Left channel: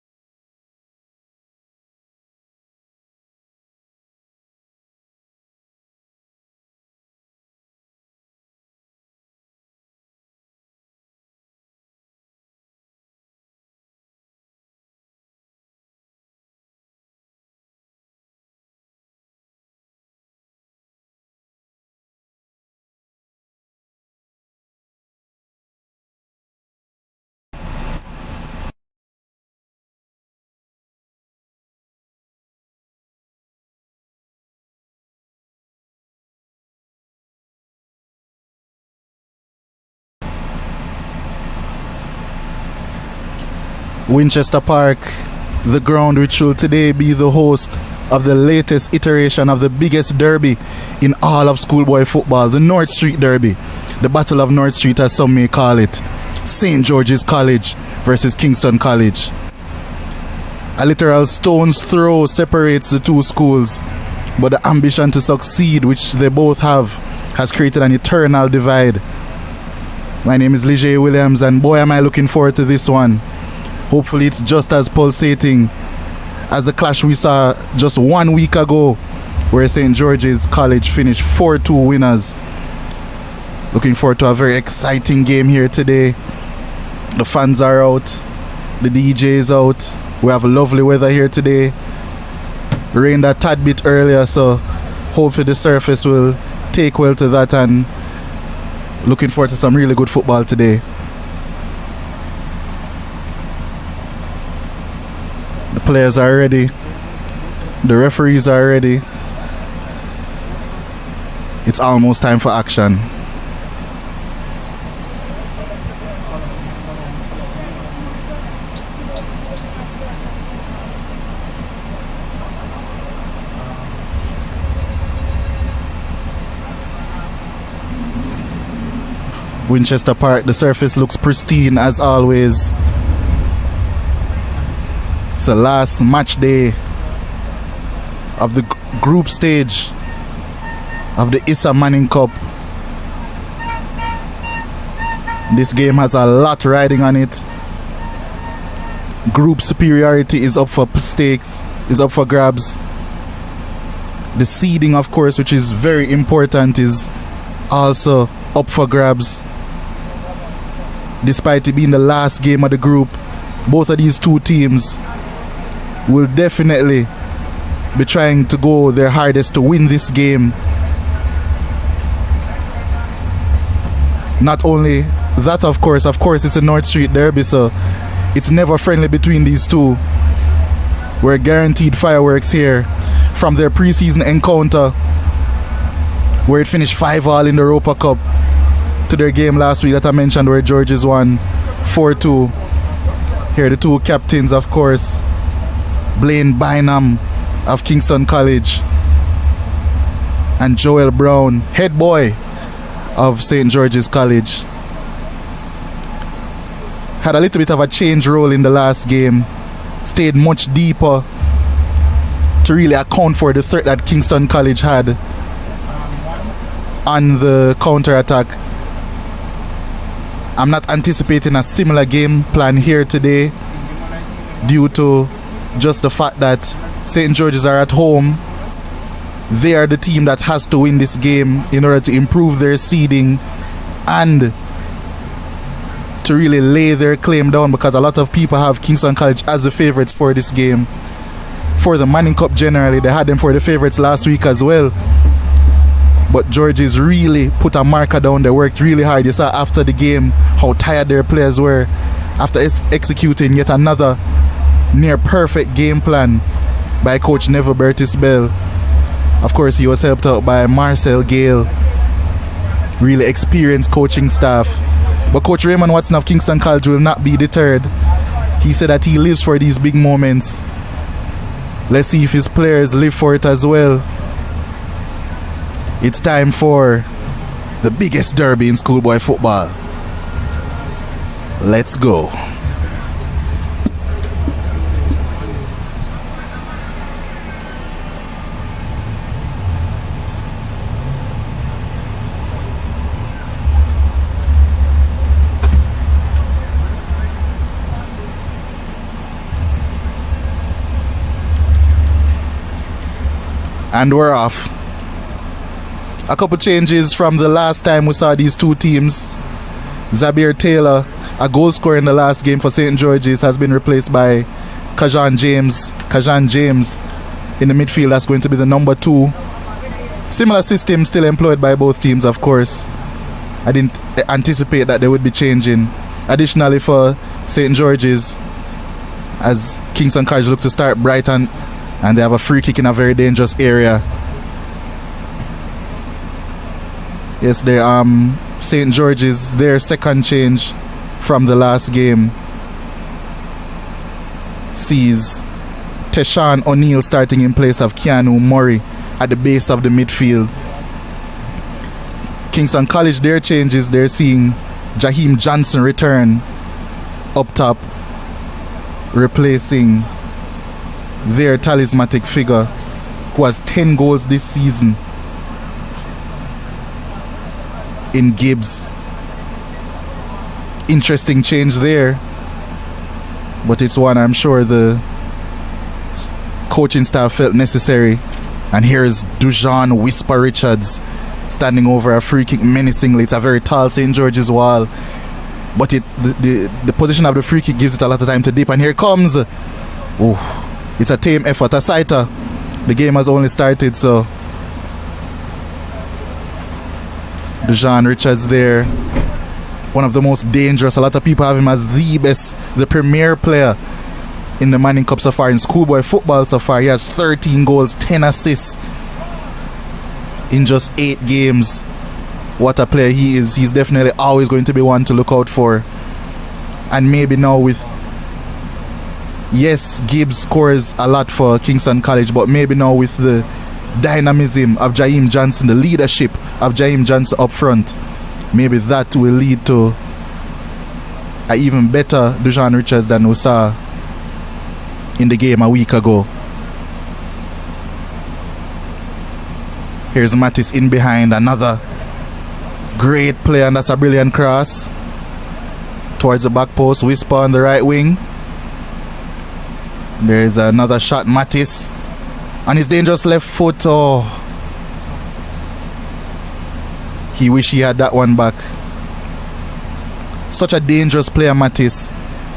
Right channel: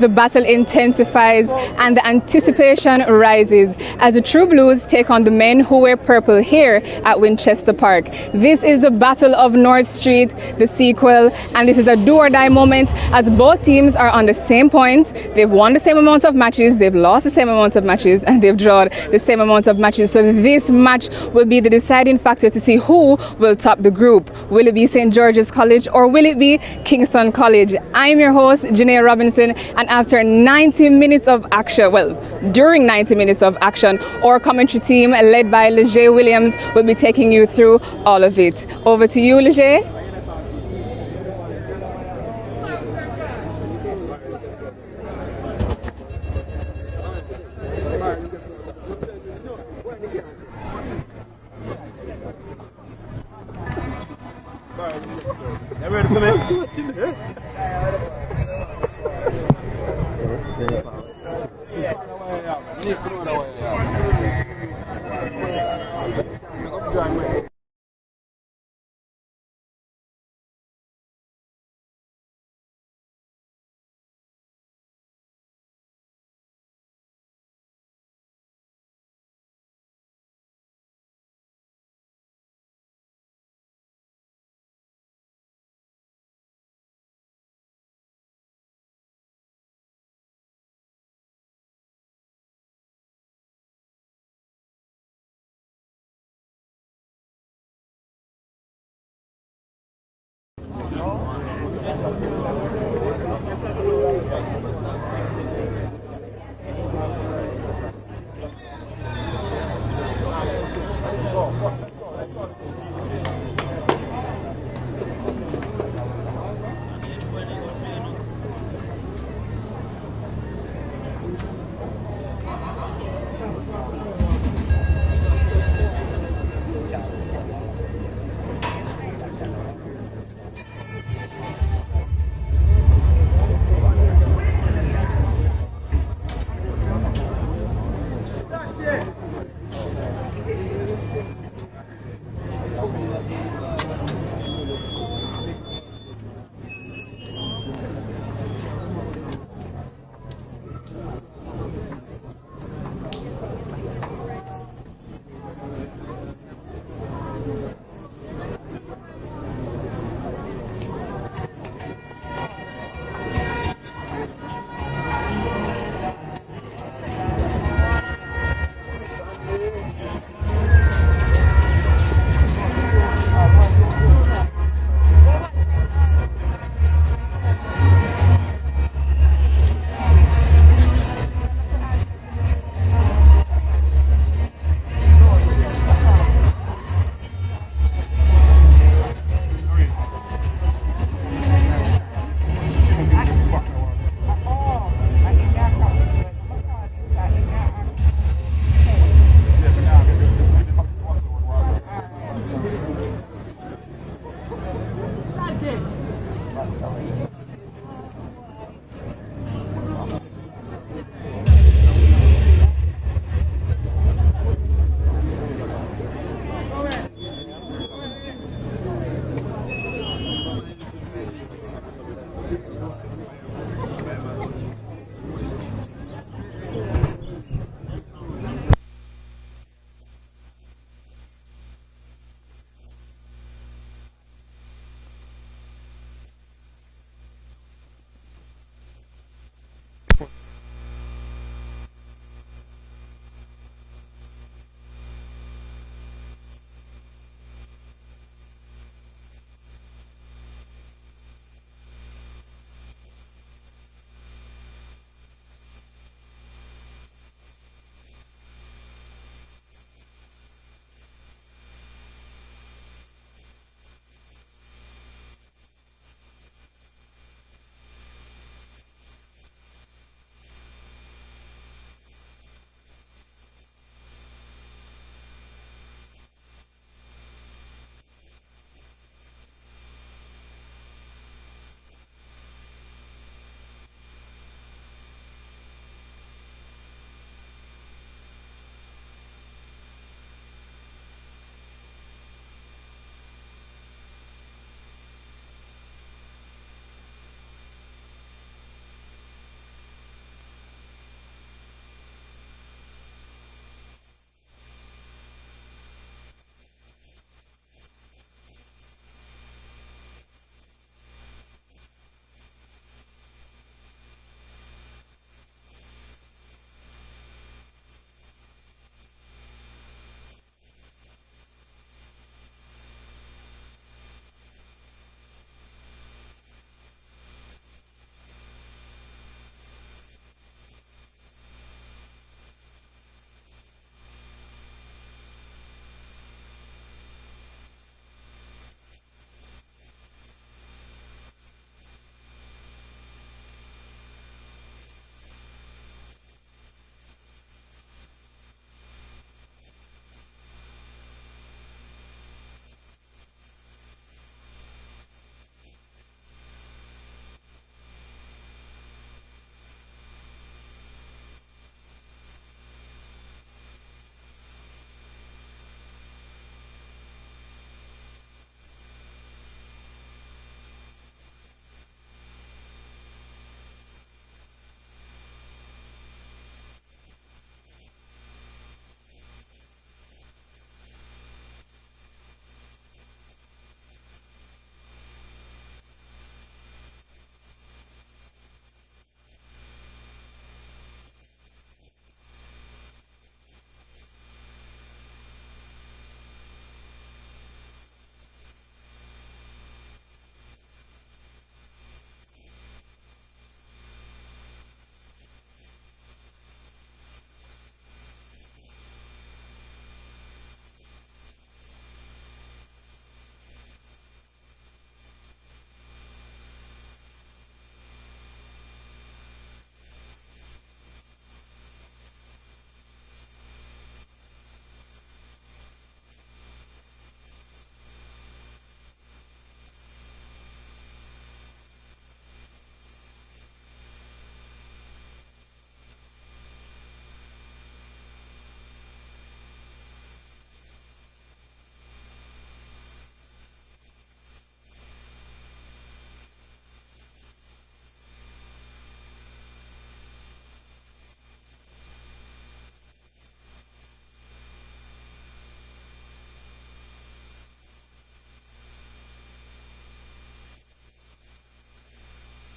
the battle intensifies and the anticipation rises as the True Blues take on the men who wear purple here at Winchester Park. This is the Battle of North Street, the sequel, and this is a do-or-die moment as both teams are on the same points. They've won the same amount of matches, they've lost the same amount of matches, and they've drawn the same amount of matches. So this match will be the deciding factor to see who will top the group. Will it be St. George's College or will it be Kingston College? I'm your host, Janae Robinson, and after 90 minutes of action, well, during 90 minutes of action, our commentary team led by Leger Williams will be taking you through all of it. Over to you, Leger. Winchester Park, the ground which will today be the host of the latest iteration of the biggest derby in all of schoolboy football, the North Street Derby. The Battle of North Street, as some may call it. St. George's College versus Kingston College. A literal stone's throw separates the two schools, but the ambition to succeed, which they both have, has created an eternal divide. My name is Leger Williams, and boy am I looking forward to this one. Hopefully it's just as pulsating as the clash we saw just 1 week ago, where St. George's College finished 4-2 winners. Looking forward to a very exciting game here today. The fans are out, the DJ is out. We have lovely weather here today. Rained a tad bit earlier, so hopefully the surface will take well to that, and looking forward to some really good football today. The players are ready. The referees are ready. It's almost time for action. Winchester Park, the surface looks pristine as always. It's the last match day of the group stage of the ISSA Manning Cup. This game has a lot riding on it. Group superiority is up for stakes, is up for grabs. The seeding, of course, which is very important, is also up for grabs. Despite it being the last game of the group, both of these two teams will definitely be trying to go their hardest to win this game. Not only that, of course it's a North Street Derby, so it's never friendly between these two. We're guaranteed fireworks here from their preseason encounter, where it finished 5-all in the Europa Cup, to their game last week that I mentioned, where Georges won 4-2. Here are the two captains, of course. Blaine Bynum of Kingston College and Joel Brown, head boy of St. George's College. Had a little bit of a change role in the last game. Stayed much deeper to really account for the threat that Kingston College had on the counter-attack. I'm not anticipating a similar game plan here today due to just the fact that St. George's are at home. They are the team that has to win this game in order to improve their seeding and to really lay their claim down, because a lot of people have Kingston College as the favorites for this game. For the Manning Cup generally, they had them for the favorites last week as well. But Georges really put a marker down. They worked really hard. You saw after the game how tired their players were after executing yet another near perfect game plan by Coach Neville Bertis Bell. Of course, he was helped out by Marcel Gale, really experienced coaching staff. But Coach Raymond Watson of Kingston College will not be deterred. He said that he lives for these big moments. Let's see if his players live for it as well. It's time for the biggest derby in schoolboy football. Let's go. And we're off. A couple changes from the last time we saw these two teams. Zabir Taylor, a goal scorer in the last game for St. George's, has been replaced by Kajan James. Kajan James in the midfield, that's going to be the number 2. Similar system still employed by both teams, of course. I didn't anticipate that they would be changing. Additionally, for St. George's, as Kingston College look to start Brighton, and they have a free kick in a very dangerous area. Yes, they St. George's, their second change from the last game sees Teshan O'Neill starting in place of Keanu Murray at the base of the midfield. Kingston College, their changes, they're seeing Jaheim Johnson return up top, replacing their talismanic figure who has 10 goals this season in Gibbs. Interesting change there, but it's one I'm sure the coaching staff felt necessary. And here's Dujan Whisper Richards standing over a free kick menacingly. It's a very tall St. George's wall, but the position of the free kick gives it a lot of time to dip. And here comes, it's a tame effort. A sighter. The game has only started, so Dujan Richards there, one of the most dangerous. A lot of people have him as the premier player in the Manning Cup so far, in schoolboy football so far. He has 13 goals, 10 assists in just 8 games. What a player he is. He's definitely always going to be one to look out for. And maybe now with, yes, Gibbs scores a lot for Kingston College, but maybe now with the dynamism of Jaheim Johnson, the leadership of Jaheim Johnson up front, maybe that will lead to an even better Dujan Richards than we saw in the game a week ago. Here's Mattis in behind, another great player, and that's a brilliant cross towards the back post. Whisper on the right wing. There's another shot, Mattis on his dangerous left foot. Oh, he wish he had that one back. Such a dangerous player, Mattis.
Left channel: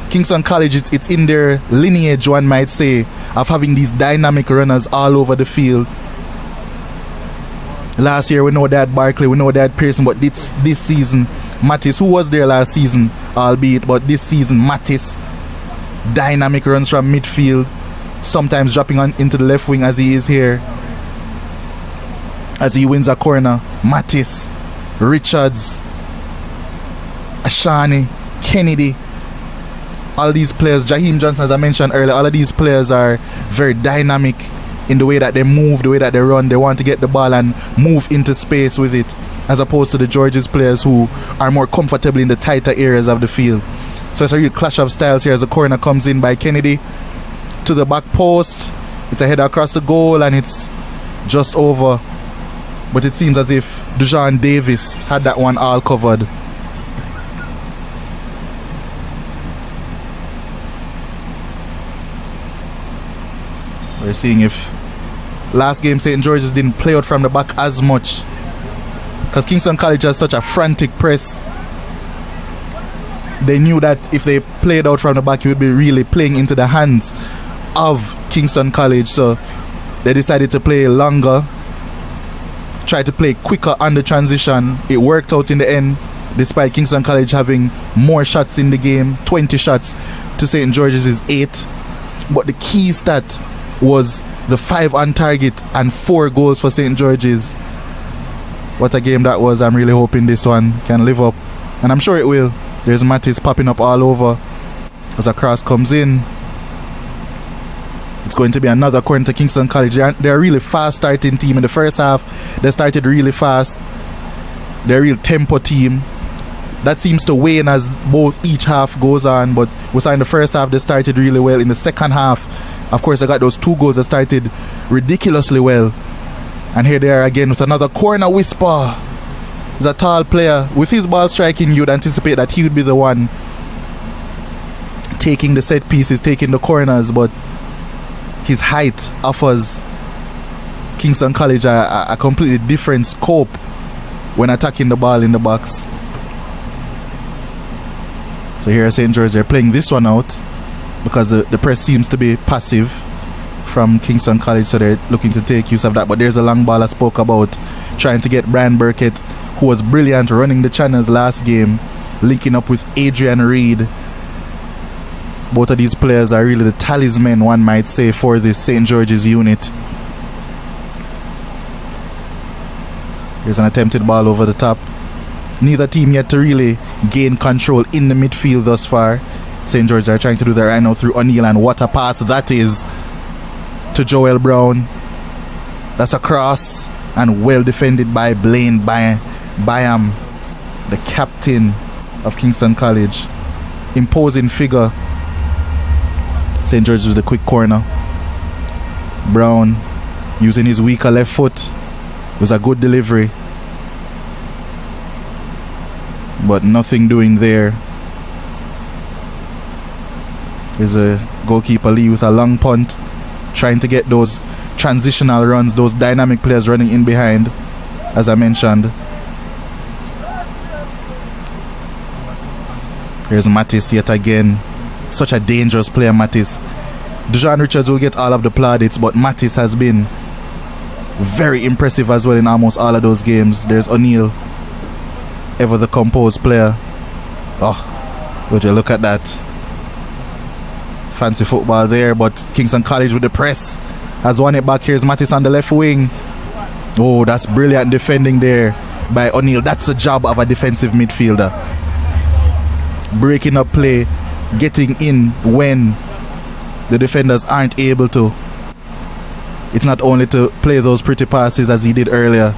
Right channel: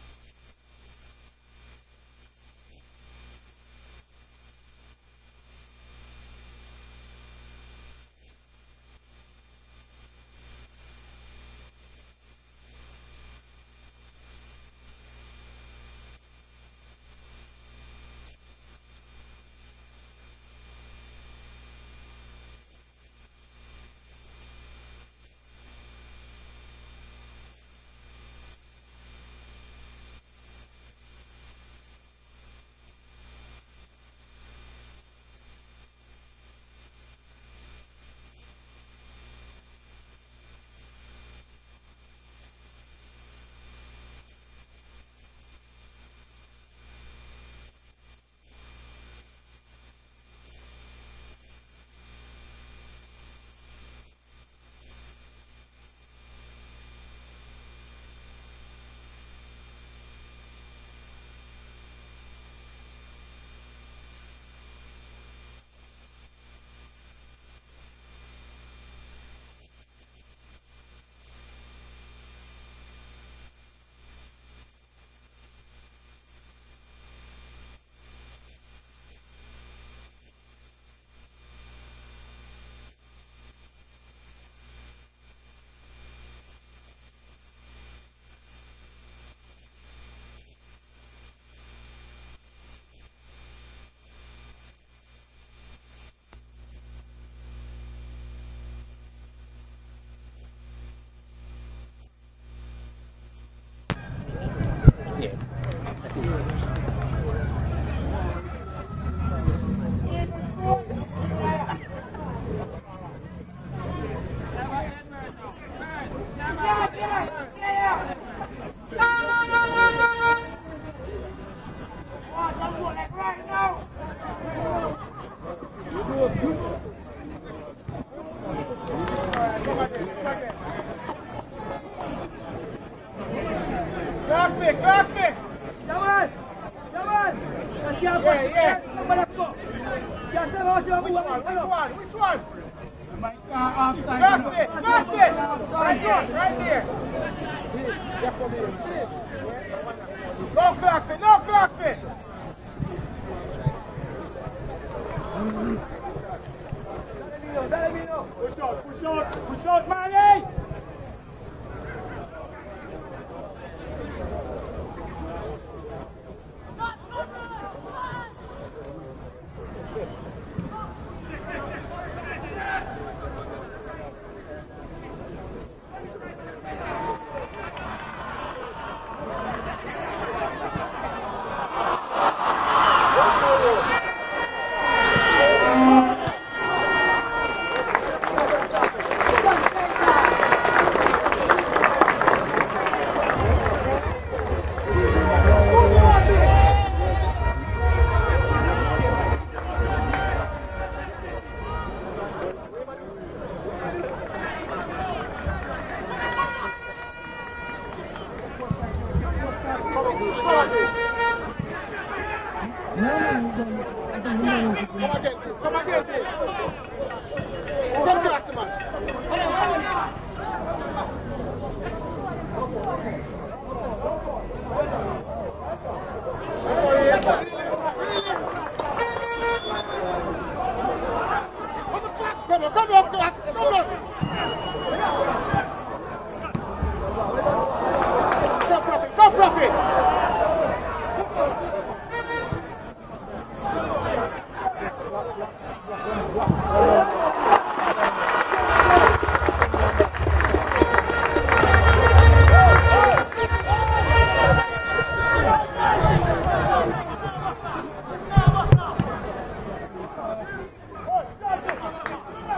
Kingston College, it's in their lineage, one might say, of having these dynamic runners all over the field. Last year we know they had Barkley, we know they had Pearson, but this season, Mattis, who was there last season, albeit, but this season, Mattis, dynamic runs from midfield, sometimes dropping into the left wing as he is here, as he wins a corner. Mattis, Richards, Ashani, Kennedy, all these players, Jaheim Johnson, as I mentioned earlier, all of these players are very dynamic in the way that they move, the way that they run. They want to get the ball and move into space with it, as opposed to the Georges players who are more comfortable in the tighter areas of the field. So it's a real clash of styles here as the corner comes in by Kennedy to the back post. It's a header across the goal and it's just over, but it seems as if Dujan Davis had that one all covered. We're seeing if last game St. George's didn't play out from the back as much, because Kingston College has such a frantic press. They knew that if they played out from the back, it would be really playing into the hands of Kingston College, so they decided to play longer, try to play quicker on the transition. It worked out in the end, despite Kingston College having more shots in the game, 20 shots to St. George's 8. But the key stat was the 5 on target and 4 goals for St. George's. What a game that was. I'm really hoping this one can live up, and I'm sure it will. There's Mattis popping up all over as a cross comes in. It's going to be another corner to Kingston College. They're a really fast starting team. In the first half, they started really fast. They're a real tempo team. That seems to wane as each half goes on, but we saw in the first half they started really well. In the second half, of course, they got those 2 goals that started ridiculously well. And here they are again with another corner. Whisper. He's a tall player. With his ball striking, you'd anticipate that he would be the one taking the set pieces, taking the corners, but his height offers Kingston College a completely different scope when attacking the ball in the box. So here at St. George, they're playing this one out because the press seems to be passive from Kingston College, so they're looking to take use of that. But there's a long ball I spoke about, trying to get Brian Burkett, who was brilliant running the channels last game, linking up with Adrian Reed. Both of these players are really the talisman, one might say, for this St. George's unit. There's an attempted ball over the top. Neither team yet to really gain control in the midfield thus far. St. George are trying to do that right now through O'Neill, and what a pass that is to Joel Brown. That's a cross, and well defended by Blaine Byam, the captain of Kingston College. Imposing figure. St. George with the quick corner. Brown using his weaker left foot. It was a good delivery, but nothing doing there. There's a goalkeeper Lee with a long punt, trying to get those transitional runs, those dynamic players running in behind, as I mentioned. Here's Mattis yet again. Such a dangerous player, Mattis. Dejan Richards will get all of the plaudits, but Mattis has been very impressive as well in almost all of those games. There's O'Neill, ever the composed player. Oh, would you look at that. Fancy football there, but Kingston College with the press has won it back. Here's Mattis on the left wing. Oh, that's brilliant defending there by O'Neill. That's the job of a defensive midfielder. Breaking up play, getting in when the defenders aren't able to. It's not only to play those pretty passes as he did earlier.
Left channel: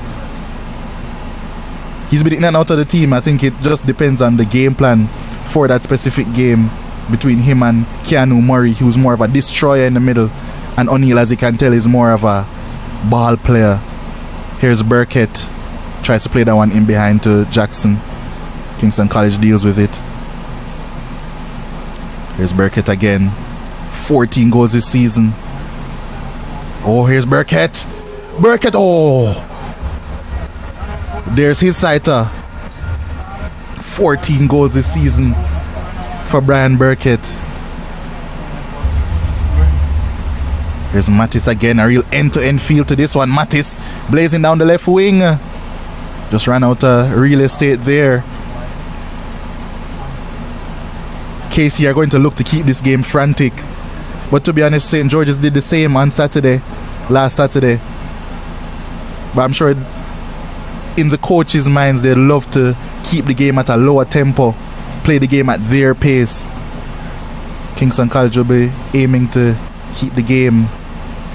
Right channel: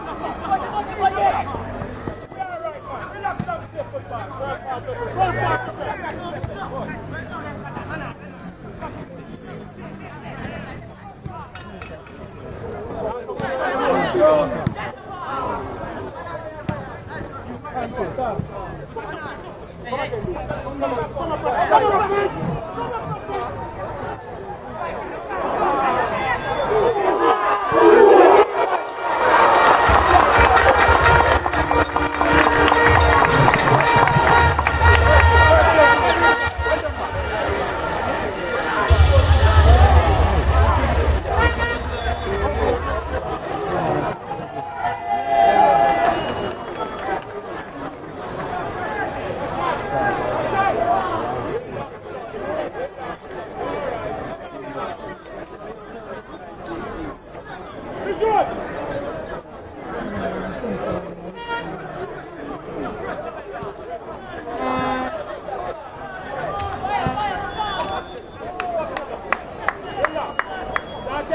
He's been in and out of the team. I think it just depends on the game plan for that specific game between him and Keanu Murray, who's more of a destroyer in the middle, and O'Neill, as you can tell, is more of a ball player. Here's Burkett, tries to play that one in behind to Jackson. Kingston College deals with it. Here's Burkett again. 14 goals this season. Oh, here's Burkett. Burkett, oh! There's his sighter. 14 goals this season for Brian Burkett. There's Mattis again, a real end-to-end feel to this one. Mattis blazing down the left wing. Just ran out of real estate there. KC are going to look to keep this game frantic. But to be honest, St. George's did the same on Saturday, last Saturday. But I'm sure in the coaches' minds, they love to keep the game at a lower tempo, play the game at their pace. Kingston College will be aiming to keep the game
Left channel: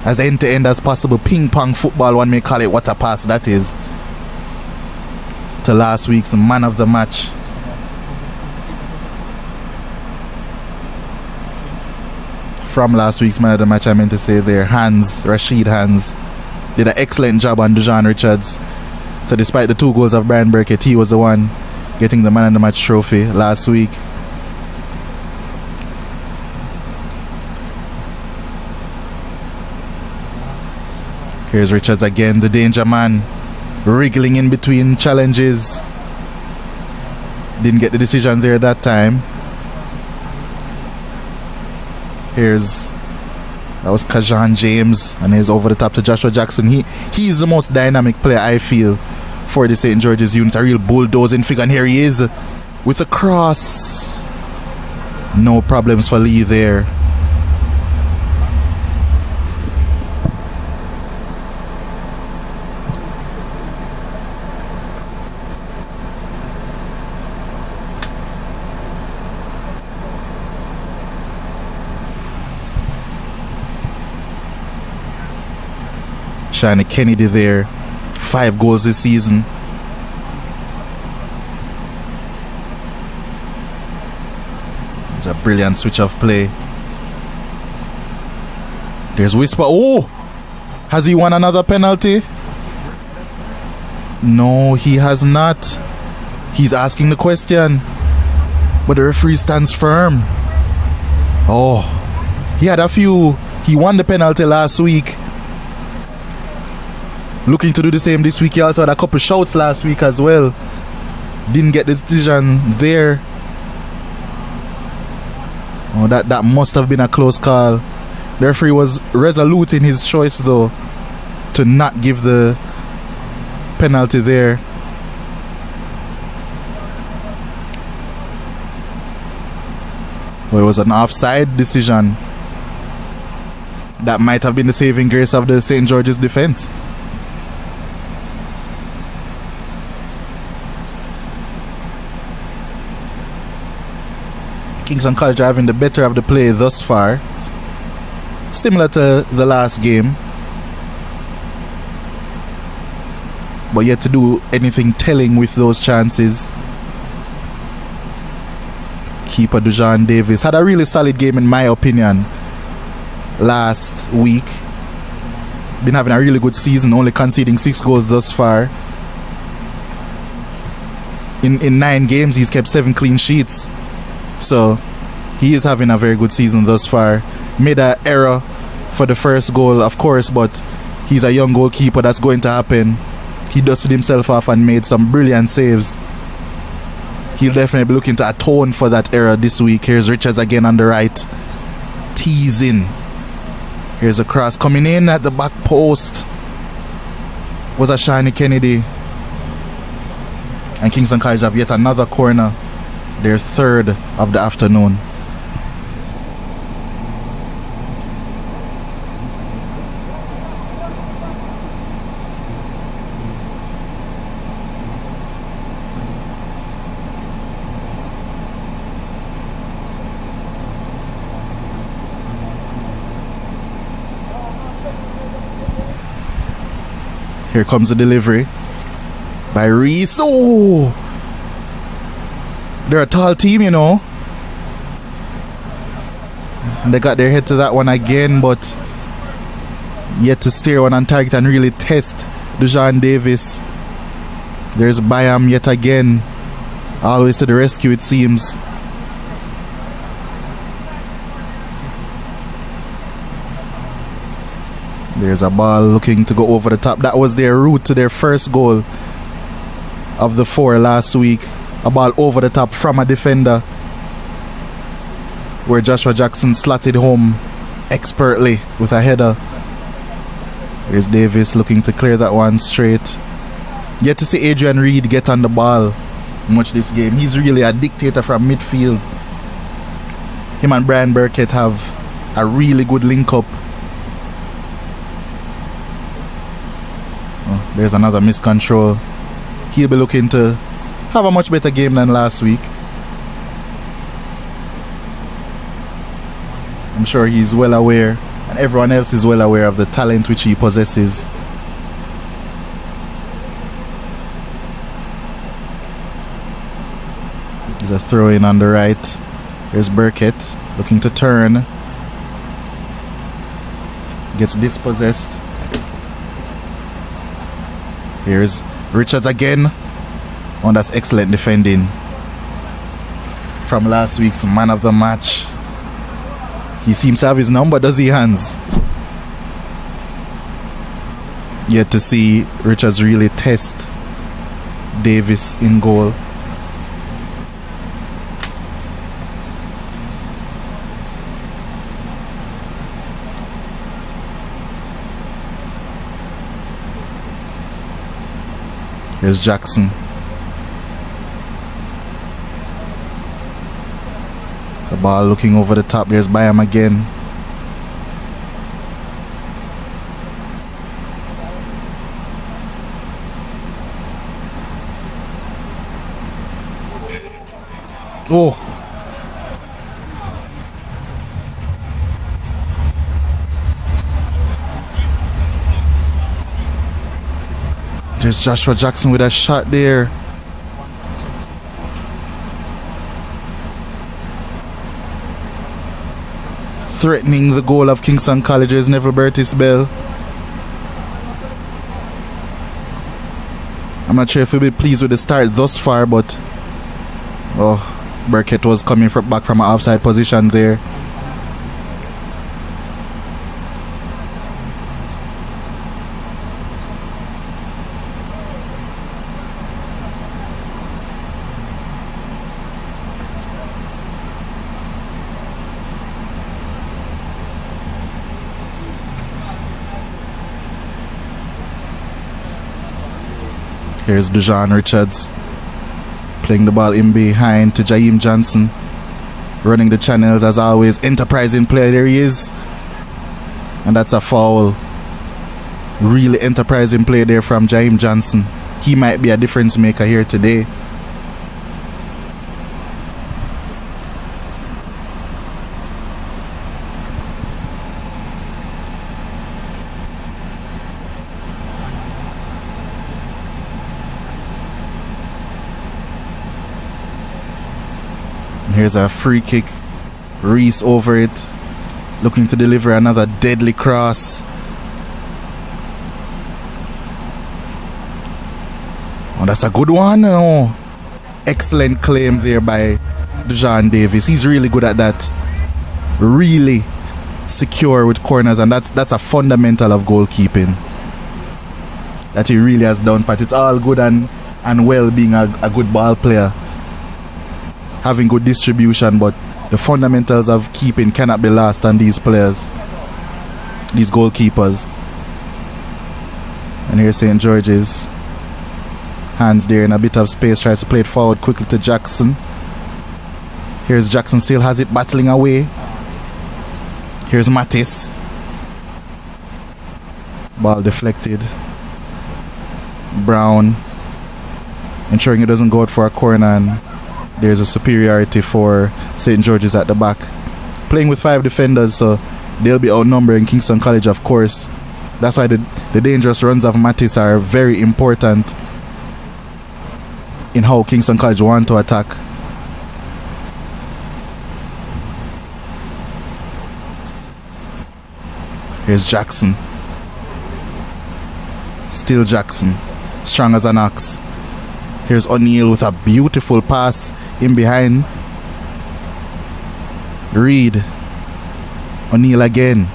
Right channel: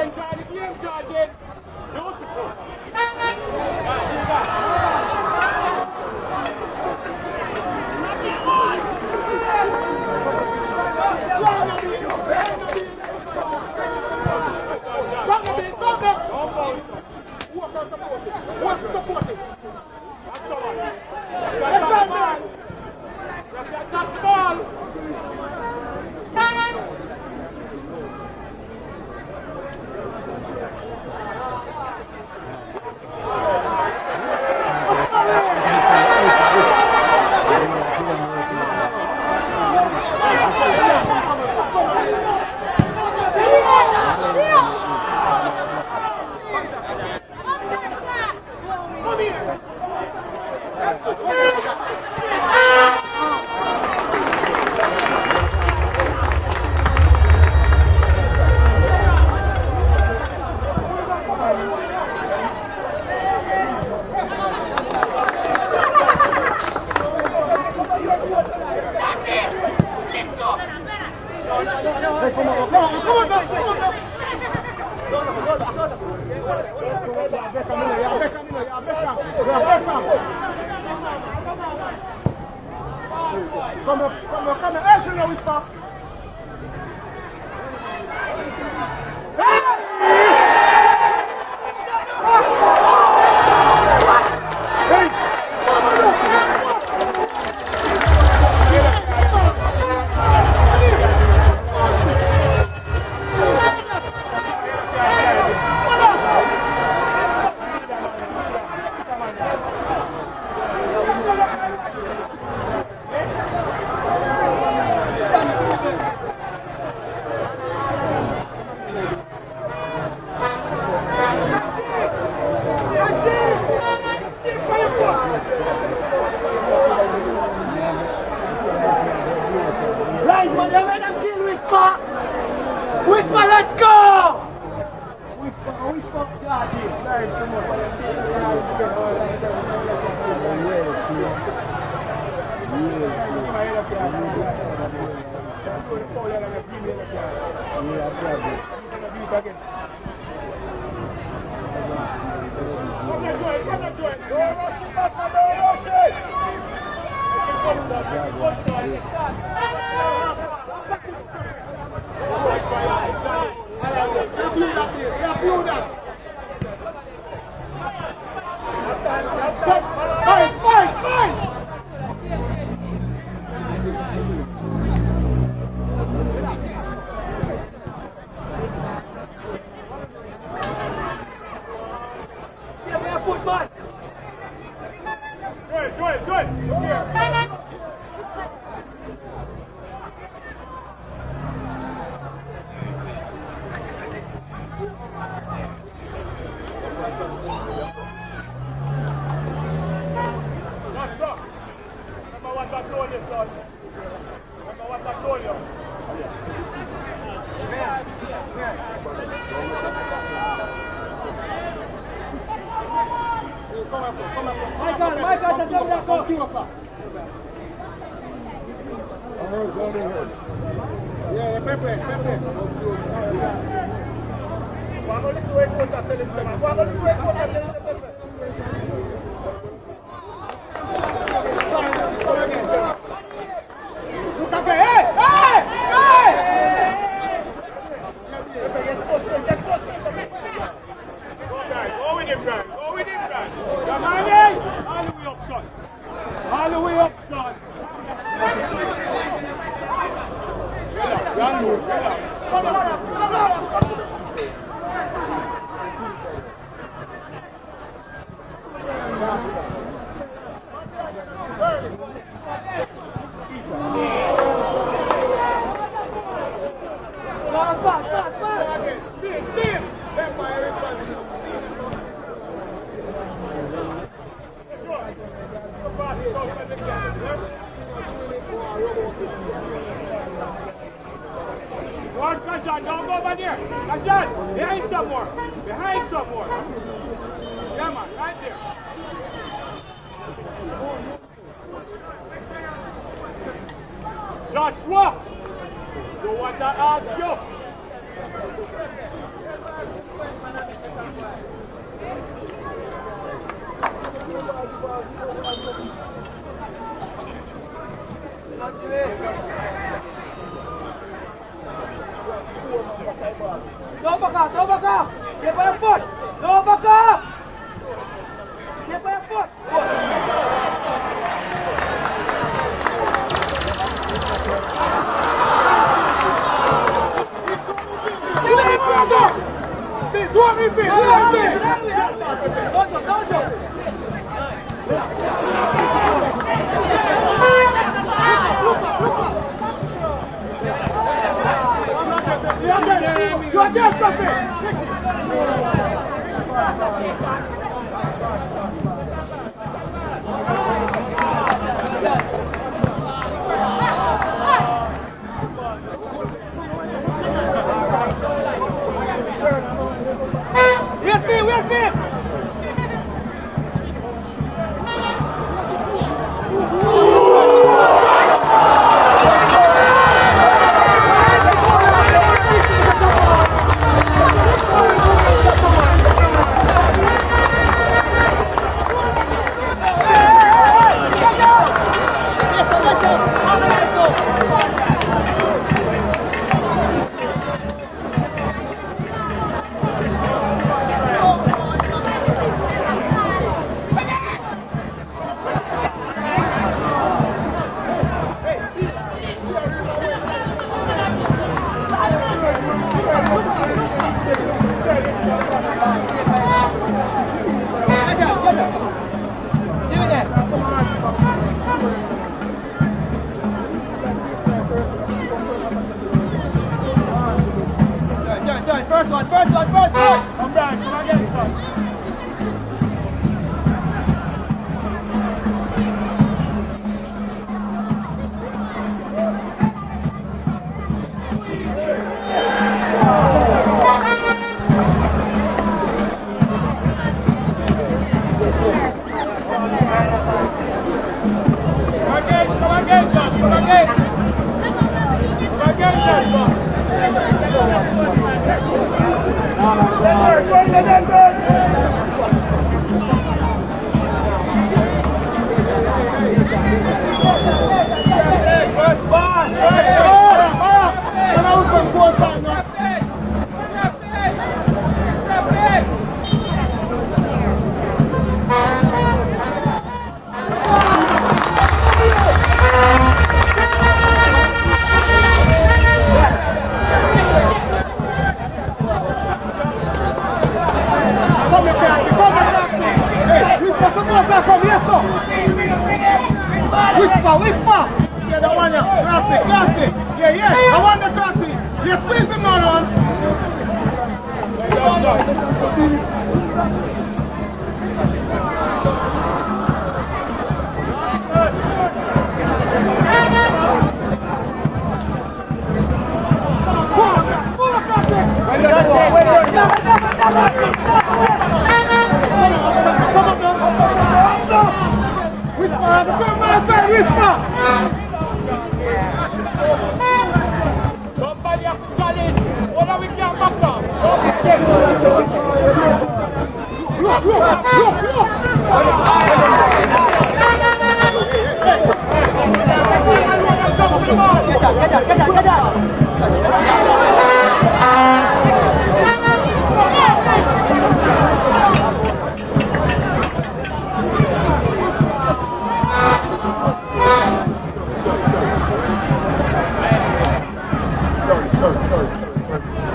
as end-to-end as possible. Ping-pong football, one may call it. What a pass that is to last week's man of the match. From last week's man of the match, I meant to say there, Rashid Hans did an excellent job on Dejan Richards. So despite the 2 goals of Brian Burkett, he was the one getting the man of the match trophy last week. Here's Richards again, the danger man, wriggling in between challenges. Didn't get the decision there that time. That was Kajan James, and he's over the top to Joshua Jackson. He's the most dynamic player, I feel, for the St. George's unit. A real bulldozing figure, and here he is with a cross. No problems for Lee there. Shani Kennedy there, 5 goals this season. It's a brilliant switch of play. There's Whisper. Oh! Has he won another penalty? No, he has not. He's asking the question, but the referee stands firm. Oh, he had a few. He won the penalty last week. looking to do the same this week. He also had a couple shouts last week as well. Didn't get the decision there. Oh, that must have been a close call. The referee was resolute in his choice though to not give the penalty there. Well, it was an offside decision. That might have been the saving grace of the St. George's defense. Kingston College are having the better of the play thus far. Similar to the last game. But yet to do anything telling with those chances. Keeper Dujan Davis had a really solid game in my opinion last week. Been having a really good season, only conceding 6 goals thus far. In 9 games he's kept 7 clean sheets. So he is having a very good season thus far. Made an error for the first goal, of course, but he's a young goalkeeper. That's going to happen. He dusted himself off and made some brilliant saves. He'll definitely be looking to atone for that error this week. Here's Richards again on the right, teasing. Here's a cross coming in at the back post. Was a Shani Kennedy. And Kingston College have yet another corner, their third of the afternoon. Here comes the delivery by Reese. Oh! They're a tall team, you know. And they got their head to that one again, but yet to steer one on target and really test Dujan Davis. There's Bayam yet again. Always to the rescue, it seems. There's a ball looking to go over the top. That was their route to their first goal of the 4 last week. A ball over the top from a defender, where Joshua Jackson slotted home expertly with a header. There's Davis looking to clear that one straight. Yet to see Adrian Reed get on the ball much this game. He's really a dictator from midfield. Him and Brian Burkett have a really good link up. Oh, there's another miscontrol. He'll be looking to have a much better game than last week. I'm sure he's well aware, and everyone else is well aware of the talent which he possesses. There's a throw in on the right. There's Burkett looking to turn. Gets dispossessed. Here's Richards again. Oh, that's excellent defending from last week's man of the match. He seems to have his number, does he, Hans? Yet to see Richards really test Davis in goal. Here's Jackson. The ball looking over the top. There's Bayam again. Oh. There's Joshua Jackson with a shot there. Threatening the goal of Kingston College's Neville Bertis Bell. I'm not sure if he'll be pleased with the start thus far, but Burkett was coming back from an offside position there. Here's Dejan Richards playing the ball in behind to Jaheim Johnson. Running the channels as always. Enterprising player, there he is. And that's a foul. Really enterprising play there from Jaheim Johnson. He might be a difference maker here today. Here's a free kick. Reese over it, looking to deliver another deadly cross. And that's a good one. Oh, excellent claim there by John Davis. He's really good at that. Really secure with corners, and that's a fundamental of goalkeeping that he really has done. But it's all good and well being a good ball player, having good distribution, but the fundamentals of keeping cannot be lost on these players, these goalkeepers. And here's St. George's. Hands there in a bit of space, tries to play it forward quickly to Jackson. Here's Jackson, still has it battling away. Here's Mattis. Ball deflected. Brown ensuring it doesn't go out for a corner, and there's a superiority for St. George's at the back. Playing with 5 defenders, so they'll be outnumbering Kingston College, of course. That's why the dangerous runs of Mattis are very important in how Kingston College want to attack. Here's Jackson. Still Jackson, strong as an ox. Here's O'Neill with a beautiful pass in behind. Reed. O'Neill again.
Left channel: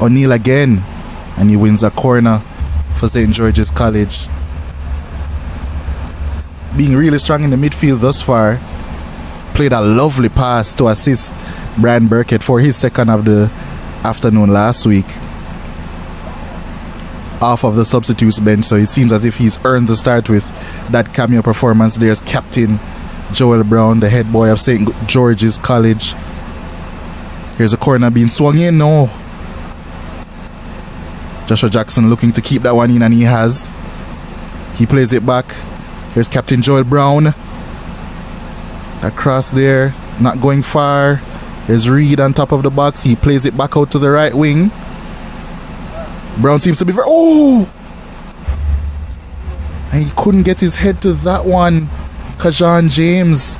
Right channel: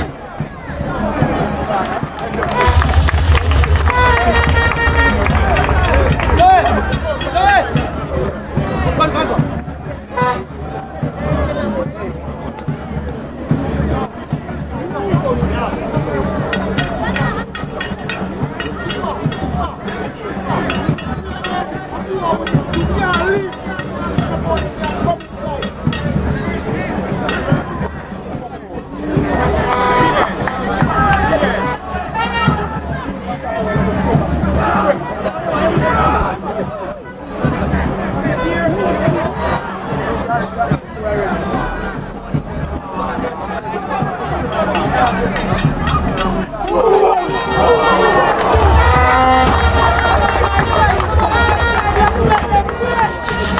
O'Neill again. And he wins a corner for St. George's College. Being really strong in the midfield thus far. Played a lovely pass to assist Brian Burkett for his second of the afternoon last week. Off of the substitutes bench, so it seems as if he's earned the start with that cameo performance. There's Captain Joel Brown, the head boy of St. George's College. Here's a corner being swung in. No. Joshua Jackson looking to keep that one in, and he has. He plays it back. There's Captain Joel Brown. Across there, not going far. There's Reed on top of the box. He plays it back out to the right wing. Brown seems to be... Oh! He couldn't get his head to that one. Kajan James.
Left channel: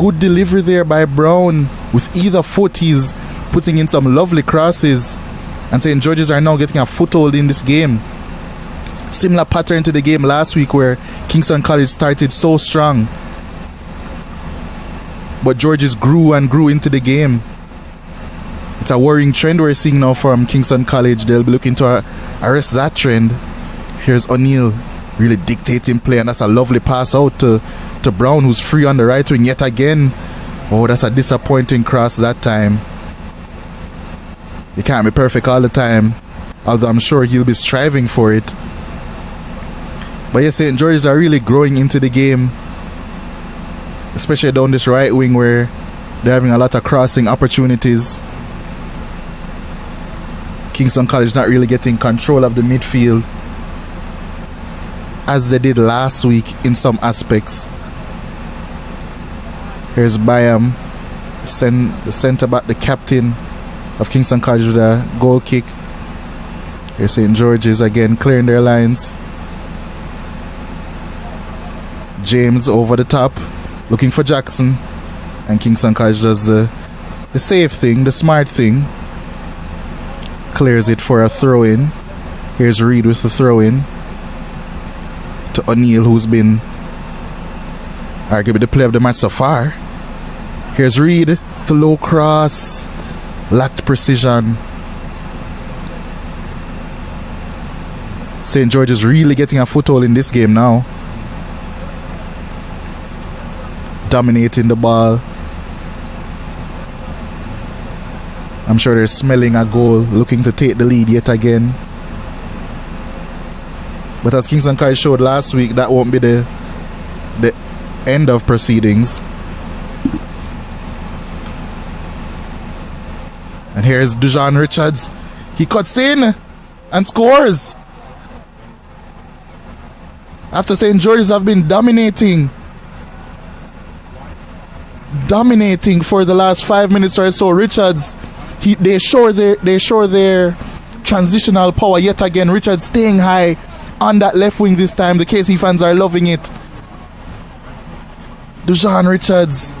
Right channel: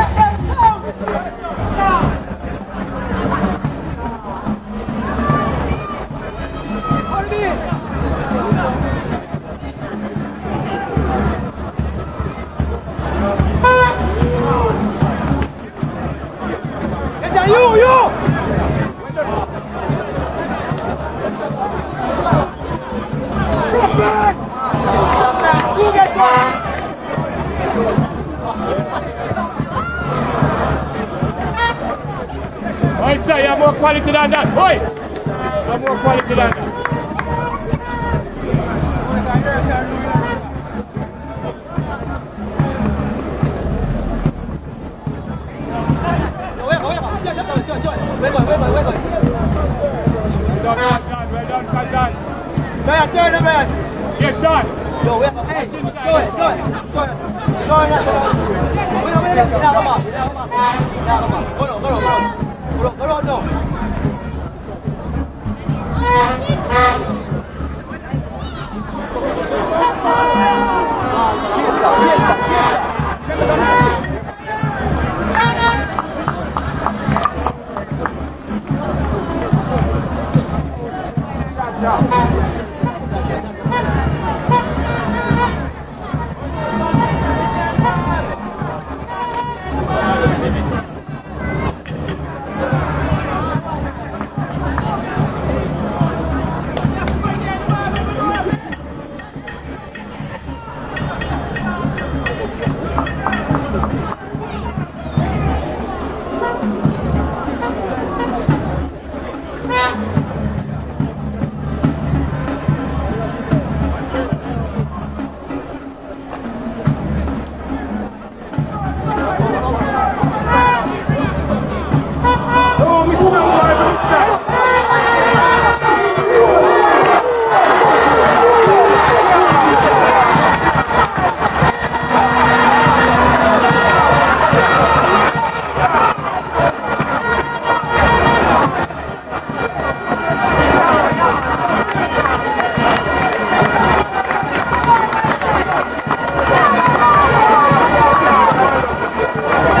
Good delivery there by Brown. With either foot, he's putting in some lovely crosses. And St. George's are now getting a foothold in this game. Similar pattern to the game last week where Kingston College started so strong. But George's grew and grew into the game. It's a worrying trend we're seeing now from Kingston College. They'll be looking to arrest that trend. Here's O'Neill really dictating play, and that's a lovely pass out to Brown, who's free on the right wing yet again. Oh, that's a disappointing cross that time. He can't be perfect all the time, although I'm sure he'll be striving for it. But yes, St. George's are really growing into the game, especially down this right wing where they're having a lot of crossing opportunities. Kingston College not really getting control of the midfield as they did last week in some aspects. Here's Byam, centre back, the captain of Kingston College, with a goal kick. Here's St. George's again clearing their lines. James over the top, looking for Jackson. And Kingston College does the safe thing, the smart thing. Clears it for a throw-in. Here's Reed with the throw-in to O'Neill, who's been arguably the player of the match so far. Here's Reed to low cross. Lacked precision. St. George is really getting a foothold in this game now. Dominating the ball. I'm sure they're smelling a goal, looking to take the lead yet again. But as Kingston College showed last week, that won't be the end of proceedings. Here's Dujan Richards. He cuts in and scores. After St. George's have been dominating for the last 5 minutes or so. Richards, they show their transitional power yet again. Richards staying high on that left wing this time. The KC fans are loving it. Dujan Richards,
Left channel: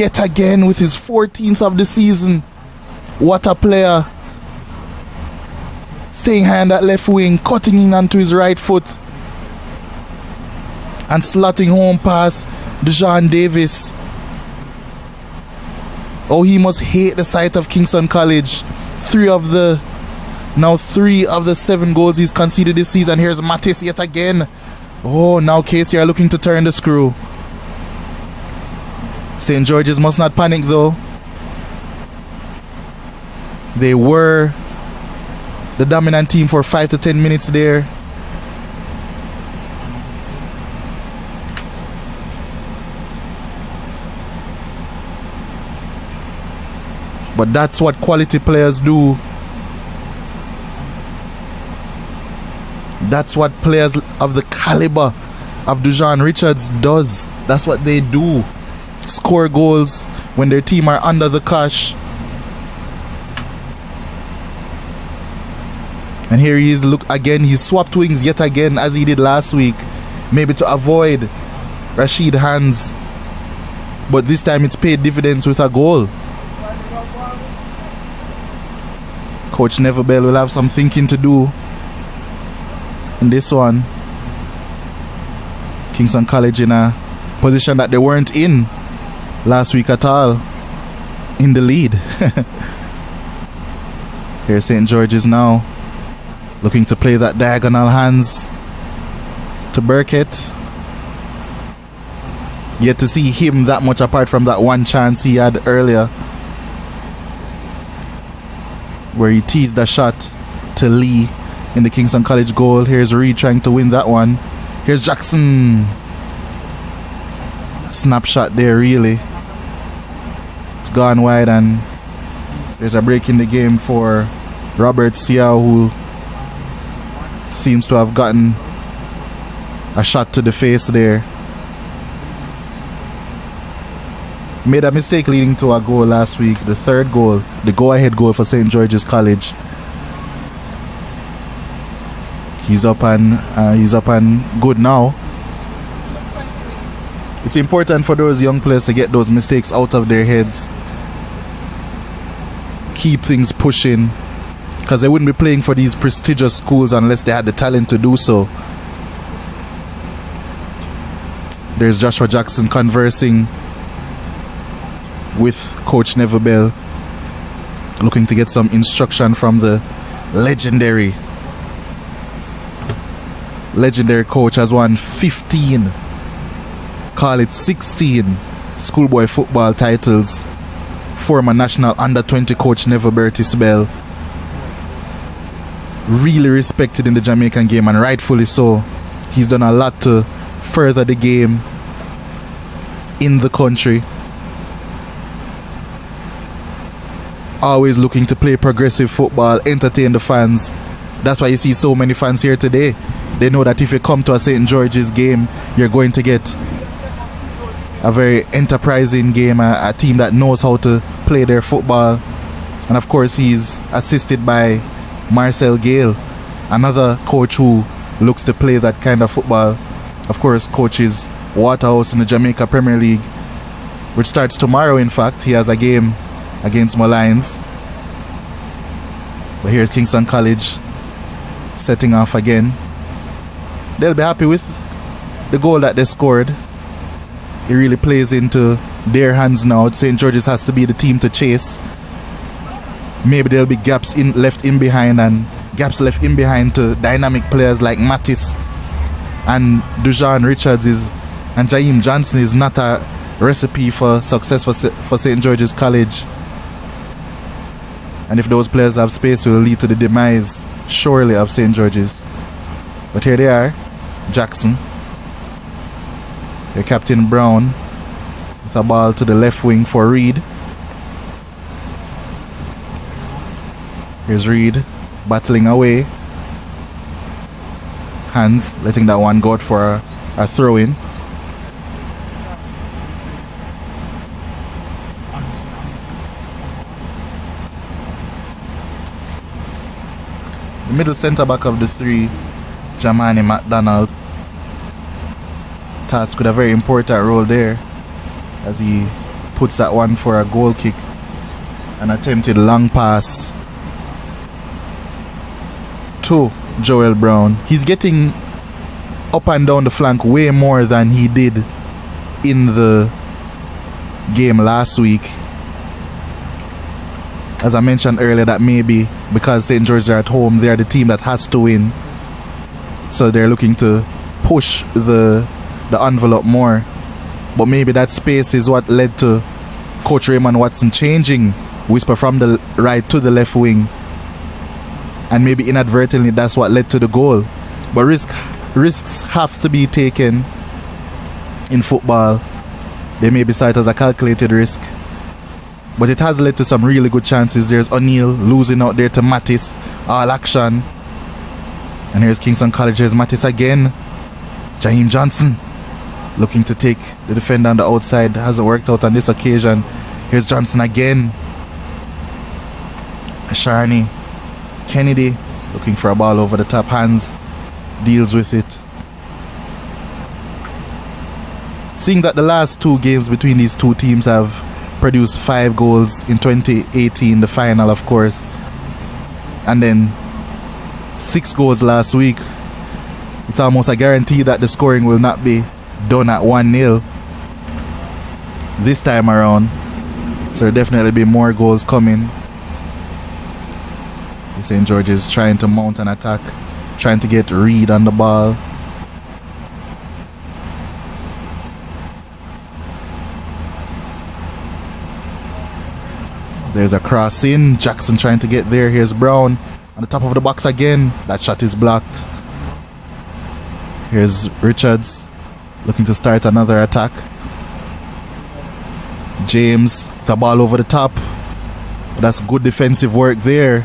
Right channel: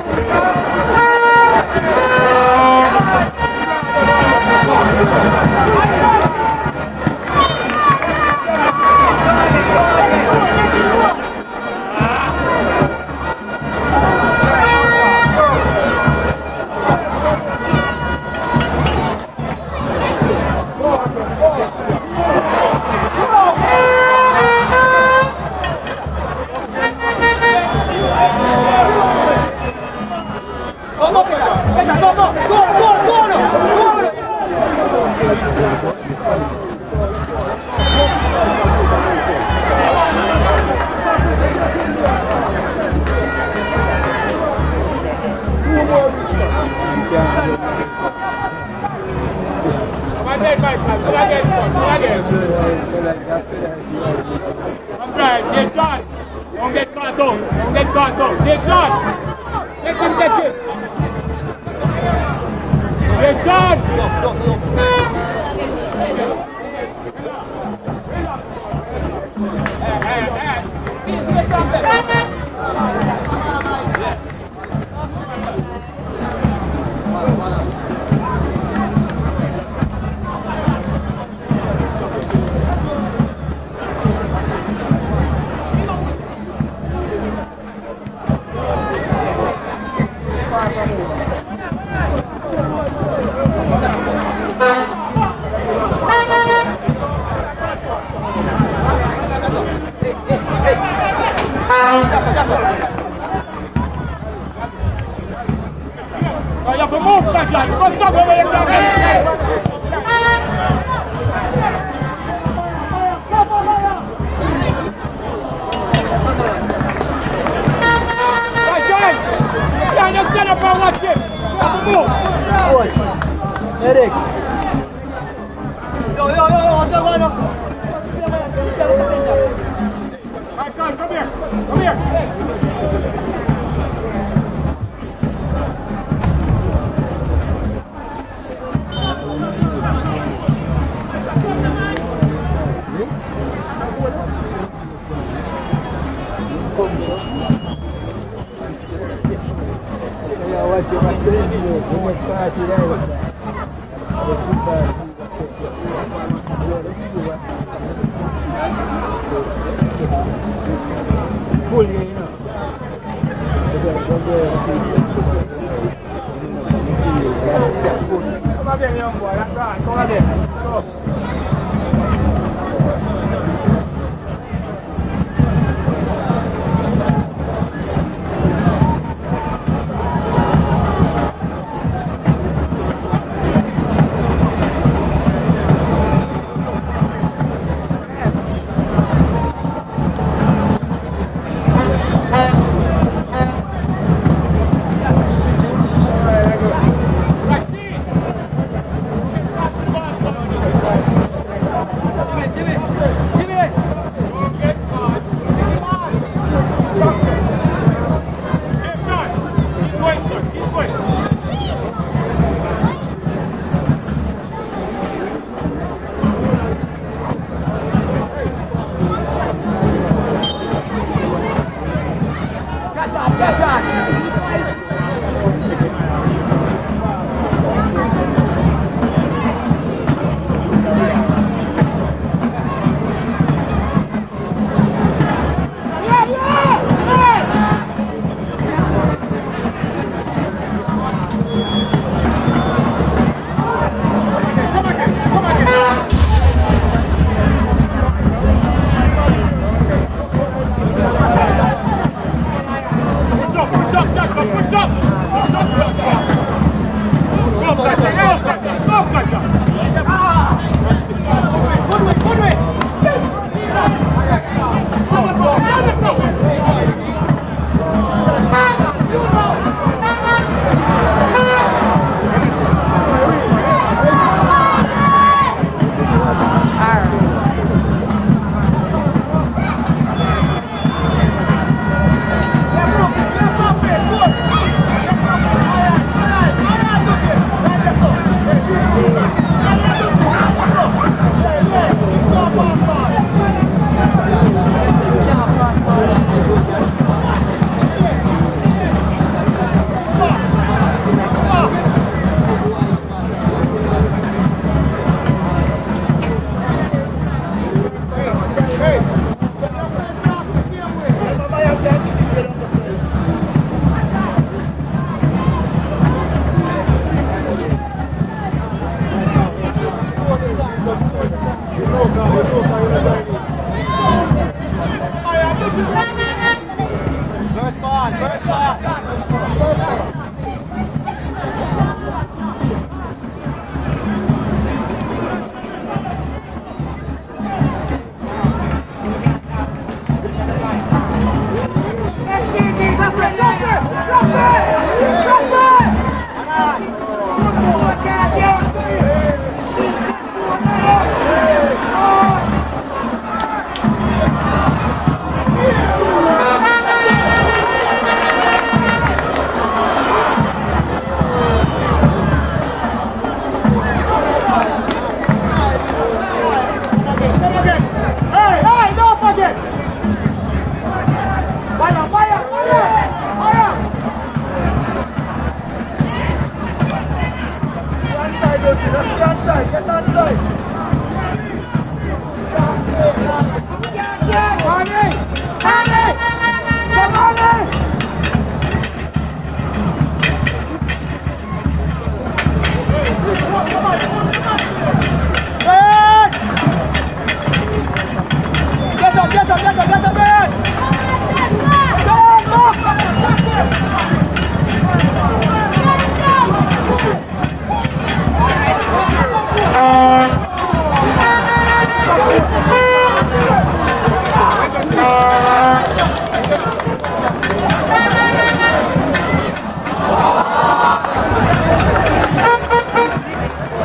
yet again with his 14th of the season. What a player. Staying high on that left wing, cutting in onto his right foot and slotting home past Dujan Davis. Oh, he must hate the sight of Kingston College. 3 of the 7 goals he's conceded this season. Here's Mattis yet again. Oh, now KC are looking to turn the screw. St. George's must not panic though. They were the dominant team for 5 to 10 minutes there. But that's what quality players do. That's what players of the caliber of Dujan Richards does. That's what they do. Score goals when their team are under the cosh. And here he is, look again, he swapped wings yet again as he did last week. Maybe to avoid Rashid hands. But this time it's paid dividends with a goal. Coach Neverbell will have some thinking to do in this one. Kingston College in a position that they weren't in last week at all, in the lead. Here's St. George's now, looking to play that diagonal hands to Burkett. Yet to see him that much apart from that one chance he had earlier, where he teased a shot to Lee in the Kingston College goal. Here's Reed trying to win that one. Here's Jackson. Snapshot there, really. It's gone wide, and there's a break in the game for Robert Siao, who seems to have gotten a shot to the face there. Made a mistake leading to a goal last week, the third goal, the go-ahead goal for St. George's College. He's up and good now. It's important for those young players to get those mistakes out of their heads. Keep things pushing, because they wouldn't be playing for these prestigious schools unless they had the talent to do so. There's Joshua Jackson conversing with Coach Neverbell, looking to get some instruction from the legendary coach. Has won 15, call it 16 schoolboy football titles. Former national under-20 coach Neverbell Tisbel, really respected in the Jamaican game, and rightfully so. He's done a lot to further the game in the country. Always looking to play progressive football, entertain the fans. That's why you see so many fans here today. They know that if you come to a St. George's game, you're going to get a very enterprising game, a team that knows how to play their football. And of course, he's assisted by Marcel Gale, another coach who looks to play that kind of football. Of course, coaches Waterhouse in the Jamaica Premier League, which starts tomorrow. In fact, he has a game against Malines. Here's Kingston College setting off again. They'll be happy with the goal that they scored. It really plays into their hands now. St. George's has to be the team to chase. Maybe there'll be gaps left in behind to dynamic players like Mattis and Dujan Richards and Jaheim Johnson is not a recipe for success for St. George's College. And if those players have space, it will lead to the demise, surely, of St. George's. But here they are, Jackson, the Captain Brown, the ball to the left wing for Reed. There's Reed battling away. Hands, letting that one go for a throw-in. Middle centre back of the three, Jamani McDonald, tasked with a very important role there as he puts that one for a goal kick. An attempted long pass to Joel Brown. He's getting up and down the flank way more than he did in the game last week. As I mentioned earlier, that maybe because St. George are at home, they're the team that has to win. So they're looking to push the envelope more. But maybe that space is what led to Coach Raymond Watson changing Whisper from the right to the left wing. And maybe inadvertently that's what led to the goal. But risks have to be taken in football. They may be cited as a calculated risk, but it has led to some really good chances. There's O'Neill losing out there to Mattis, all action. And here's Kingston College, here's Mattis again. Jaheim Johnson looking to take the defender on the outside. Hasn't worked out on this occasion. Here's Johnson again. Sharni Kennedy looking for a ball over the top. Hands deals with it. Seeing that the last two games between these two teams have produced 5 goals in 2018, the final of course, and then 6 goals last week, it's almost a guarantee that the scoring will not be done at 1-0 this time around. So there'll definitely be more goals coming. St. George is trying to mount an attack, trying to get Reed on the ball. There's a cross in, Jackson trying to get there. Here's Brown, top of the box again. That shot is blocked. Here's Richards looking to start another attack. James, the ball over the top. That's good defensive work there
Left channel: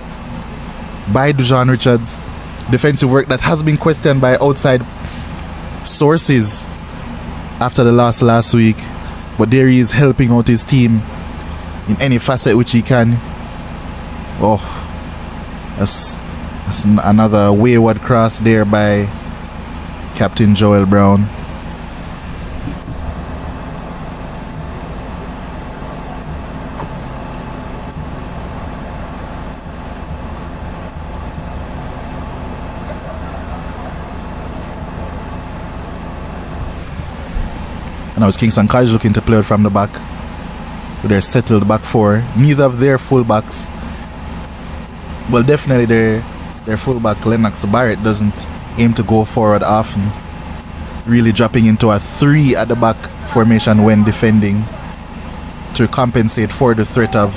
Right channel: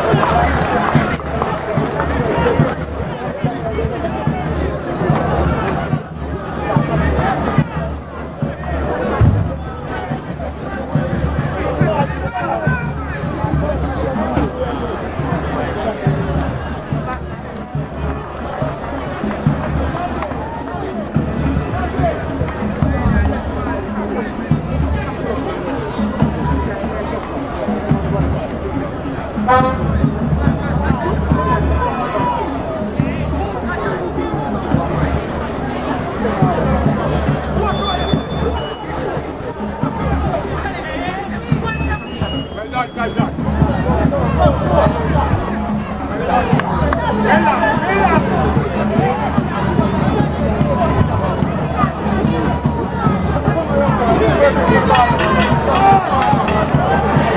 by Dujon Richards. Defensive work that has been questioned by outside sources after the loss last week. But there he is helping out his team in any facet which he can. Oh, that's another wayward cross there by Captain Joel Brown. Now it's Kingston College looking to play out from the back. They're settled back four. Neither of their fullbacks, well, definitely their fullback, Maxi Barrett, doesn't aim to go forward often. Really dropping into a 3 at the back formation when defending to compensate for the threat of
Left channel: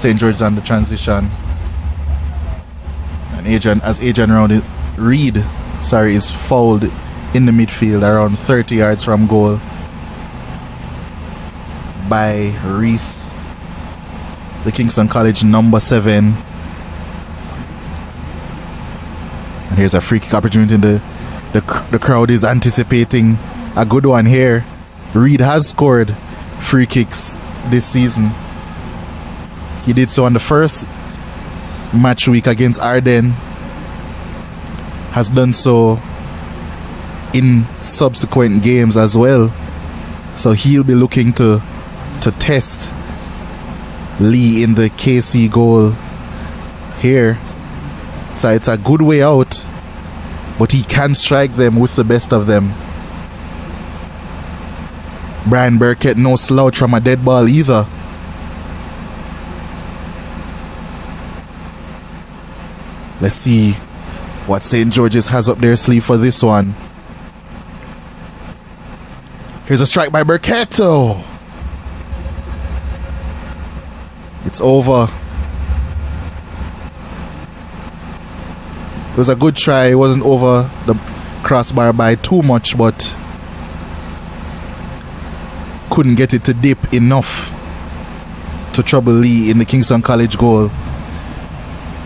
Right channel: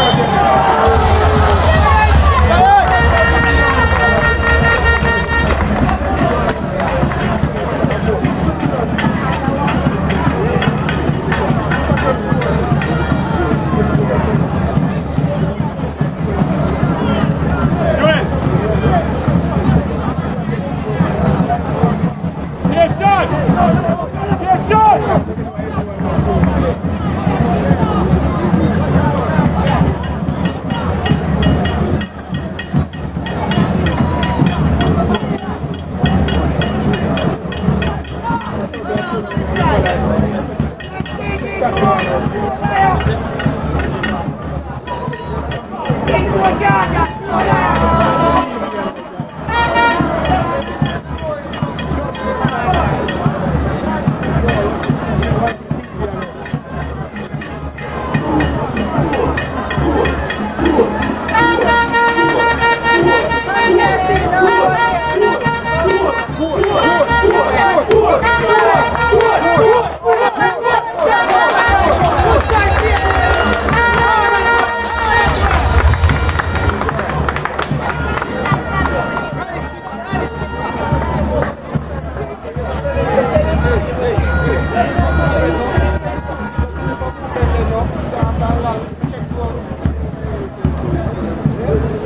St. George's on the transition. Adrian Reed is fouled in the midfield around 30 yards from goal by Reese, the Kingston College number 7. Here's a free kick opportunity. The crowd is anticipating a good one here. Reed has scored free kicks this season. He did so on the first match week against Arden. Has done so in subsequent games as well. So he'll be looking to test Lee in the KC goal here. So it's a good way out, but he can strike them with the best of them. Brian Burkett, no slouch from a dead ball either. Let's see what St. George's has up their sleeve for this one. Here's a strike by Burkett. It's over. It was a good try. It wasn't over the crossbar by too much, but couldn't get it to dip enough to trouble Lee in the Kingston College goal.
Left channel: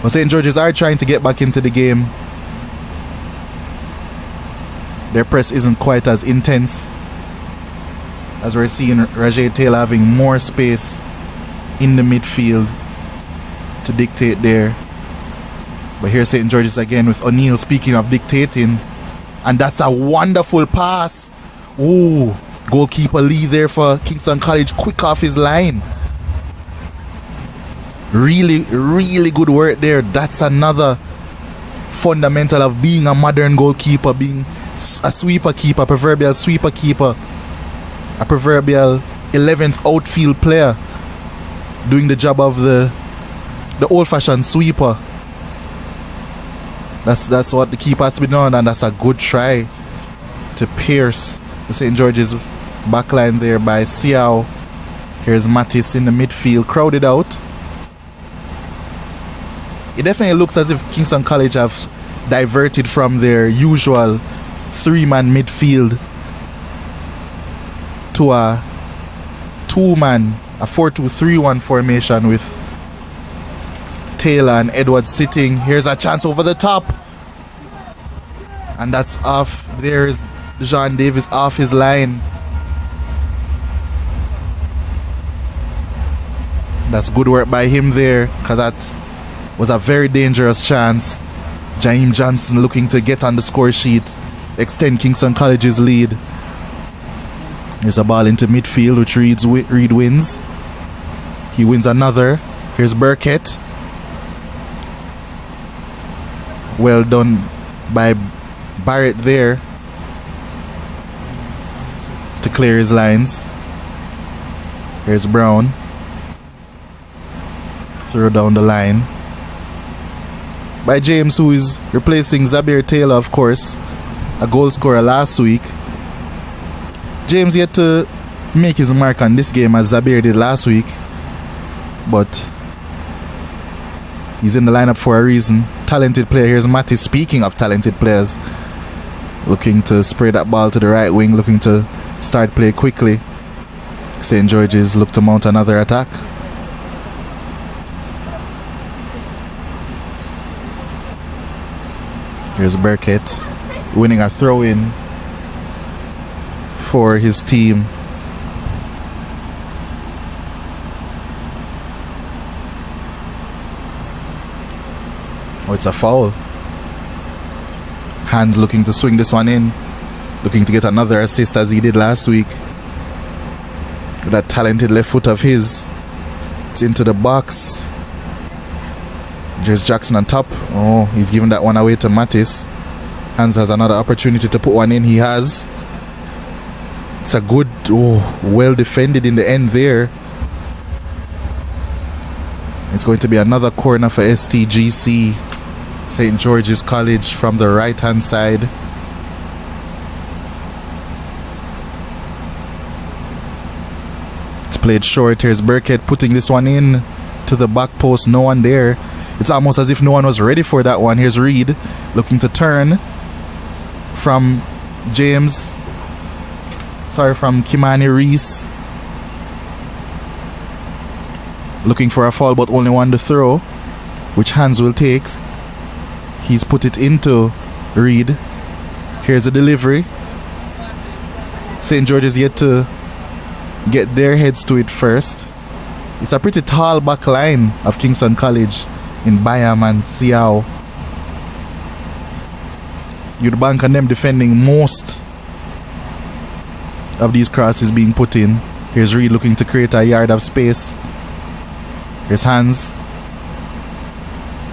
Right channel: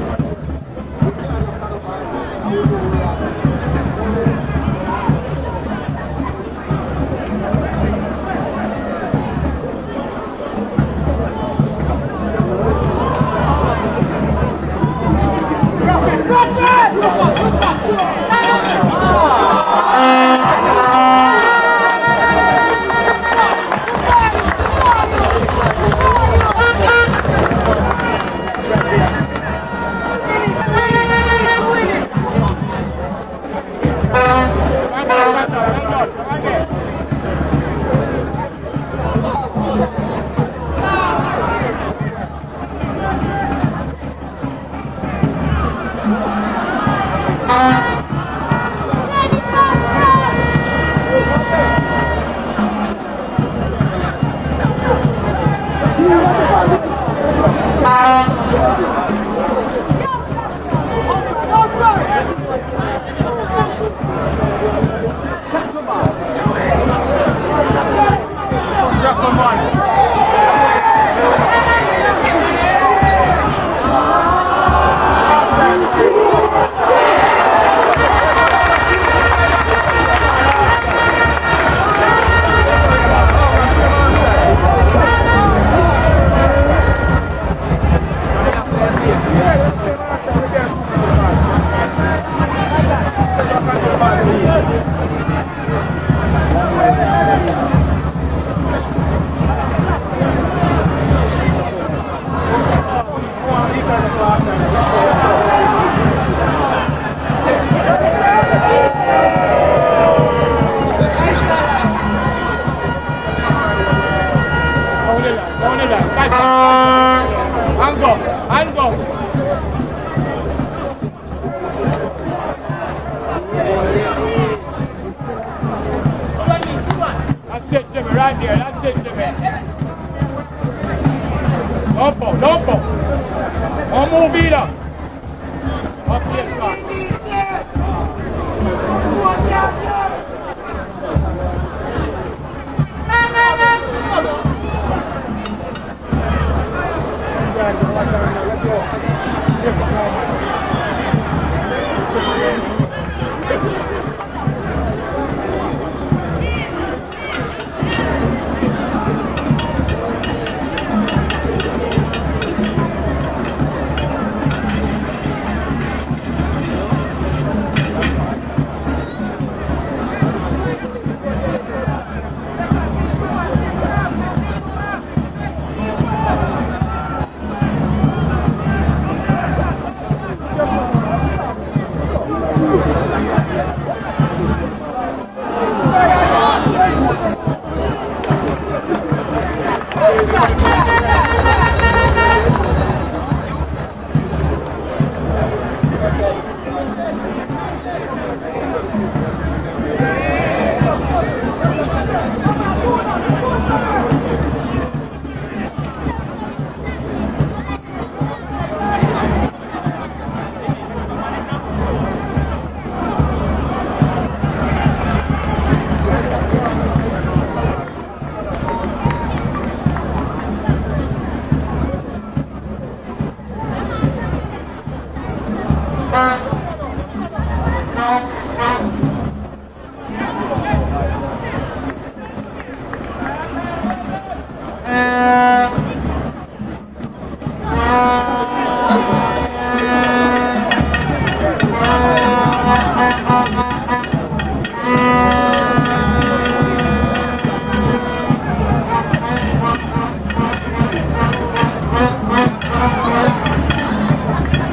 But St. George's are trying to get back into the game. Their press isn't quite as intense, as we're seeing Rajay Taylor having more space in the midfield to dictate there. But here's St. George's again with O'Neill, speaking of dictating, and that's a wonderful pass. Ooh, goalkeeper Lee there for Kingston College, quick off his line. Really, really good work there. That's another fundamental of being a modern goalkeeper, being a sweeper keeper, proverbial sweeper keeper, a proverbial 11th outfield player, doing the job of the old-fashioned sweeper. That's what the keeper has been on, and that's a good try to pierce St. George's backline there by Siao. Here's Mattis in the midfield, crowded out. It definitely looks as if Kingston College have diverted from their usual three-man midfield to a two-man, a 4-2-3-1 formation with Taylor and Edwards sitting. Here's a chance over the top, and that's off. There's Jean Davis off his line. That's good work by him there, because that was a very dangerous chance. Jaheim Johnson looking to get on the score sheet, extend Kingston College's lead. There's a ball into midfield, which Reed wins. He wins another. Here's Burkett. Well done by Barrett there to clear his lines. Here's Brown. Throw down the line by James, who is replacing Zabir Taylor, of course, a goal scorer last week. James yet to make his mark on this game as Zabir did last week, but he's in the lineup for a reason. Talented player. Here's Matty. Speaking of talented players, looking to spray that ball to the right wing, looking to start play quickly. St. George's look to mount another attack. Here's Burkett winning a throw-in for his team. Oh, it's a foul. Hands looking to swing this one in, looking to get another assist as he did last week. That talented left foot of his. It's into the box. There's Jackson on top. Oh, he's giving that one away to Mattis. Hans has another opportunity to put one in. He has. It's a good, well defended in the end there. It's going to be another corner for STGC. St. George's College from the right hand side. It's played short. Here's Burkett putting this one in to the back post. No one there. It's almost as if no one was ready for that one. Here's Reed looking to turn from from Kimani Reese. Looking for a foul, but only one to throw, which Hans will take. He's put it into Reed. Here's a delivery. St. George's yet to get their heads to it first. It's a pretty tall back line of Kingston College in Bayam and Siao. You'd bank on them defending most of these crosses being put in. Here's Reed looking to create a yard of space. Here's Hans.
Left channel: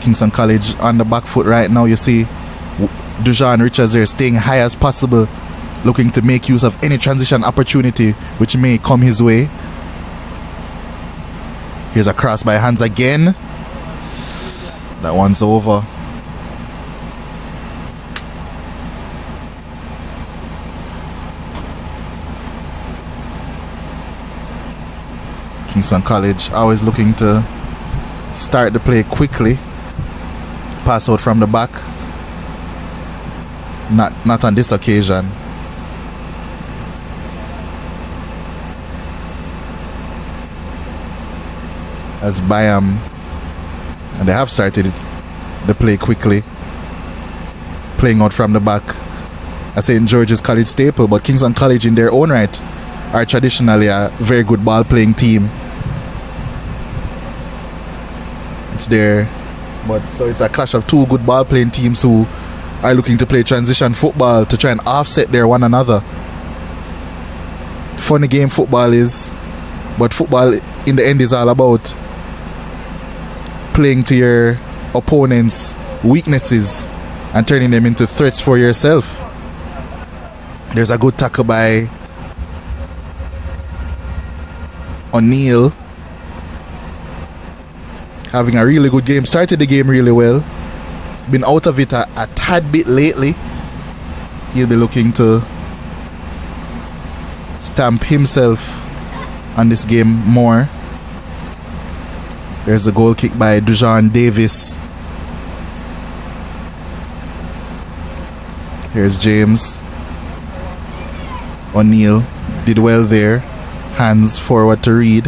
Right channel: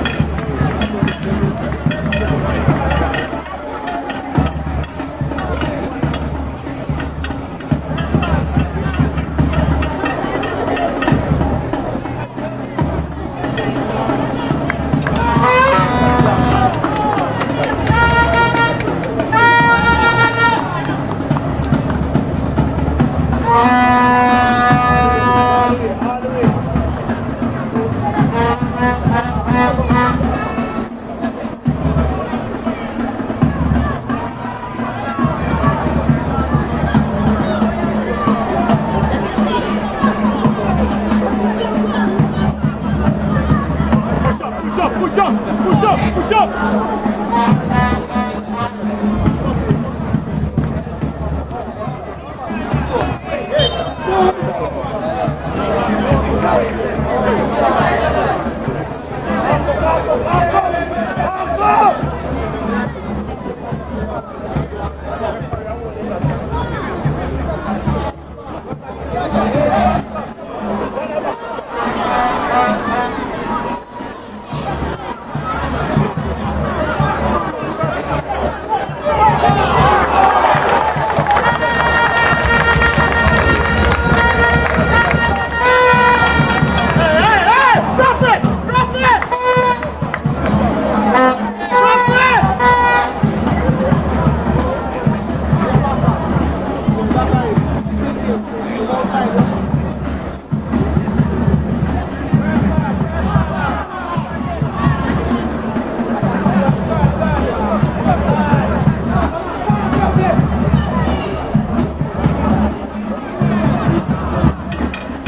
Kingston College on the back foot right now. You see Dujan Richards there staying high as possible, looking to make use of any transition opportunity which may come his way. Here's a cross by Hans again. That one's over. Kingston College always looking to start the play quickly. Pass out from the back. not on this occasion. As Bayam, they have started the play quickly, playing out from the back. I St. George's College staple, but Kingston College in their own right are traditionally a very good ball playing team. It's there. So it's a clash of two good ball playing teams who are looking to play transition football to try and offset their one another. Funny game football is, but football in the end is all about playing to your opponent's weaknesses and turning them into threats for yourself. There's a good tackle by O'Neill. Having a really good game. Started the game really well. Been out of it a tad bit lately. He'll be looking to stamp himself on this game more. There's a goal kick by Dujan Davis. Here's James. O'Neill did well there. Hands forward to Reed,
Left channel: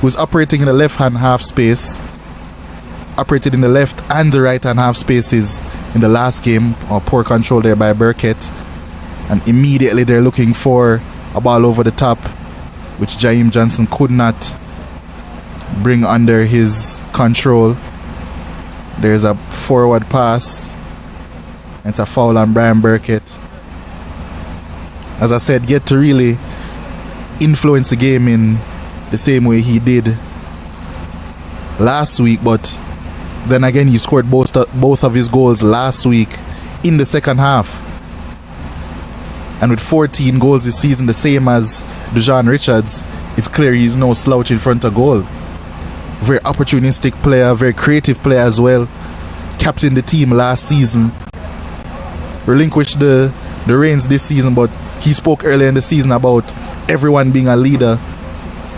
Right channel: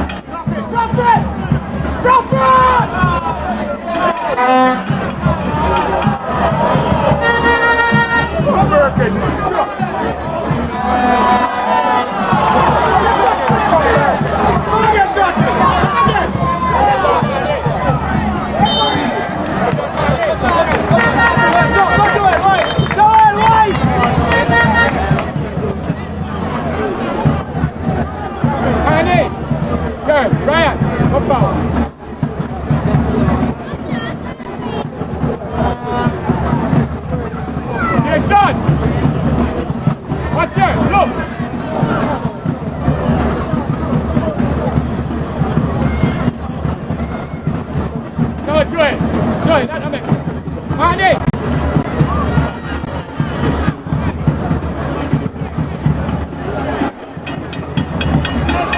who's operating in the left-hand half space. Operated in the left and the right-hand half spaces in the last game. Poor control there by Burkett. And immediately they're looking for a ball over the top, which Jaheim Johnson could not bring under his control. There's a forward pass. It's a foul on Brian Burkett. As I said, get to really influence the game in the same way he did last week, but then again he scored both of his goals last week in the second half. And with 14 goals this season, the same as Dujan Richards, it's clear he's no slouch in front of goal. Very opportunistic player, very creative player as well. Captained the team last season. Relinquished the reins this season, but he spoke earlier in the season about everyone being a leader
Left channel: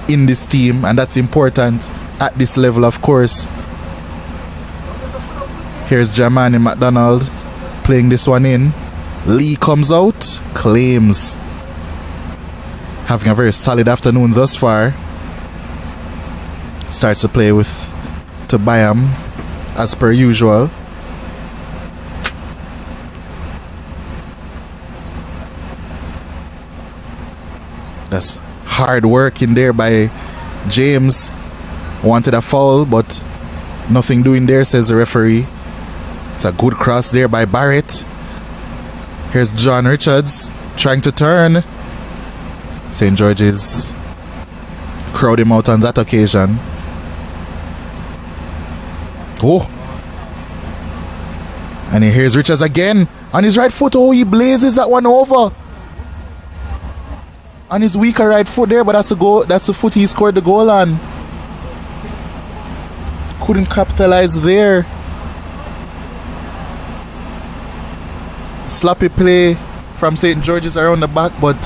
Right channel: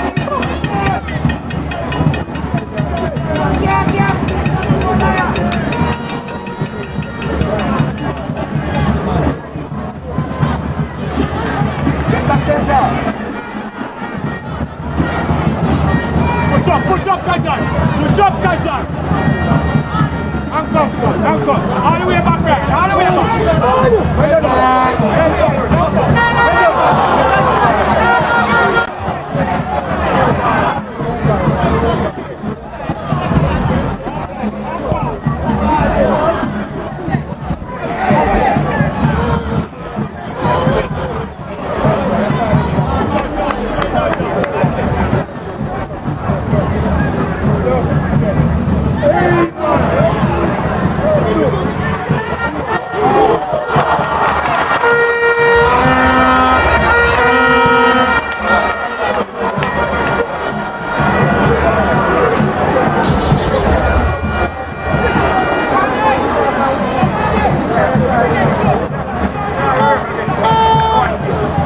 in this team, and that's important at this level, of course. Here's Jamani McDonald playing this one in. Lee comes out, claims. Having a very solid afternoon thus far. Starts to play with Tobiam as per usual. That's hard work in there by James. Wanted a foul, but nothing doing there, says the referee. It's a good cross there by Barrett. Here's John Richards trying to turn. St. George's crowd him out on that occasion. Oh. And here's Richards again on his right foot. Oh, he blazes that one over. On his weaker right foot there, but that's the goal. That's the foot he scored the goal on. Couldn't capitalize there. Sloppy play from St. George's around the back, but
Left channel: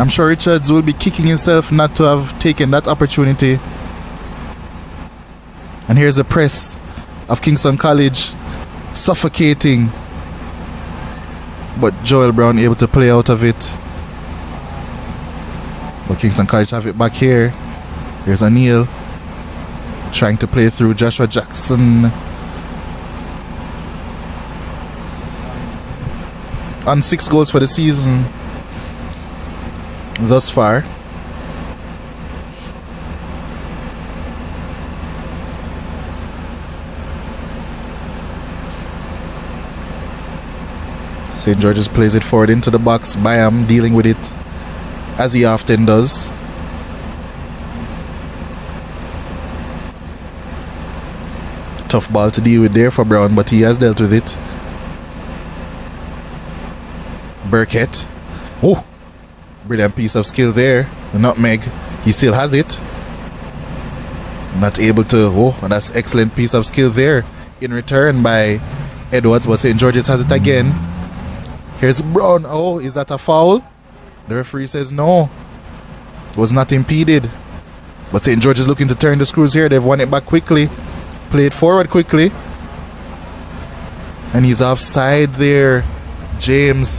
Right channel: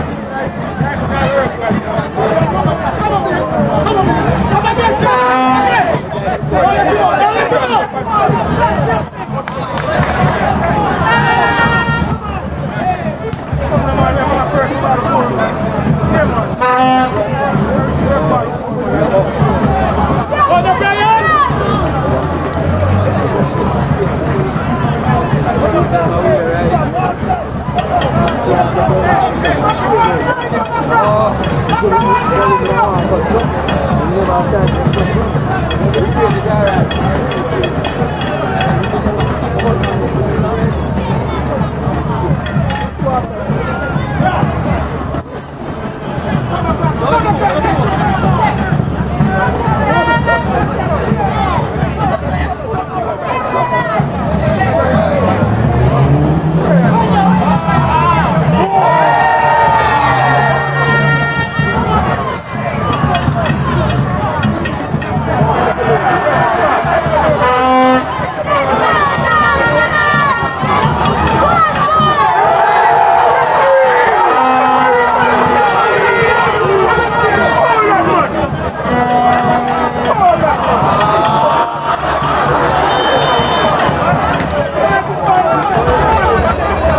I'm sure Richards will be kicking himself not to have taken that opportunity. And here's the press of Kingston College suffocating, but Joel Brown able to play out of it. Kingston College have it back here. There's O'Neill trying to play through Joshua Jackson. On 6 goals for the season thus far. St. George's plays it forward into the box. Bayam dealing with it as he often does. Tough ball to deal with there for Brown, but he has dealt with it. Burkett. Oh, with that piece of skill there. Nutmeg. He still has it. Not able to. Oh, that's excellent piece of skill there. In return by Edwards, but St. George's has it again. Here's Brown. Oh, is that a foul? The referee says no. It was not impeded. But St. George's looking to turn the screws here. They've won it back quickly. Play it forward quickly. And he's offside there, James.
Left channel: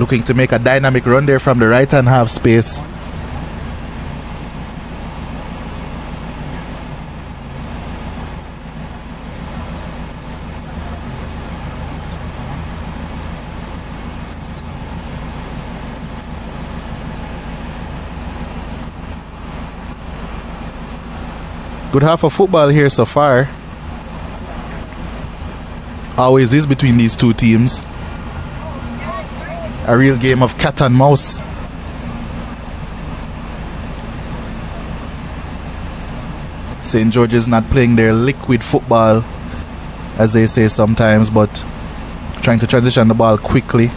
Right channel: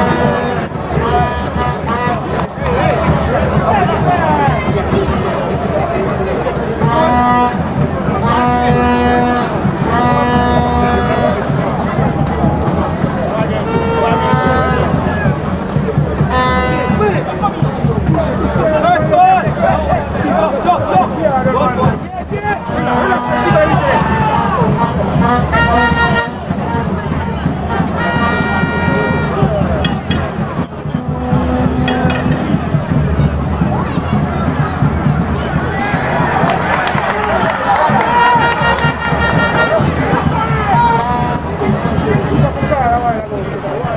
Looking to make a dynamic run there from the right-hand half space. Good half of football here so far. Always is between these two teams. A real game of cat and mouse. St. George's not playing their liquid football, as they say sometimes, but trying to transition the ball quickly.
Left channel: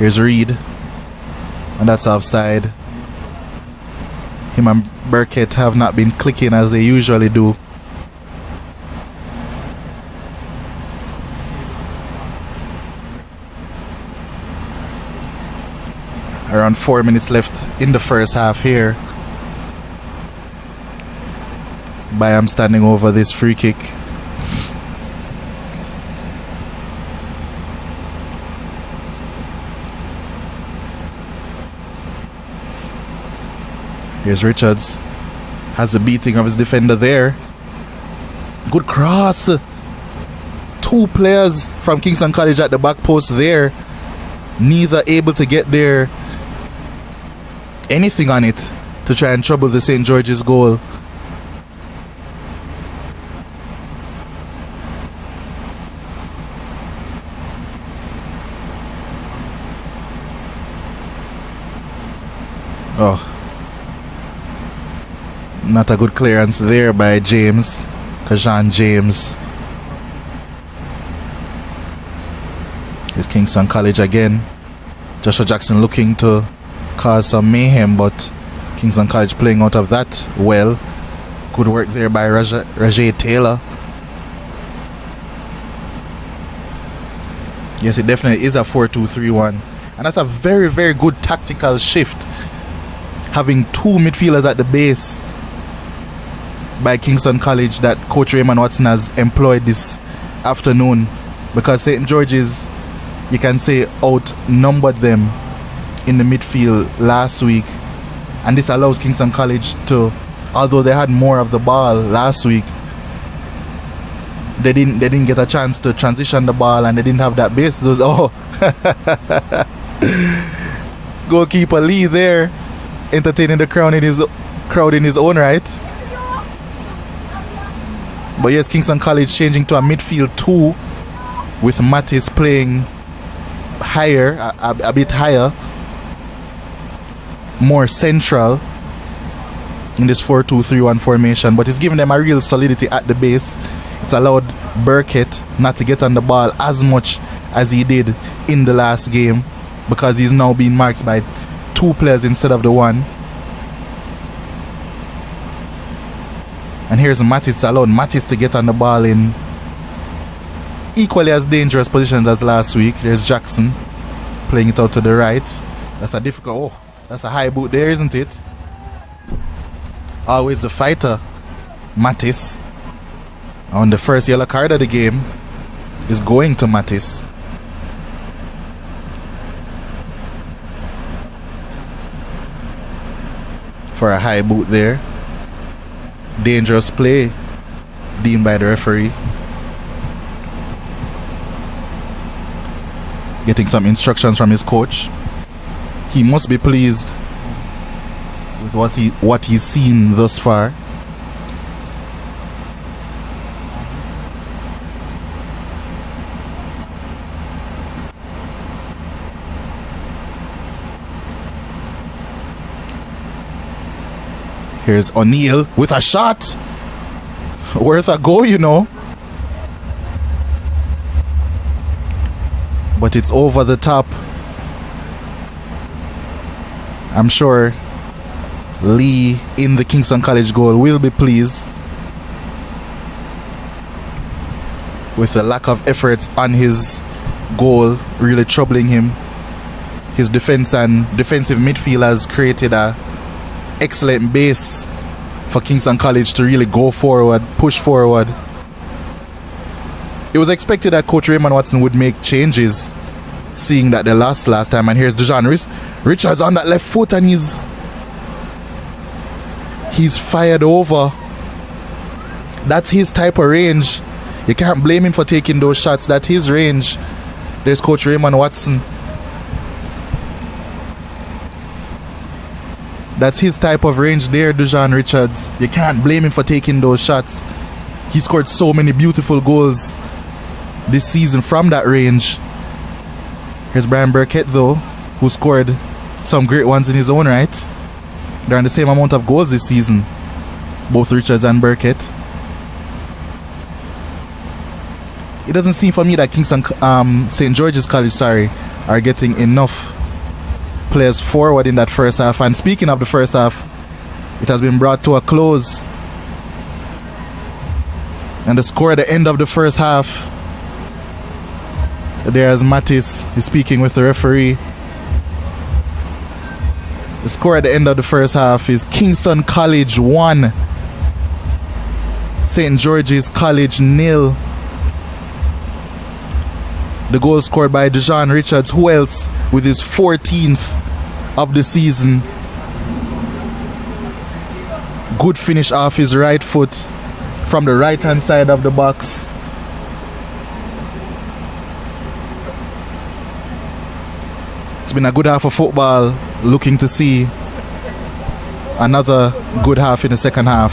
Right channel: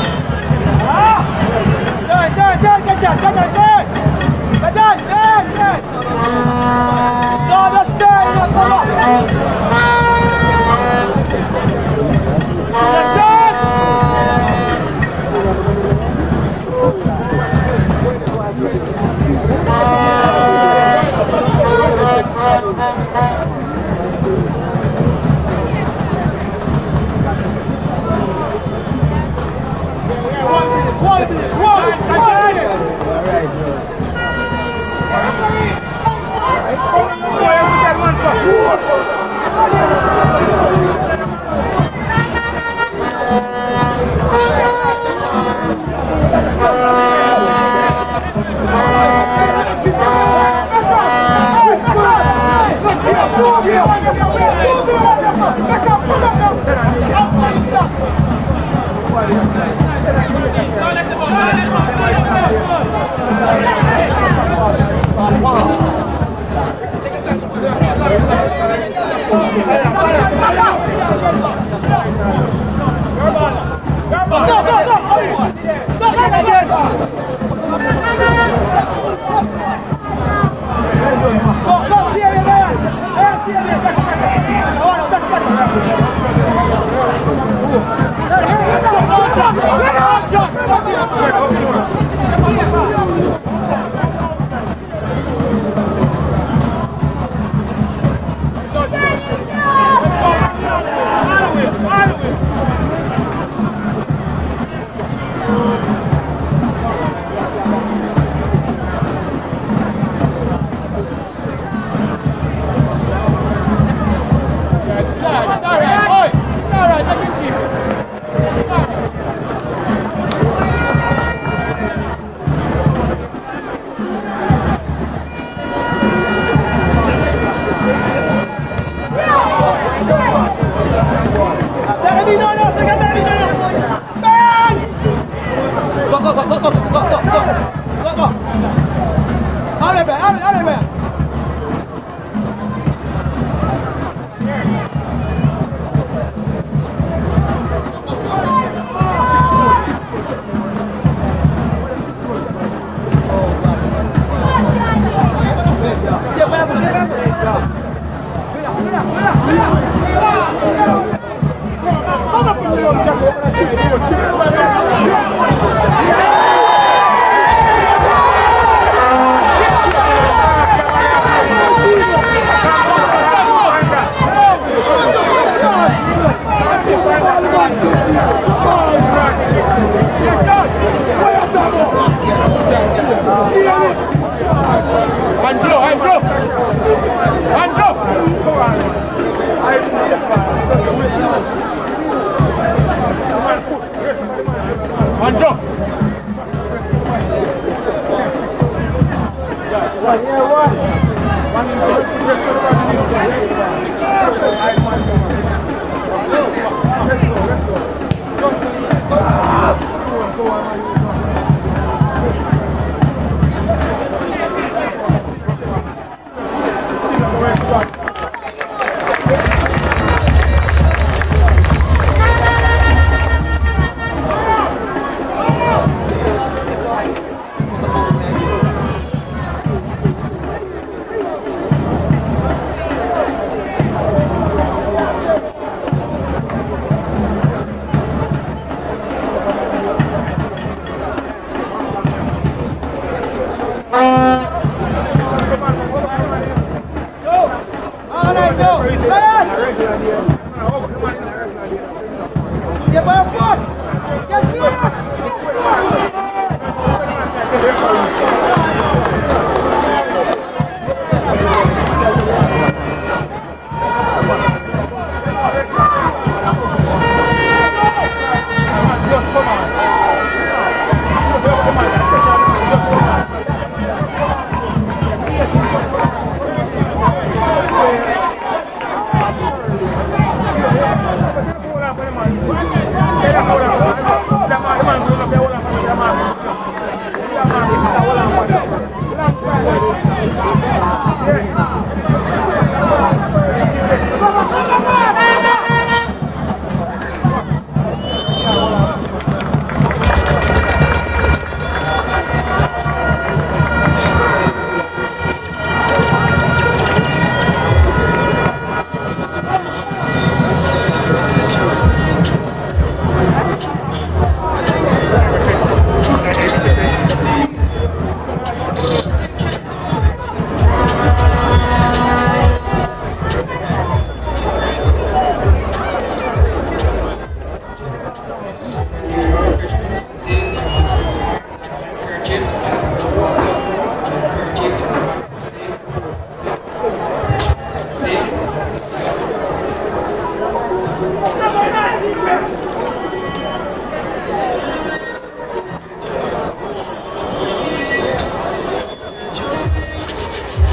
Here's Reed, and that's offside. Him and Burkett have not been clicking as they usually do. Around 4 minutes left in the first half here. Bayam standing over this free kick. Here's Richards. Has a beating of his defender there. Good cross. Two players from Kingston College at the back post there. Neither able to get there. Anything on it to try and trouble the St. George's goal. Oh. Not a good clearance there by James, Deshaun James. It's Kingston College again. Joshua Jackson looking to cause some mayhem, but Kingston College playing out of that well. Good work there by Rajay Taylor. Yes, it definitely is a 4-2-3-1. That's a very, very good tactical shift. Having two midfielders at the base by Kingston College that Coach Raymond Watson has employed this afternoon, because St. George's, you can say, outnumbered them in the midfield last week, and this allows Kingston College to, although they had more of the ball last week, they didn't get a chance to transition the ball, and they didn't have that base. Those goalkeeper Lee there, entertaining the crowd in his own right. But yes, Kingston College changing to a midfield 2 with Mattis playing higher, a bit higher, more central in this 4-2-3-1 formation. But it's giving them a real solidity at the base. It's allowed Burkett not to get on the ball as much as he did in the last game, because he's now being marked by 2 players instead of the 1. And here's Mattis, allowed Mattis to get on the ball in equally as dangerous positions as last week. There's Jackson playing it out to the right. It's a high beat there, isn't it? Always a fighter, Mattis. And the first yellow card of the game is going to Mattis. For a high boot there. Dangerous play deemed by the referee. Getting some instructions from his coach. He must be pleased with what he's seen thus far. Here's O'Neill with a shot. Worth a go, you know. But it's over the top. I'm sure Lee in the Kingston College goal will be pleased with the lack of efforts on his goal, really troubling him. His defense and defensive midfielders created a excellent base for Kingston College to really go forward, push forward. It was expected that Coach Raymond Watson would make changes, seeing that they lost last time. And here's Dejan Richards on that left foot, and he's fired over. That's his type of range. You can't blame him for taking those shots. That's his range. There's Coach Raymond Watson. That's his type of range there, Dejan Richards. You can't blame him for taking those shots. He scored so many beautiful goals this season from that range. There's Brian Burkett, though, who scored some great ones in his own right. They're on the same amount of goals this season, both Richards and Burkett. It doesn't seem for me that Kingston, St. George's College, are getting enough players forward in that first half. And speaking of the first half, it has been brought to a close. And the score at the end of the first half, there's Mattis speaking with the referee. The score at the end of the first half is Kingston College 1, St. George's College 0. The goal scored by Dejan Richards, who else, with his 14th of the season. Good finish off his right foot from the right-hand side of the box. It's been a good half of football. Looking to see another good half in the second half.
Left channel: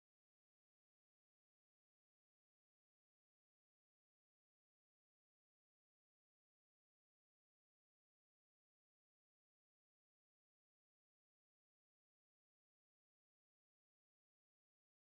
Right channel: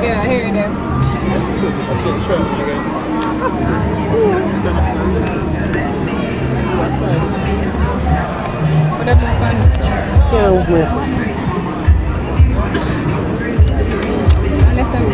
Yeah, I hear you there. What up, fun? Yeah, Listen.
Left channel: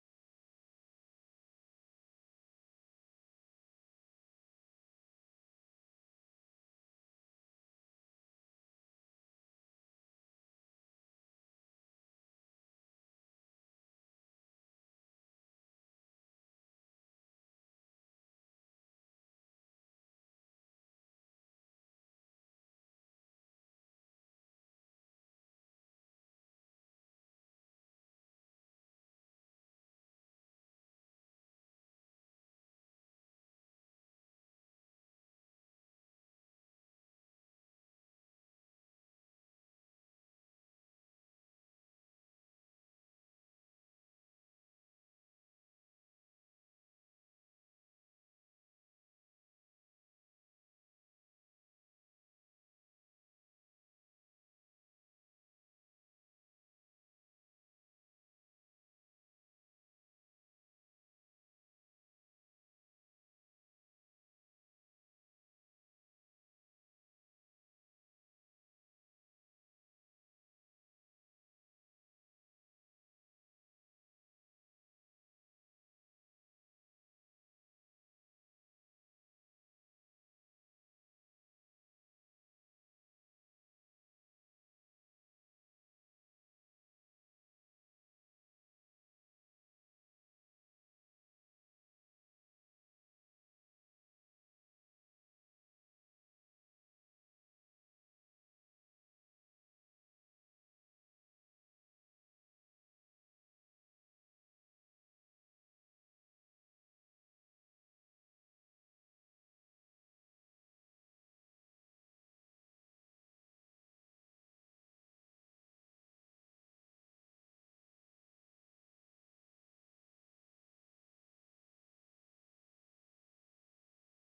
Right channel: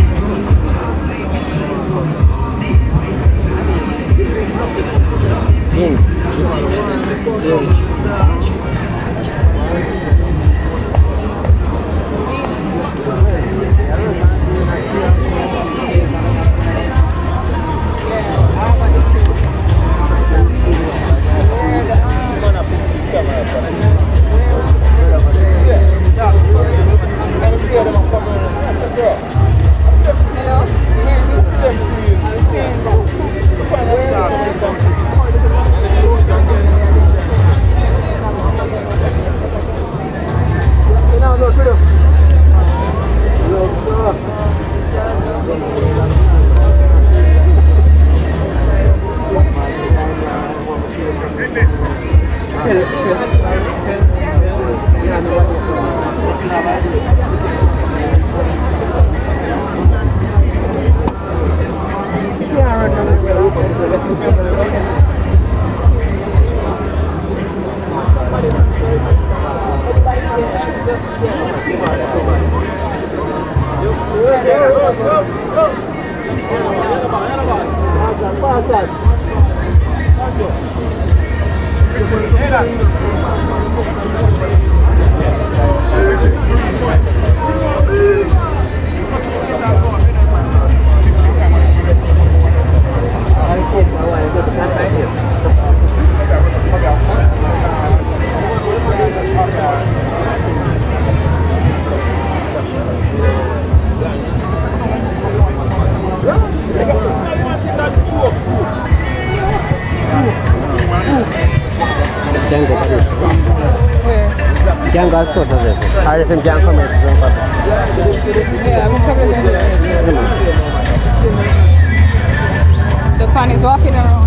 Can't go as close as this. I reckon can't come in. Yeah, I'm probably going to the fan is walking around.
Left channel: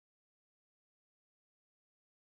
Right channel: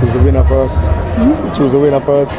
Choose the winner first. Choose the winner first.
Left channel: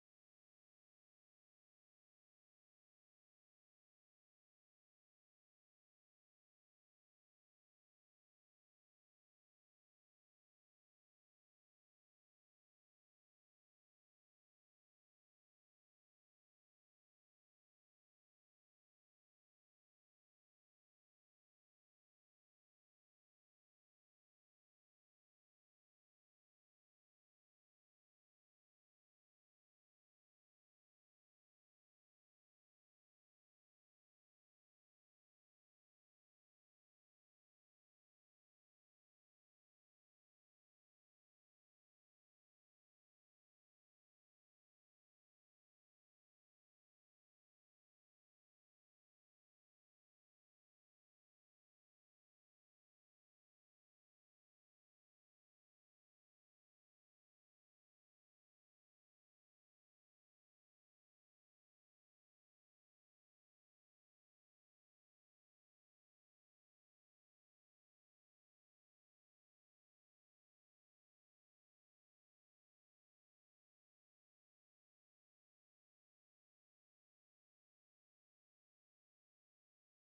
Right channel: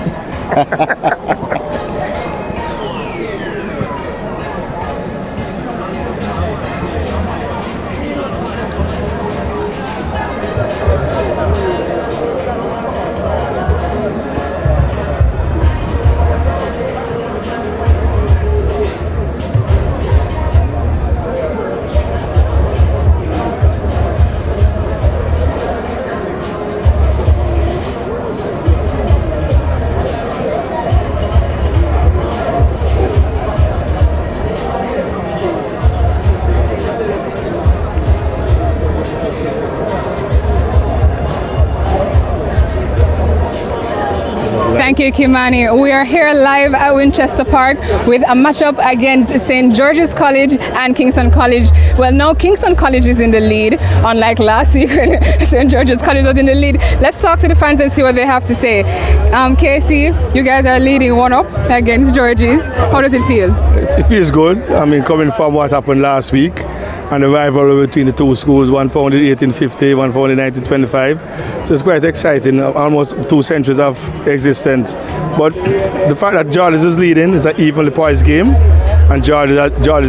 Thank you, Kimani. We are here live at Winchester Park with a matchup against St. George's College and Kingston College. Well, now Kingston College is in the lead, unlike last week when St. George's College was in the lead. Let's talk to the fans and see what they have to say. Casey, you guys are leading 1-up against George's. How does it feel? It feels good. I mean, coming from what happened last week and the rivalry between the two schools, one founded in 1850, one founded in 1925. So it's quite exciting, almost 2 centuries of existence. But the fact that George's is leading is an evenly poised game, and George's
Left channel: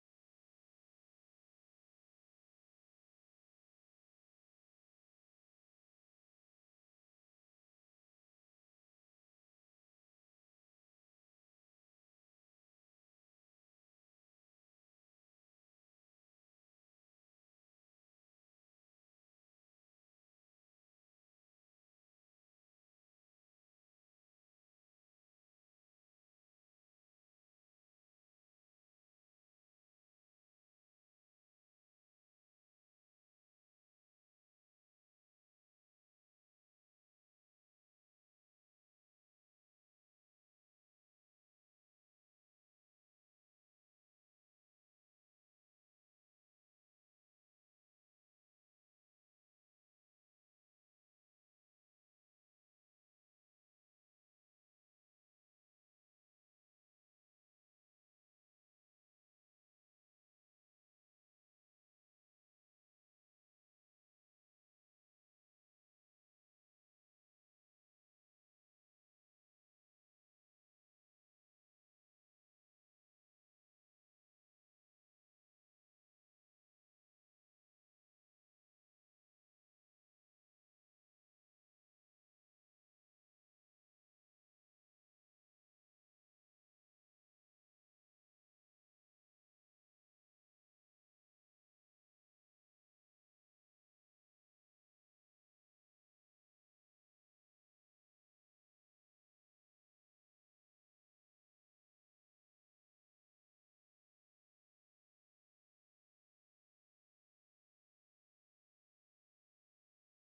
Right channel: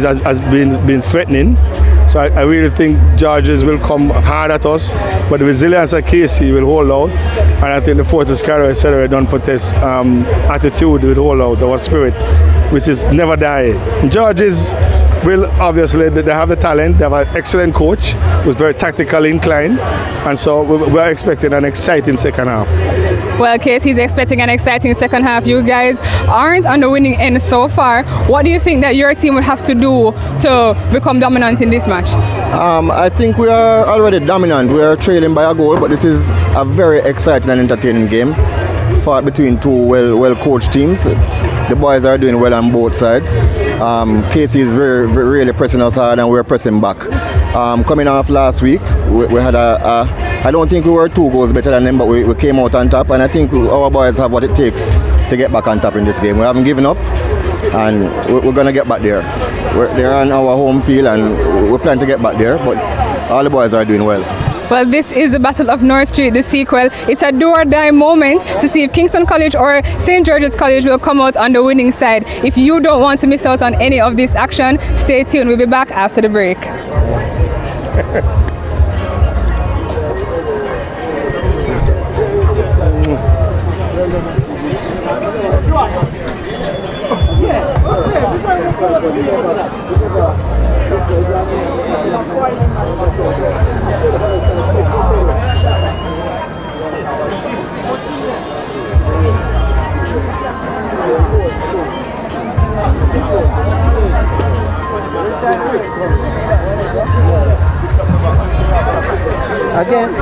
has been threatening. So I really think George's will come hard at us, but the resilience of Casey will hold out. And I think the Fortis Carrier Accelerator don't protest attitude will hold out, our spirit, which is never die. And George's will obviously, they have the talent, they have an excellent coach who's very tactically inclined, and so we're expecting an exciting second half. Well, Casey's expecting an exciting second half. You guys aren't on the winning end so far. What do you think that your team would have to do to become dominant in this match? I think we are already dominant. We are trailing by a goal, but this is a very exciting and entertaining game. Fought between two well-coached teams. The boys are doing well on both sides. Casey is really pressing us hard, and we're pressing back. Coming off last week, we had I don't think we were 2 goals better than them, but we came out on top, and I think our boys have what it takes to get back on top in this game. We haven't given up, and we're going to get back there. They're on our home field, and we plan to get back there, but all the boys are doing well. Well, this is the Battle of North Street, the sequel. It's a do-or-die moment to see if Kingston College or St. George's College will come out on the winning side. If you don't want to miss out on any of this action, stay tuned. We'll be back after the break. Again.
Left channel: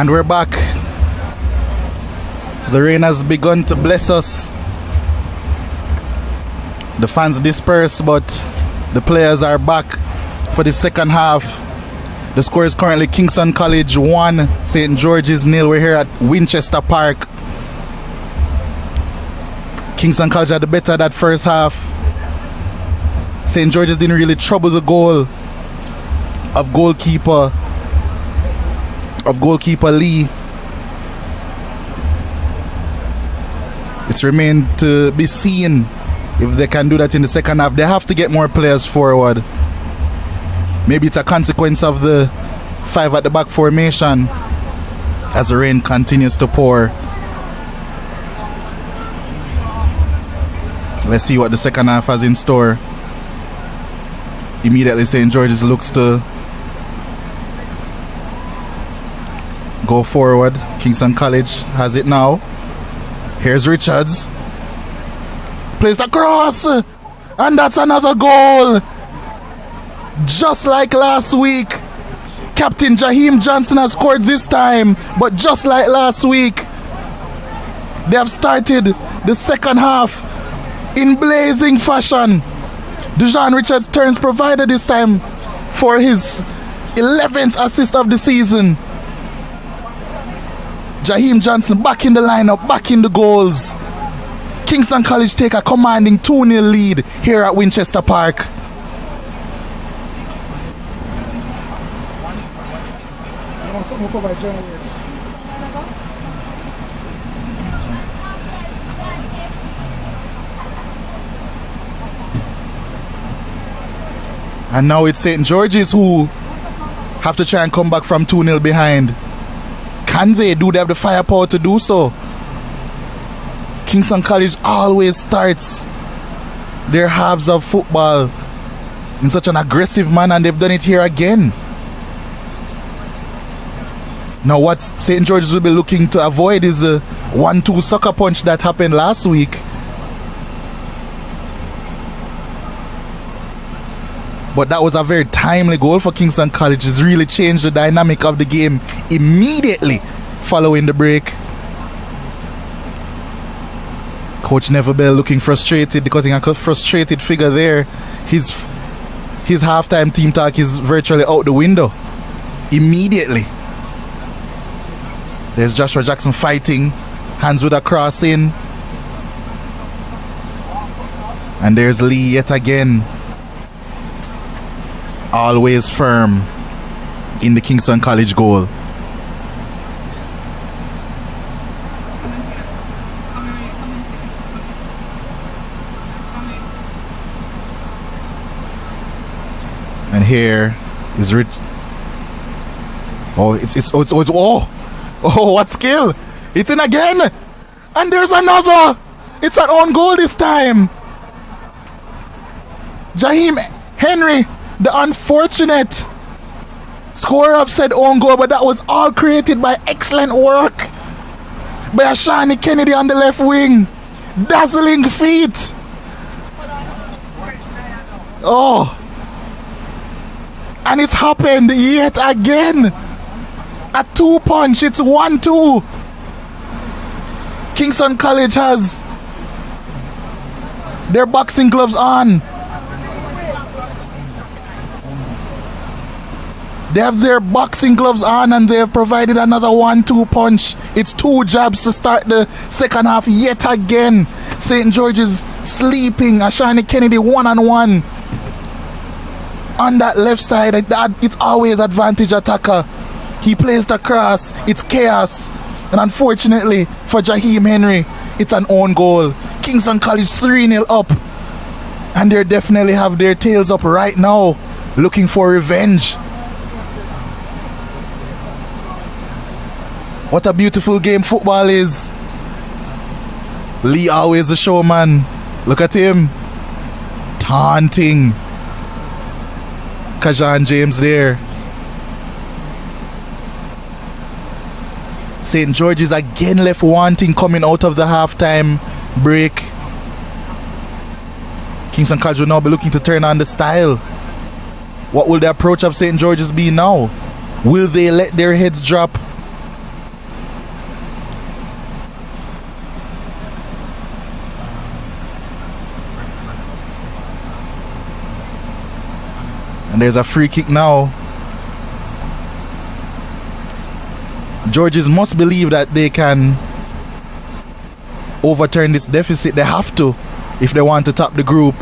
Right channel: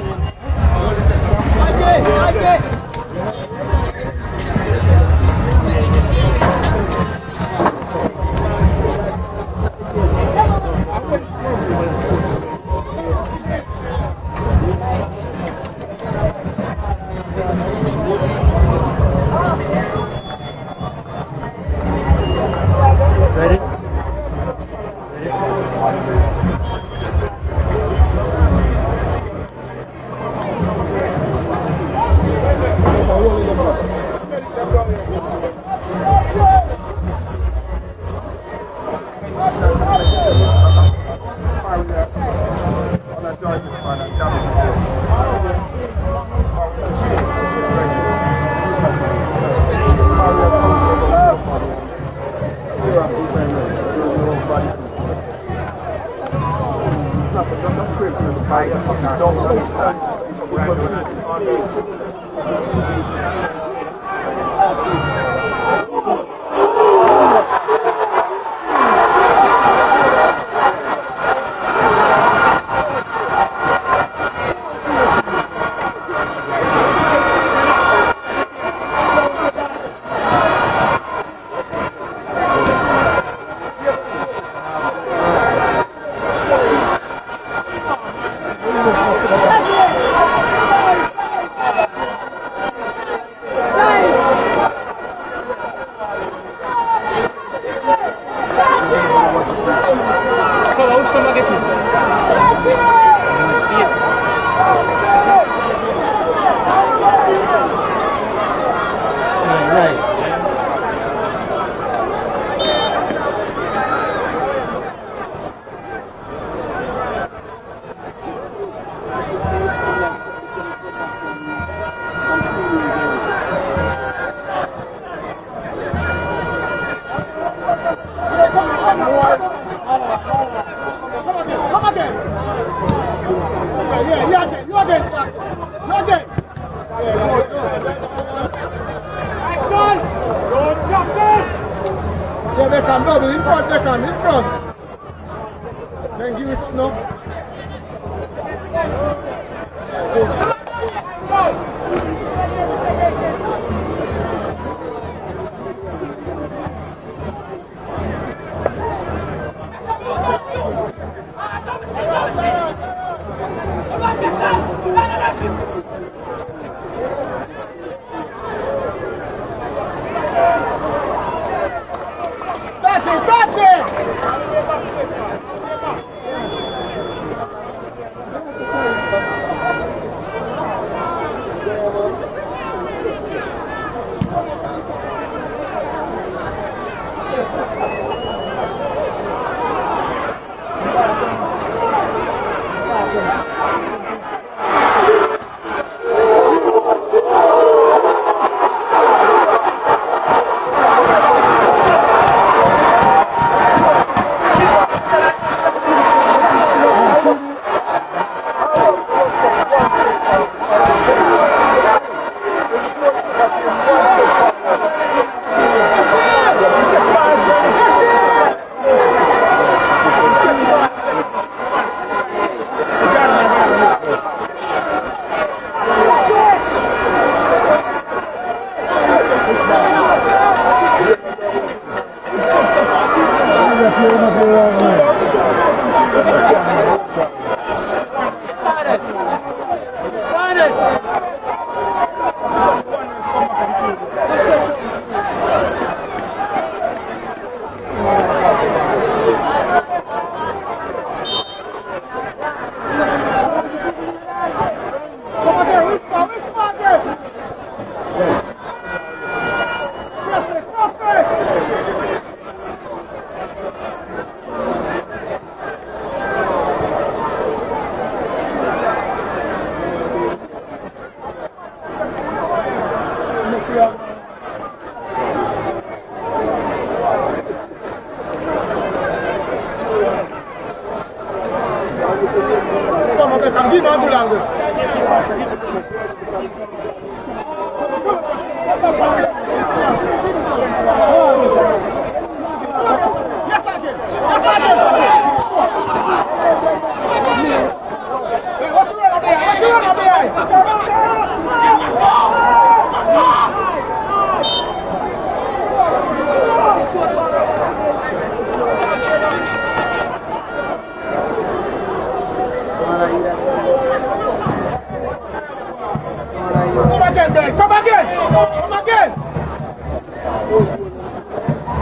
And we're back. The rain has begun to bless us. The fans disperse, but the players are back for the second half. The score is currently Kingston College 1, St. George's 0. We're here at Winchester Park. Kingston College had the better that first half. St. George's didn't really trouble the goal of goalkeeper Lee. It's remained to be seen if they can do that in the second half. They have to get more players forward. Maybe it's a consequence of the 5 at the back formation as the rain continues to pour. Let's see what the second half has in store. Immediately St. George's looks to go forward. Kingston College has it now. Here's Richards. Plays the cross. And that's another goal. Just like last week, Captain Jaheim Johnson has scored this time, but just like last week, they have started the second half in blazing fashion. Dujan Richards turns provider this time for his 11th assist of the season. Jaheim Johnson back in the lineup, back in the goals. Kingston College take a commanding 2-0 lead here at Winchester Park. And now it's St. George's who have to try and come back from 2-0 behind. Can they? Do they have the firepower to do so? Kingston College always starts their halves of football in such an aggressive manner, and they've done it here again. Now what St. George's will be looking to avoid is a 1-2 sucker punch that happened last week. But that was a very timely goal for Kingston College. It's really changed the dynamic of the game immediately following the break. Coach Neville Bell looking frustrated because he has a frustrated figure there. His halftime team talk is virtually out the window immediately. There's Joshua Jackson fighting, hands with a cross in. And there's Lee yet again. Always firm in the Kingston College goal. And here is Rich. Oh, what skill! It's in again! And there's another! It's an own goal this time! Jaheim Henry, the unfortunate scorer of said own goal, but that was all created by excellent work by Ashani Kennedy on the left wing. Dazzling feet. Oh. And it's happened yet again. A 2-punch, it's 1-2. Kingston College has their boxing gloves on. They have their boxing gloves on and they have provided another 1-2 punch. It's 2 jabs to start the second half yet again. St. George's sleeping. Ashani Kennedy one-on-one. On that left side, it's always advantage attacker. He plays the cross. It's chaos. And unfortunately for Jaheim Henry, it's an own goal. Kingston College 3-0 up. And they definitely have their tails up right now, looking for revenge. What a beautiful game football is. Lee always the showman. Look at him. Taunting Kajan James there. St. George's again left wanting coming out of the halftime break. Kingston College will now be looking to turn on the style. What will the approach of St. George's be now? Will they let their heads drop? And there's a free kick now. Georges must believe that they can overturn this deficit. They have to if they want to top the group.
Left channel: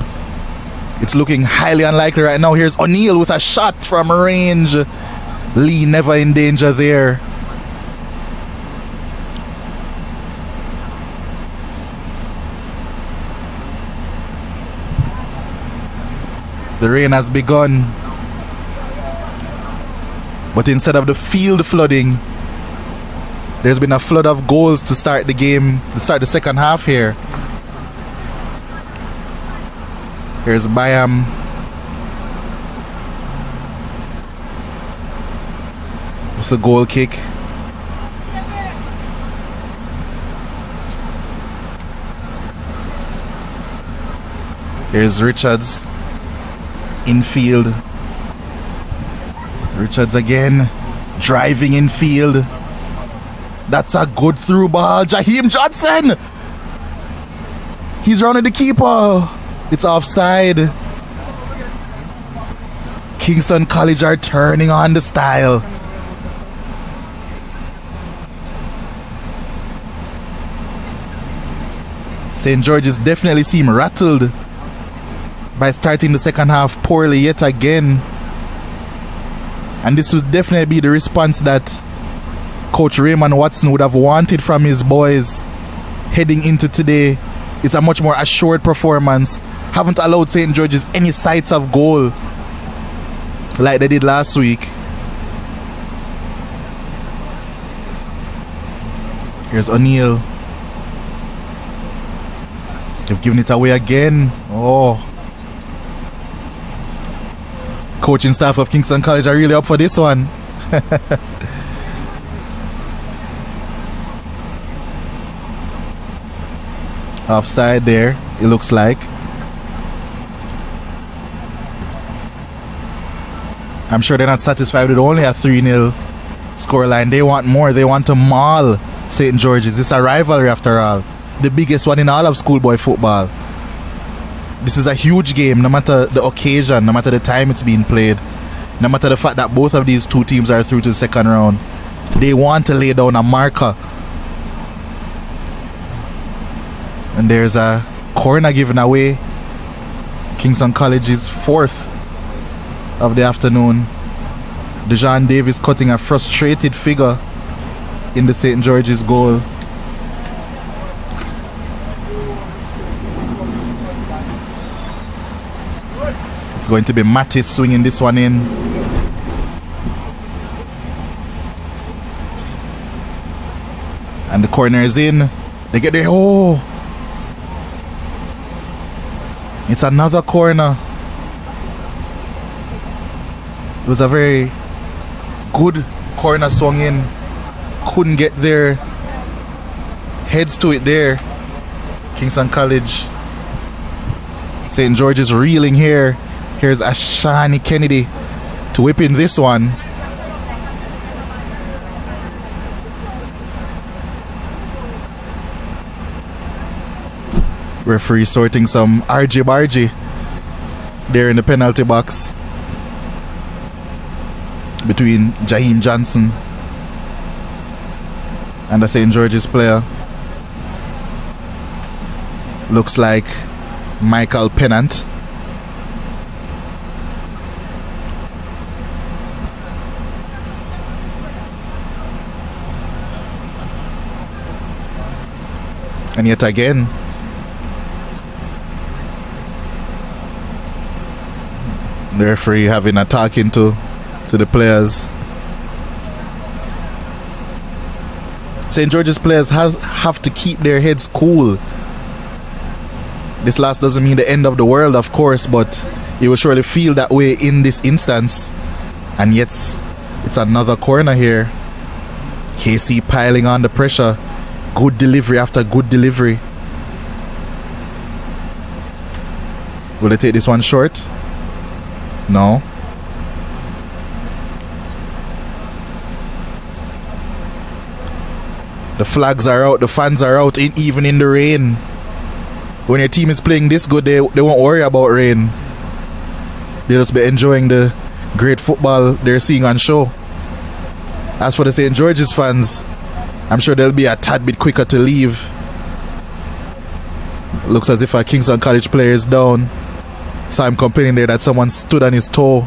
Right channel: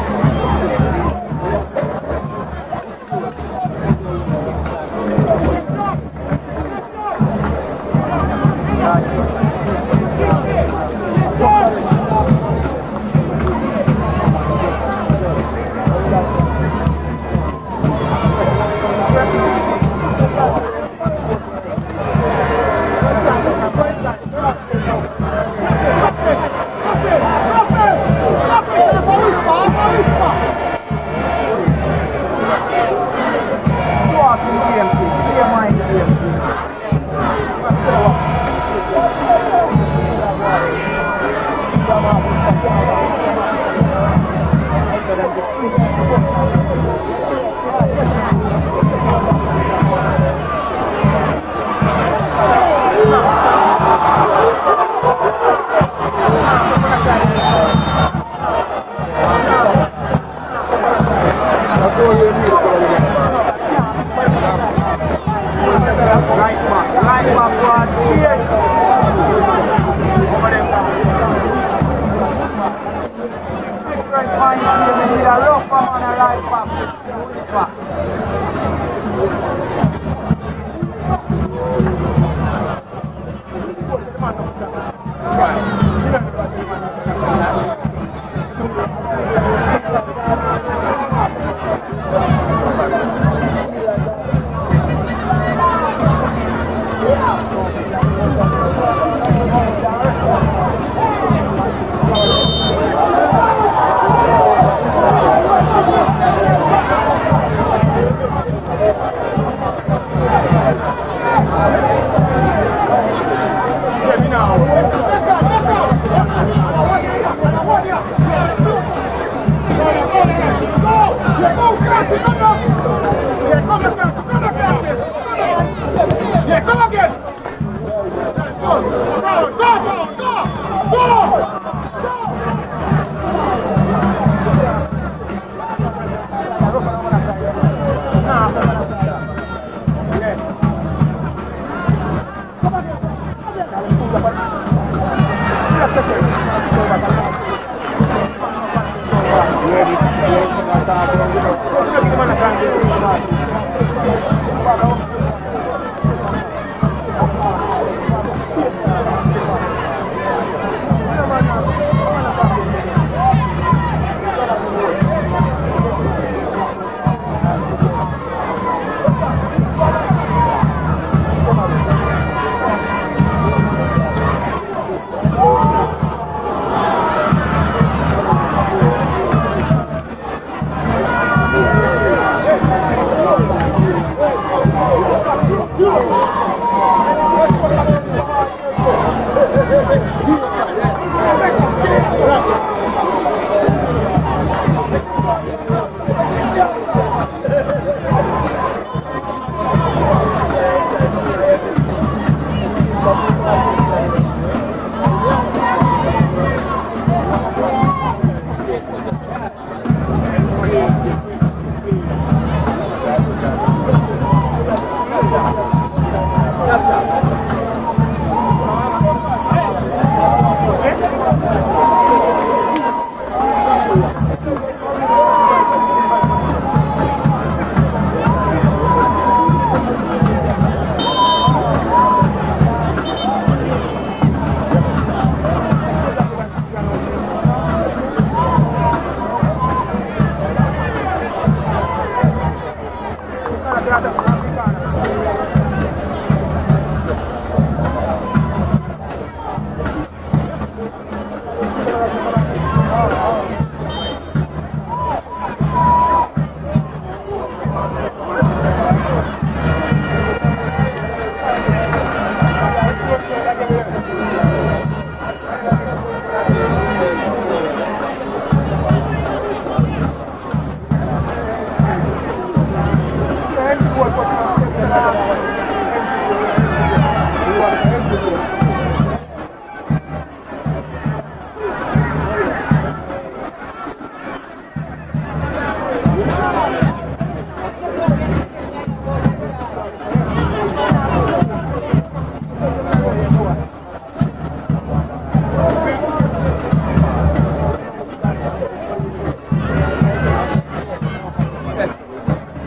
It's looking highly unlikely right now. Here's O'Neill with a shot from range. Lee never in danger there. The rain has begun, but instead of the field flooding, there's been a flood of goals to start the game, to start the second half here. Here's Bayam. It's a goal kick. Here's Richards. Infield. Richards again. Driving infield. That's a good through ball. Jaheim Johnson. He's rounded the keeper. It's offside. Kingston College are turning on the style. St. George's definitely seem rattled by starting the second half poorly yet again. And this would definitely be the response that Coach Raymond Watson would have wanted from his boys heading into today. It's a much more assured performance. Haven't allowed St. George's any sights of goal like they did last week. Here's O'Neill. They've given it away again. Oh. Coaching staff of Kingston College are really up for this one. Offside there, it looks like. I'm sure they're not satisfied with only a 3-0 scoreline. They want more. They want to maul St. George's. It's a rivalry after all. The biggest one in all of schoolboy football. This is a huge game, no matter the occasion, no matter the time it's being played, no matter the fact that both of these two teams are through to the second round. They want to lay down a marker. And there's a corner given away. Kingston College's fourth of the afternoon. Dejan Davis cutting a frustrated figure in the St. George's goal. It's going to be Mattis swinging this one in. And the corner is in. They get there. Oh! It's another corner. It was a very good corner swung in. Couldn't get their heads to it there. Kingston College. St. George's reeling here. Here's Ashani Kennedy to whip in this one. Referee sorting some argy-bargy there in the penalty box between Jaheim Johnson and the St. George's player. Looks like Michael Pennant. And yet again, the referee having a talking to the players. St. George's players have to keep their heads cool. This loss doesn't mean the end of the world, of course, but you will surely feel that way in this instance. And yet, it's another corner here. KC piling on the pressure. Good delivery after good delivery. Will they take this one short? No. The flags are out, the fans are out, even in the rain. When your team is playing this good, they won't worry about rain. They'll just be enjoying the great football they're seeing on show. As for the St. George's fans, I'm sure they'll be a tad bit quicker to leave. Looks as if a Kingston College player is down. So I'm complaining there that someone stood on his toe.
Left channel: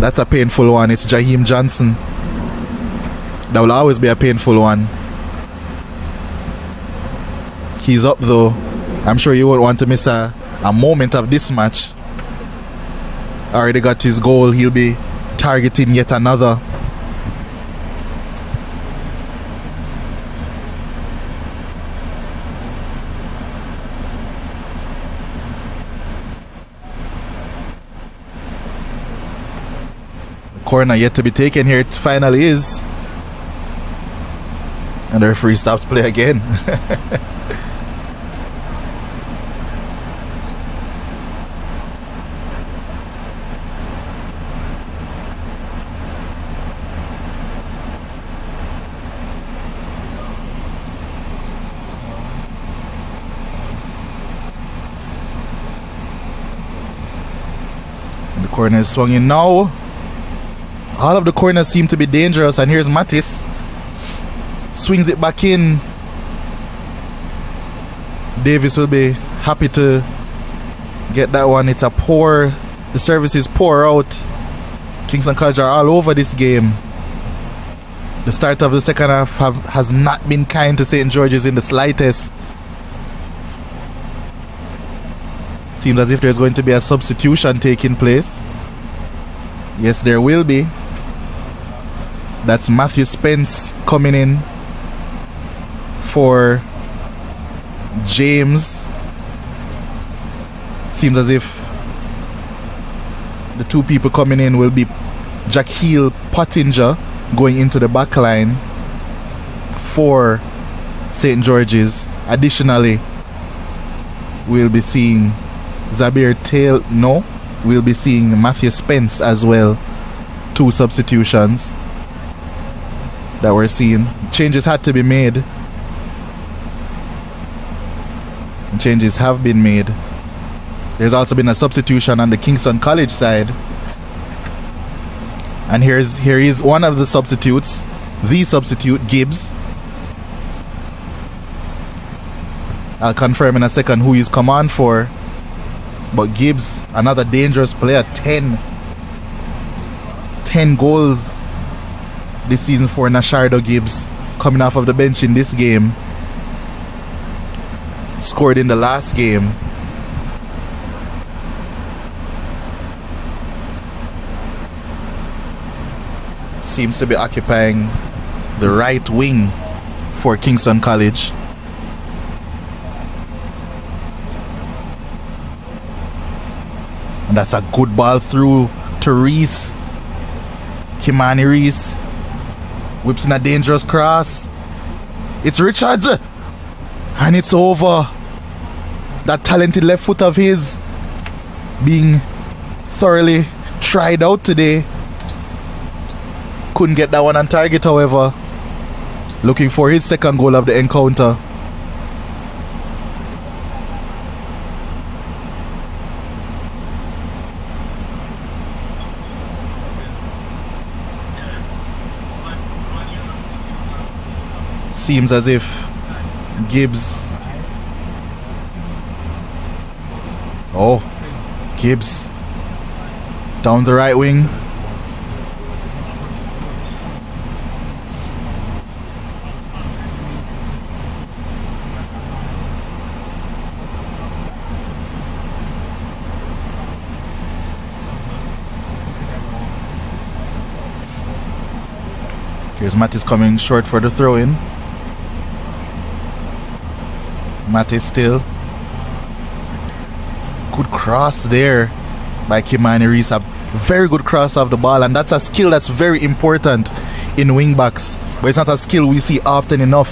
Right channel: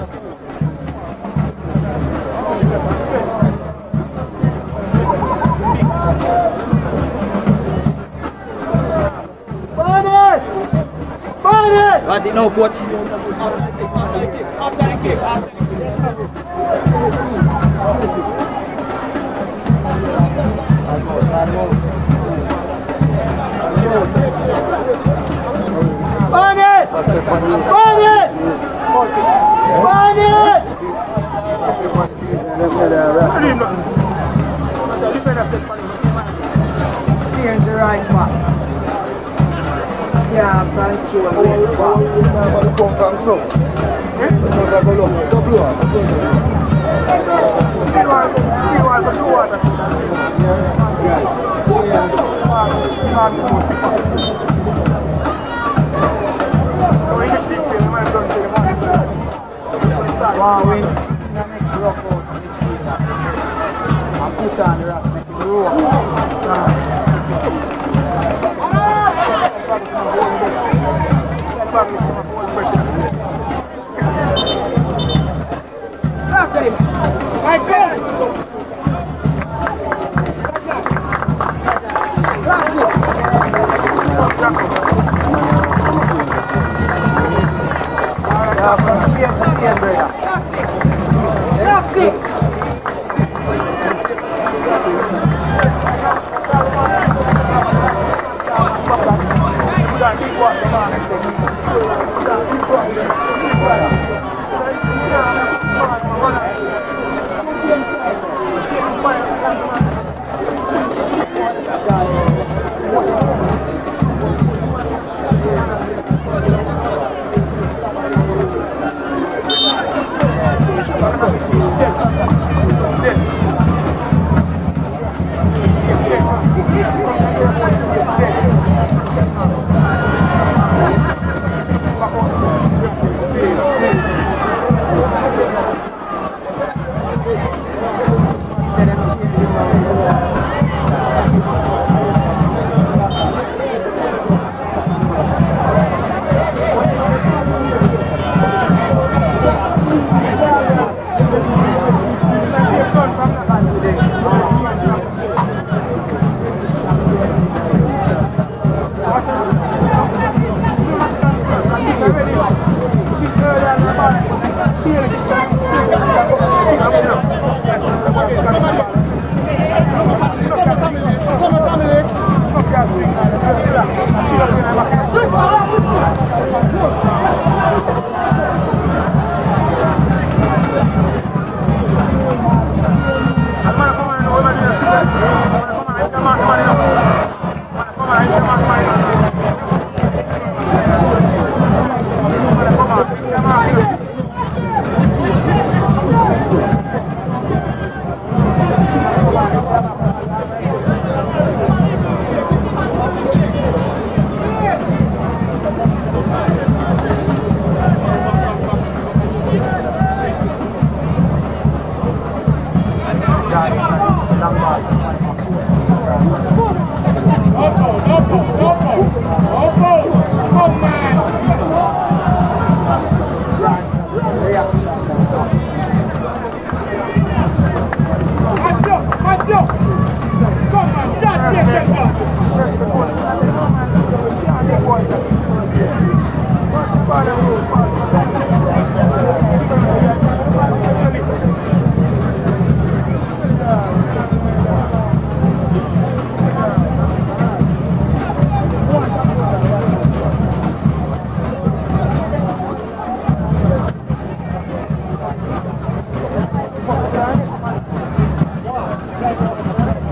That's a painful one. It's Jaheim Johnson. That will always be a painful one. He's up though. I'm sure you won't want to miss a moment of this match. Already got his goal. He'll be targeting yet another. Corner yet to be taken here. It finally is. And the referee stops play again. Corner is swung in now. All of the corners seem to be dangerous, and here's Mattis. Swings it back in. Davis will be happy to get that one. It's a poor, the service is poor out. Kingston College are all over this game. The start of the second half has not been kind to St. George's in the slightest. Seems as if there's going to be a substitution taking place. Yes, there will be. That's Matthew Spence coming in for James. Seems as if two people coming in will be Jaquil Pottinger going into the back line for St. George's. Additionally, we'll be seeing we'll be seeing Matthew Spence as well. Two substitutions that we're seeing. Changes had to be made. Changes have been made. There's also been a substitution on the Kingston College side. And here is one of the substitutes, the substitute, Gibbs. I'll confirm in a second who he's come on for. But Gibbs, another dangerous player, 10 goals this season for Nashardo Gibbs, coming off of the bench in this game. Scored in the last game. Seems to be occupying the right wing for Kingston College. And that's a good ball through to Reese. Kimani Reese whips in a dangerous cross. It's Richards, and it's over. That talented left foot of his being thoroughly tried out today. Couldn't get that one on target, however. Looking for his second goal of the encounter. Seems as if Gibbs. Gibbs down the right wing. Here's Mattis coming short for the throw-in. Mattis still. Good cross there by Kimani Reese. A very good cross off the ball, and that's a skill that's very important in wing backs, but it's not a skill we see often enough.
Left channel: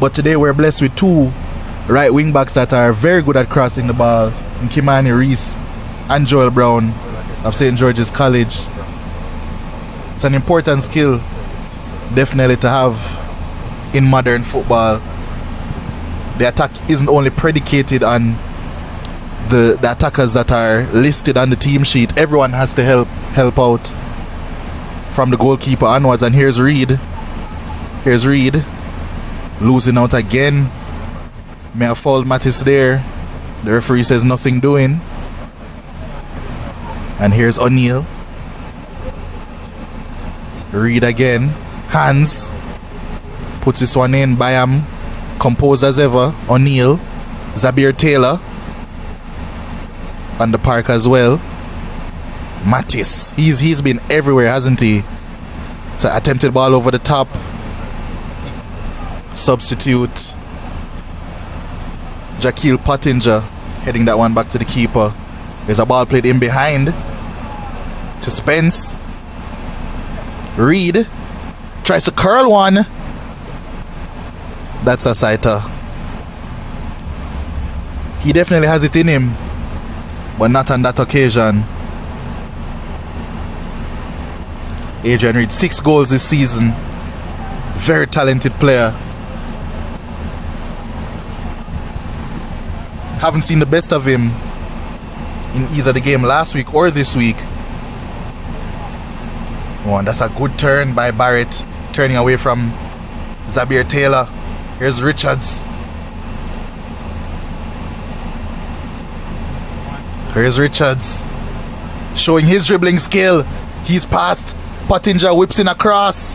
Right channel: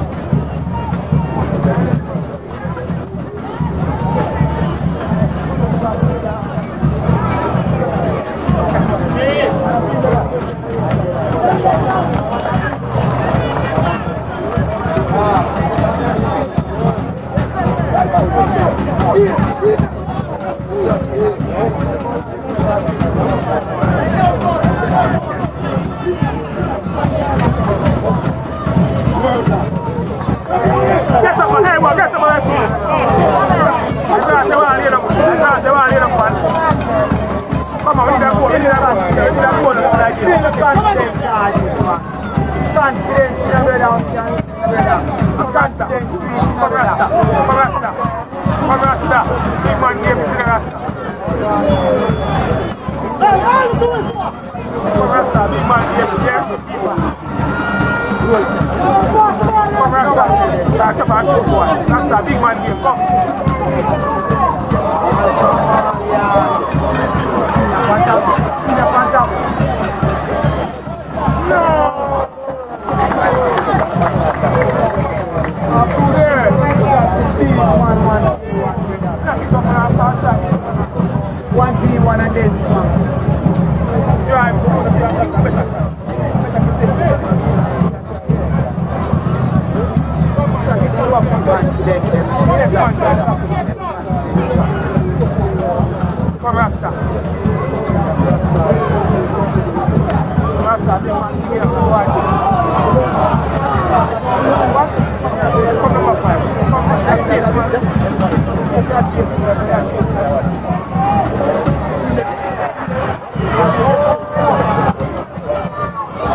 But today we're blessed with two right wing backs that are very good at crossing the ball. Kimani Reese and Joel Brown of St. George's College. It's an important skill, definitely, to have in modern football. The attack isn't only predicated on the attackers that are listed on the team sheet. Everyone has to help out, from the goalkeeper onwards. And here's Reed. Losing out again. May have fouled Mattis there. The referee says nothing doing. And here's O'Neill. Reed again. Hands. Puts this one in. Bayam composed as ever. O'Neill. Zabir Taylor on the park as well. Mattis. He's been everywhere, hasn't he? It's an attempted ball over the top. Substitute Jaquil Pottinger heading that one back to the keeper. There's a ball played in behind to Spence. Reed tries to curl one. That's a sighter. He definitely has it in him, but not on that occasion. Adrian Reed, 6 goals this season. Very talented player. Haven't seen the best of him in either the game last week or this week. Oh, that's a good turn by Barrett, turning away from Zabir Taylor. Here's Richards. Here's Richards, showing his dribbling skill. He's passed. Pottinger whips in across.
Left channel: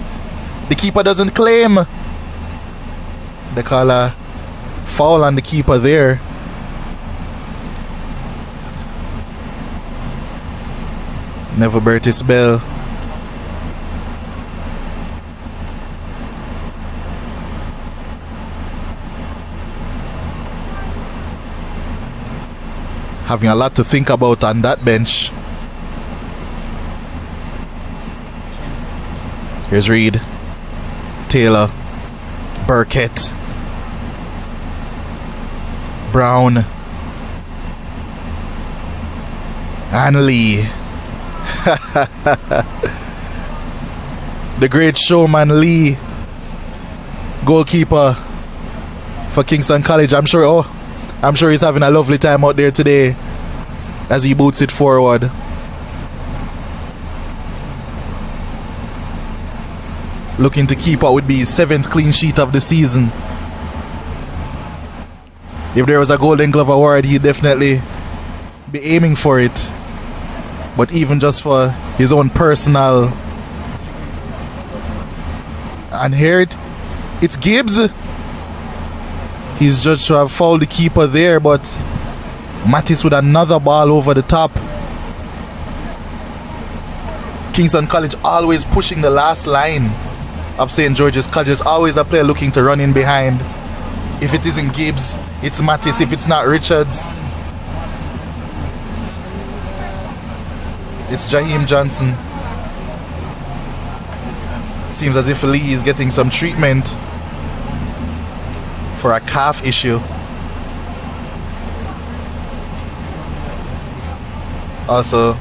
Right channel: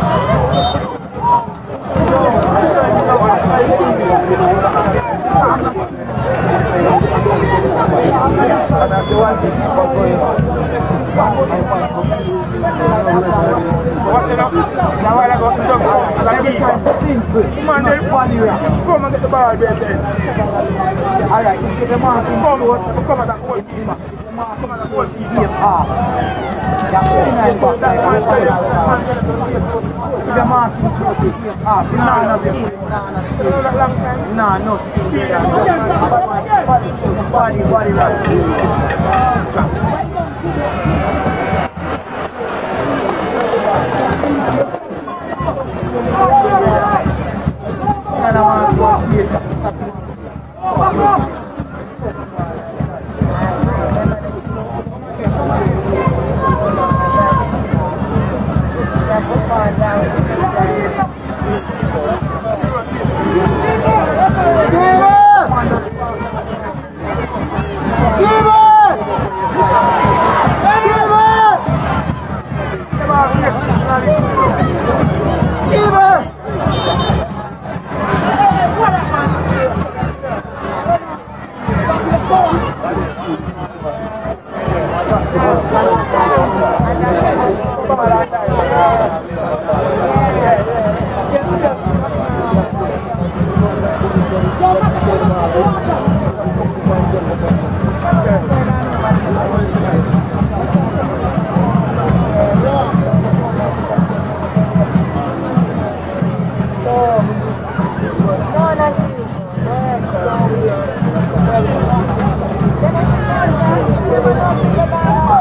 The keeper doesn't claim. They call a foul on the keeper there. Never Bertis Bell. Having a lot to think about on that bench. Here's Reed, Taylor, Burkett, Brown, and Lee. The great showman Lee, goalkeeper for Kingston College. I'm sure he's having a lovely time out there today as he boots it forward. Looking to keep up with the 7th clean sheet of the season. If there was a Golden Glove award, he'd definitely be aiming for it. But even just for his own personal. And here it's Gibbs. He's judged to have fouled the keeper there, but Mattis with another ball over the top. Kingston College always pushing the last line of St. George's College. There's always a player looking to run in behind. If it isn't Gibbs, it's Mattis. If it's not Richards, it's Jaheim Johnson. Seems as if Lee is getting some treatment for a calf issue. Also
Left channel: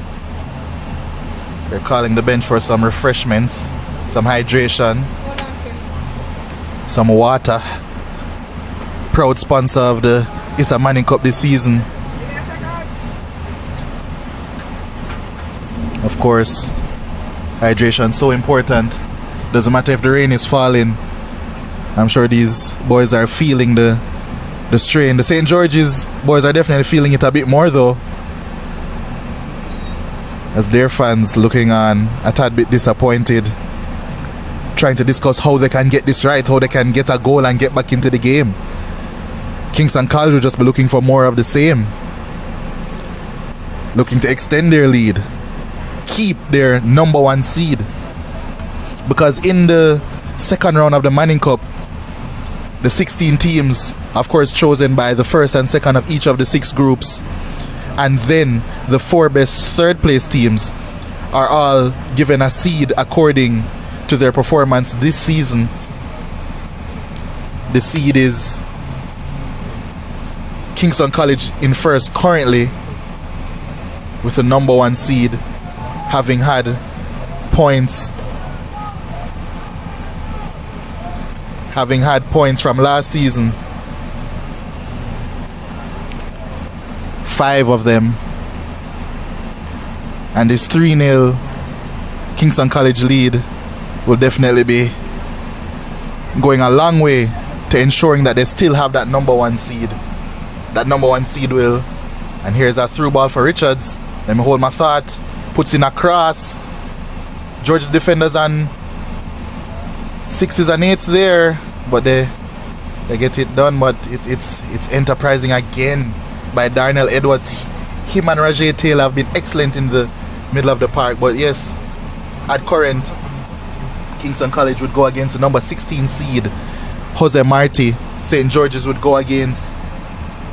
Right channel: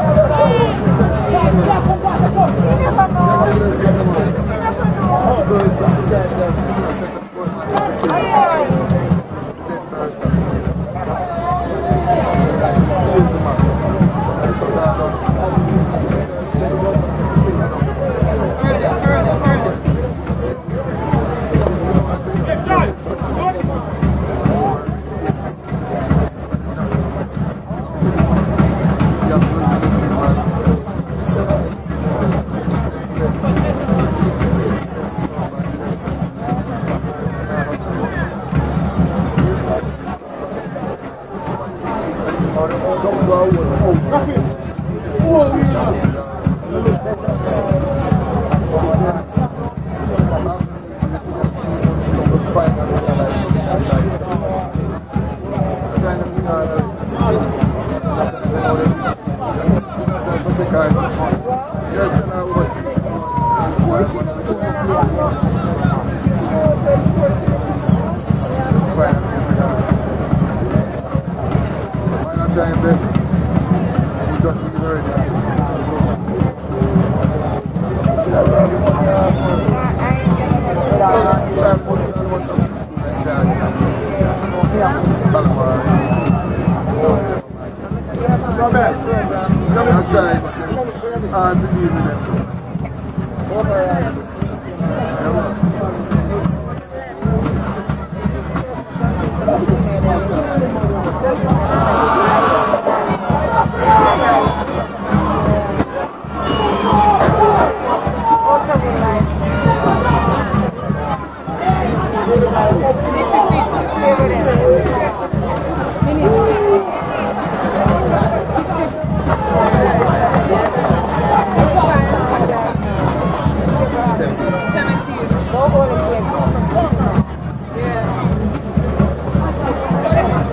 calling the bench for some refreshments, some hydration, some water. Proud sponsor of the ISSA Manning Cup this season. Of course, hydration so important. Doesn't matter if the rain is falling. I'm sure these boys are feeling the strain. The St. George's boys are definitely feeling it a bit more though, as their fans looking on a tad bit disappointed, trying to discuss how they can get this right, how they can get a goal and get back into the game. Kingston College will just be looking for more of the same, looking to extend their lead, keep their #1 seed, because in the second round of the Manning Cup, the 16 teams, of course chosen by the first and second of each of the 6 groups, and then the 4 best third place teams are all given a seed according to their performance this season. The seed is Kingston College in first currently, with the #1 seed, having had points from last season, 5 of them, and this 3-0 Kingston College lead will definitely be going a long way to ensuring that they still have that #1 seed. That #1 seed will, and here's a through ball for Richards, and hold my thought, puts in a cross. George's defenders on 6s and 8s there, but they get it done. But it's enterprising again by Darnell Edwards. Him and Rajay Taylor have been excellent in the middle of the park. But yes, at current, Kingston College would go against the #16 seed, Jose Marti. St. George's would go against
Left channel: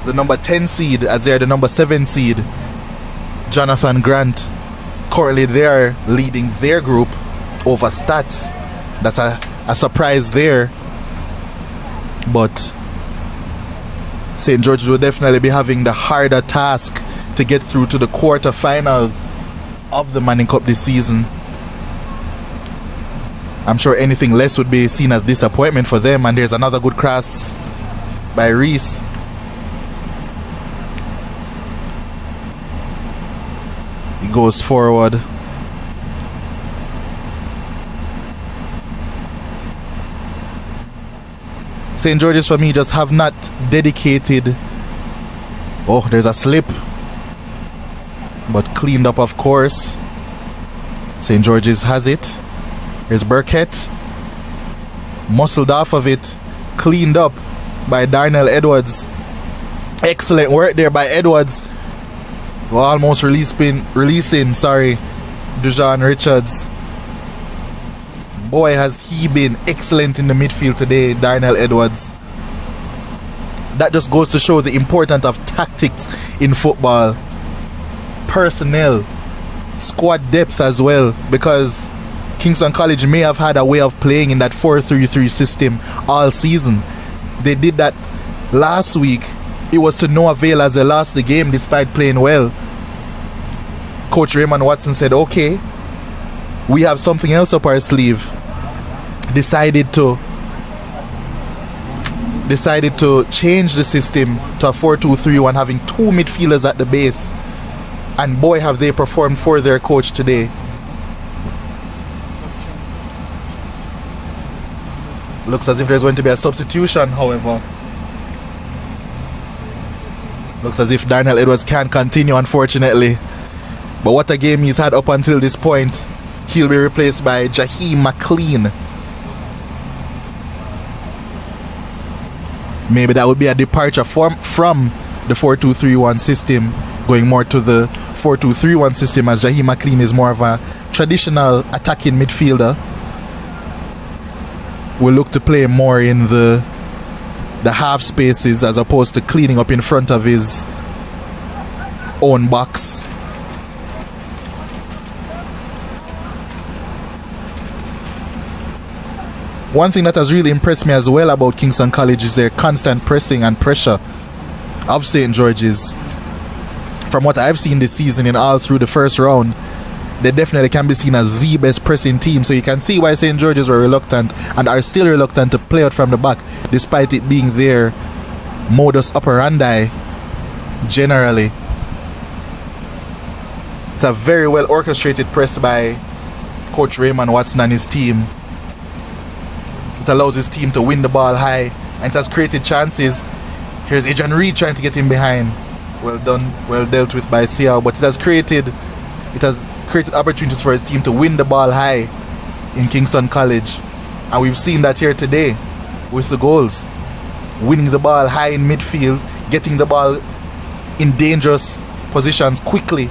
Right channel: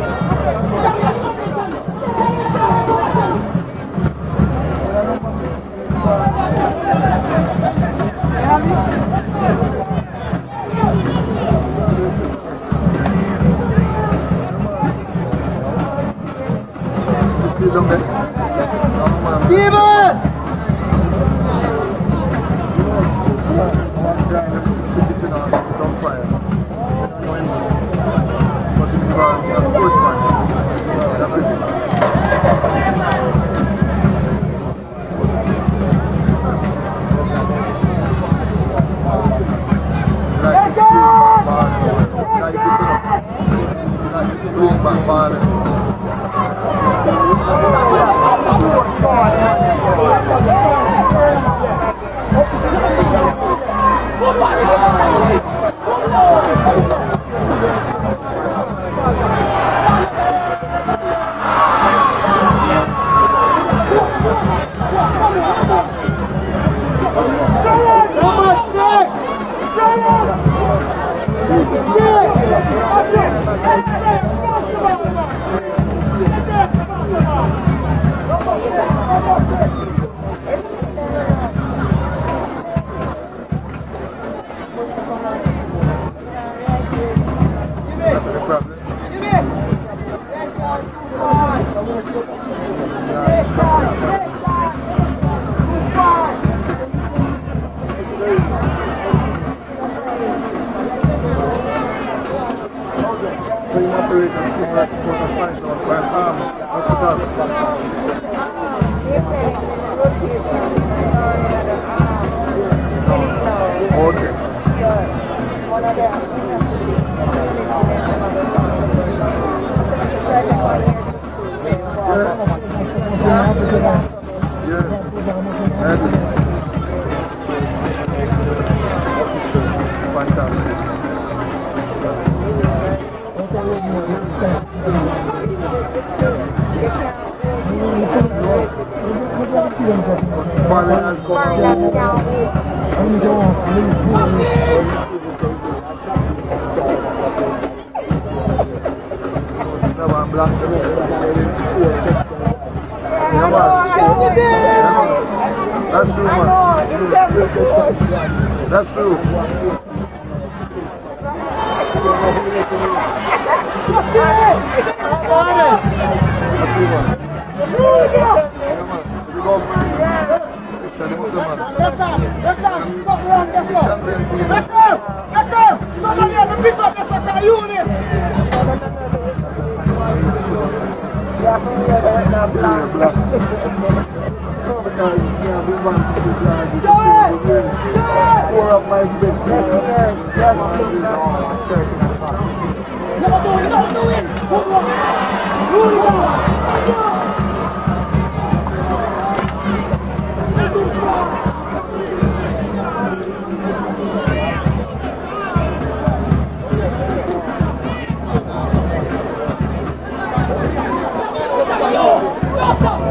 the #10 seed, as they're the #7 seed, Jonathan Grant. Currently they're leading their group over Stats. That's a surprise there. But St. George's will definitely be having the harder task to get through to the quarterfinals of the Manning Cup this season. I'm sure anything less would be seen as disappointment for them. And there's another good cross by Reese. He goes forward. St. George's for me just have not dedicated. Oh, there's a slip. But cleaned up, of course. St. George's has it. There's Burkett. Muscled off of it. Cleaned up by Darnell Edwards. Excellent work there by Edwards. Almost releasing, Dujon Richards. Boy, has he been excellent in the midfield today, Darnell Edwards. That just goes to show the importance of tactics in football. Personnel, squad depth as well, because Kingston College may have had a way of playing in that 4-3-3 system all season. They did that last week. It was to no avail as they lost the game despite playing well. Coach Raymond Watson said, okay, we have something else up our sleeve. Decided to change the system to a 4-2-3-1, having two midfielders at the base. And boy, have they performed for their coach today. Looks as if there's going to be a substitution, however. Looks as if Darnell Edwards can't continue, unfortunately. But what a game he's had up until this point. He'll be replaced by Jaheim McLean. Maybe that would be a departure from the 4-2-3-1 system, going more to the 4-2-3-1 system, as Jaheim McLean is more of a traditional attacking midfielder. Will look to play more in the half spaces as opposed to cleaning up in front of his own box. One thing that has really impressed me as well about Kingston College is their constant pressing and pressure of St. George's. From what I've seen this season in all through the first round, they definitely can be seen as the best pressing team. So you can see why St. George's were reluctant and are still reluctant to play out from the back, despite it being their modus operandi generally. It's a very well orchestrated press by Coach Raymond Watson and his team. It allows his team to win the ball high. It has created chances. Here's Adrian Reed trying to get in behind. Well dealt with by Sia, but it has created opportunities for his team to win the ball high in Kingston College. And we've seen that here today with the goals. Winning the ball high in midfield, getting the ball in dangerous positions quickly,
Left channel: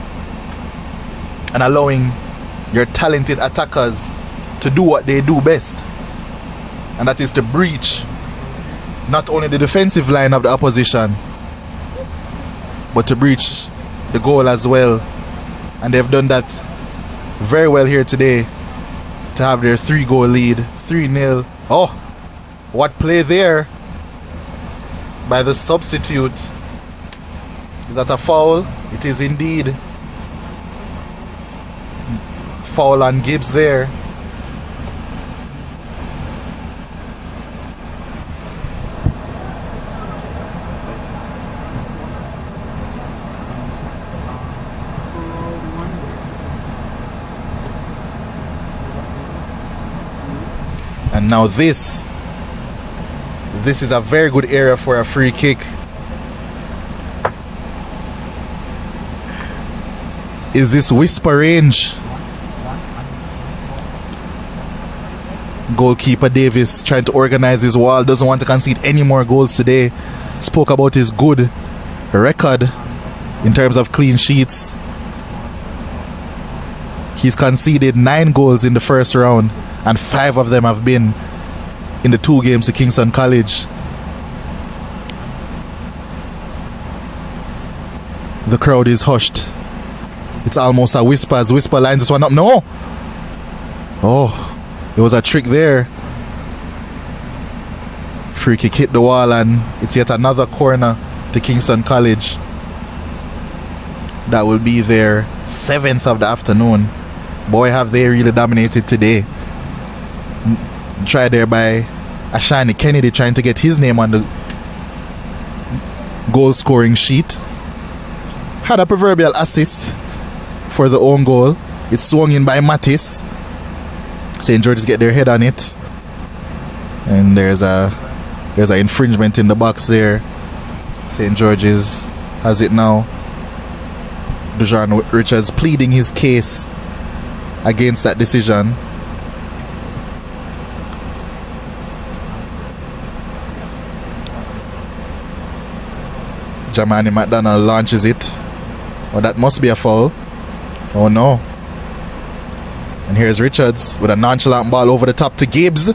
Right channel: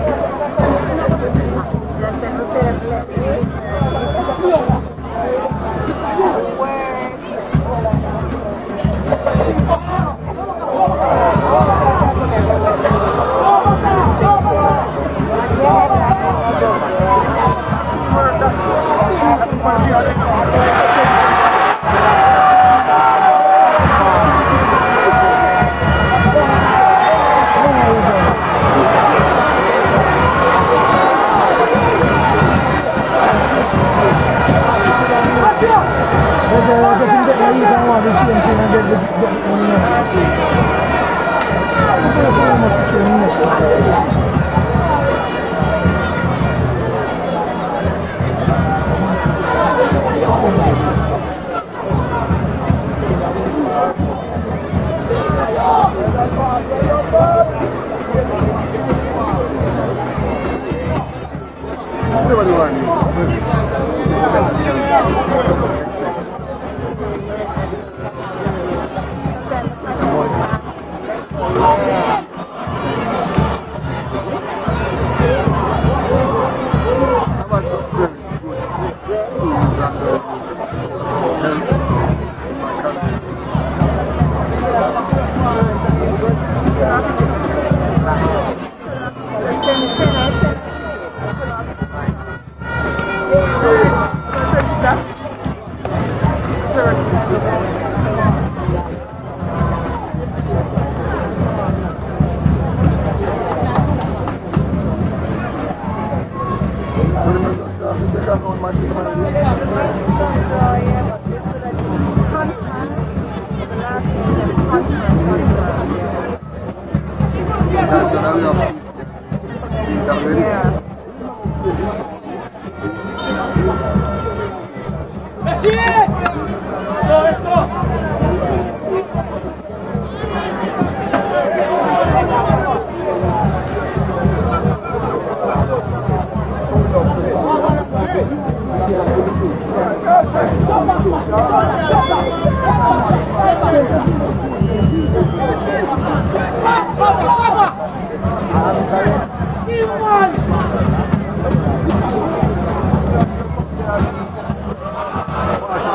and allowing your talented attackers to do what they do best, and that is to breach not only the defensive line of the opposition, but to breach the goal as well. And they've done that very well here today to have their 3-goal lead, 3-0. Oh, what play there by the substitute. Is that a foul? It is indeed. Foul on Gibbs there. And now this is a very good area for a free kick. Is this whisper range? Goalkeeper Davis trying to organize his wall, doesn't want to concede any more goals today. Spoke about his good record in terms of clean sheets. He's conceded 9 goals in the first round, and 5 of them have been in the 2 games to Kingston College. The crowd is hushed. It's almost a whisper as Whisper lines this one up. No! Oh, it was a trick there. Free kick hit the wall, and it's yet another corner to Kingston College. That will be their 7th of the afternoon. Boy, have they really dominated today. Tried there by Ashani Kennedy trying to get his name on the goal scoring sheet. Had a proverbial assist for the own goal. It's swung in by Mattis. St. George's get their head on it. And there's an infringement in the box there. St. George's has it now. Dejan Richards pleading his case against that decision. Jamani McDonald launches it. Oh, that must be a foul. Oh no. And here's Richards with a nonchalant ball over the top to Gibbs.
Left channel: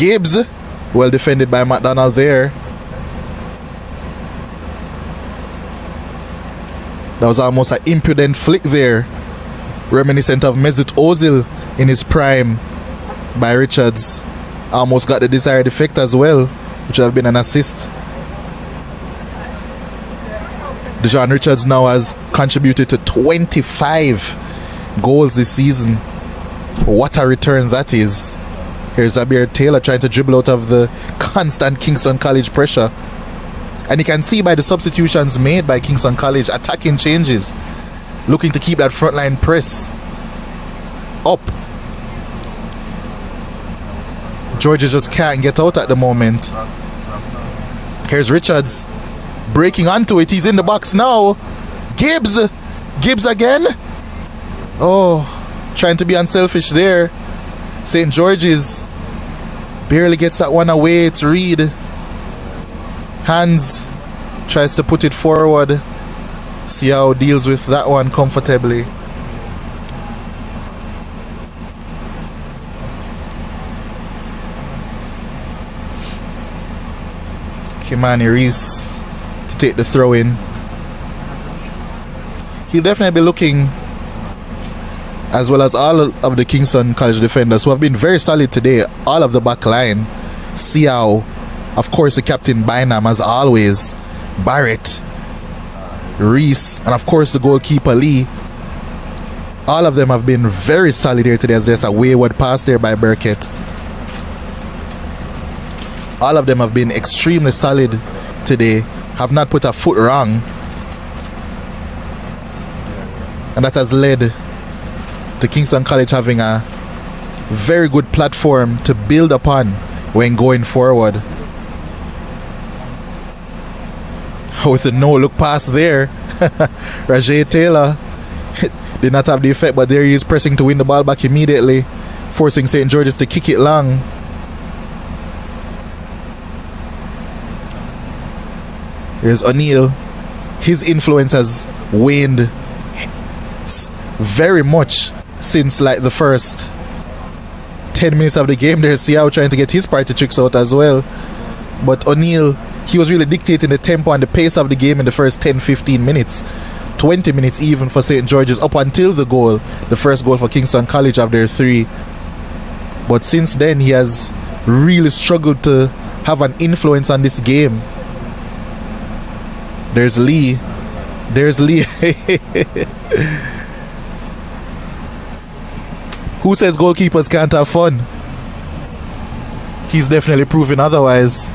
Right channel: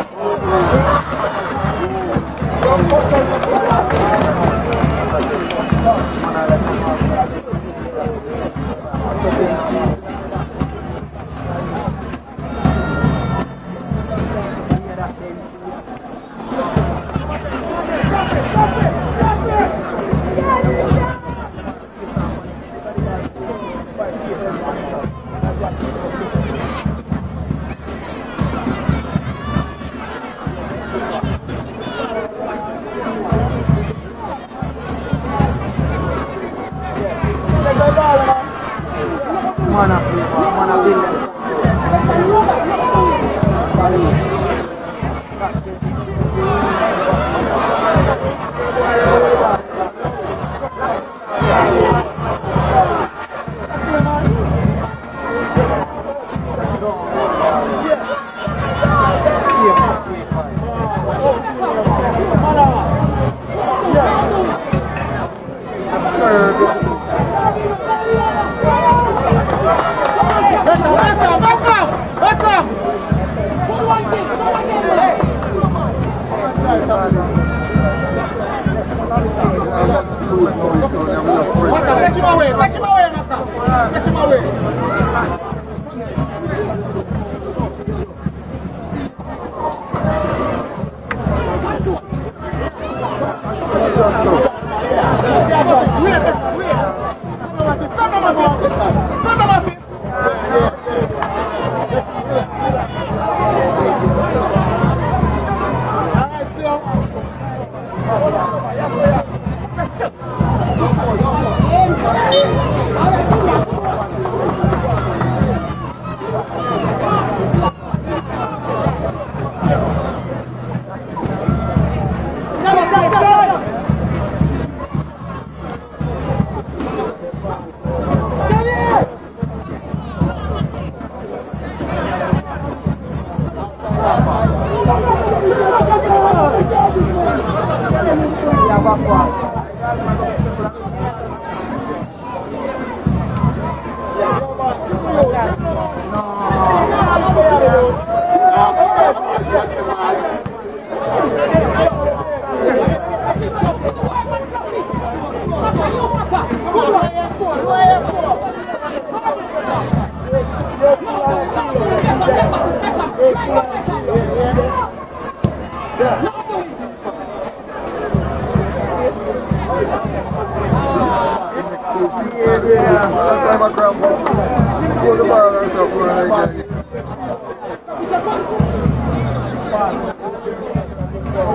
Gibbs, well defended by McDonald there. That was almost an impudent flick there, reminiscent of Mesut Ozil in his prime by Richards. Almost got the desired effect as well, which would have been an assist. Dejan Richards now has contributed to 25 goals this season. What a return that is. Here's Zabir Taylor trying to dribble out of the constant Kingston College pressure. And you can see by the substitutions made by Kingston College, attacking changes, looking to keep that frontline press up. Georgia just can't get out at the moment. Here's Richards breaking onto it. He's in the box now. Gibbs again. Oh, trying to be unselfish there. St. George's barely gets that one away. It's Reed. Hands tries to put it forward. See how deals with that one comfortably. Kimani Reese to take the throw in. He'll definitely be looking, as well as all of the Kingston College defenders who have been very solid today. All of the back line. Siao, of course the captain Bynum as always, Barrett, Reese, and of course the goalkeeper Lee. All of them have been very solid here today, as there's a wayward pass there by Burkett. All of them have been extremely solid today, have not put a foot wrong. And that has led to Kingston College having a very good platform to build upon when going forward. With a no-look pass there, Rajay Taylor did not have the effect, but there he is pressing to win the ball back immediately, forcing St. George's to kick it long. There's O'Neill. His influence has waned very much since like the first 10 minutes of the game. There's Siao trying to get his party tricks out as well. But O'Neill, he was really dictating the tempo and the pace of the game in the first 10-15 minutes. 20 minutes even for St. George's up until the goal, the first goal for Kingston College of their 3. But since then he has really struggled to have an influence on this game. There's Lee. Who says goalkeepers can't have fun? He's definitely proving otherwise.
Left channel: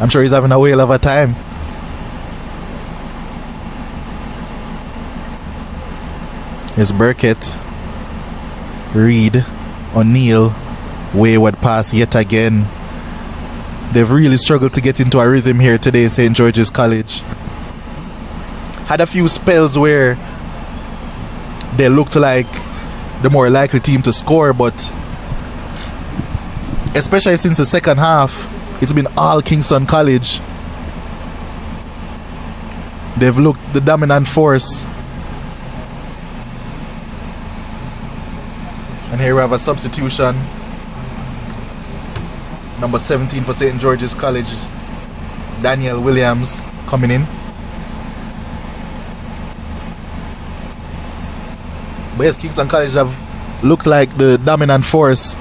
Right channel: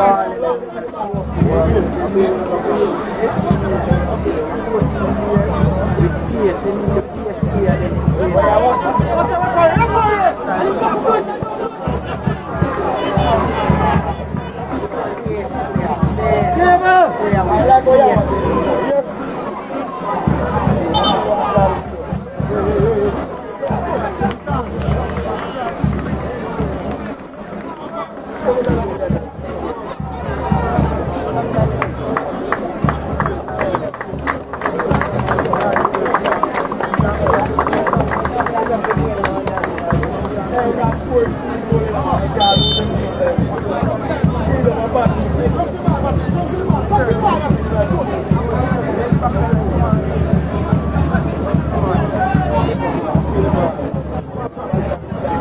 I'm sure he's having a whale of a time. Here's Burkett, Reed, O'Neill, wayward pass yet again. They've really struggled to get into a rhythm here today, St. George's College. Had a few spells where they looked like the more likely team to score, but especially since the second half, it's been all Kingston College. They've looked the dominant force. And here we have a substitution. Number 17 for St. George's College, Daniel Williams coming in. But yes, Kingston College have looked like the dominant force.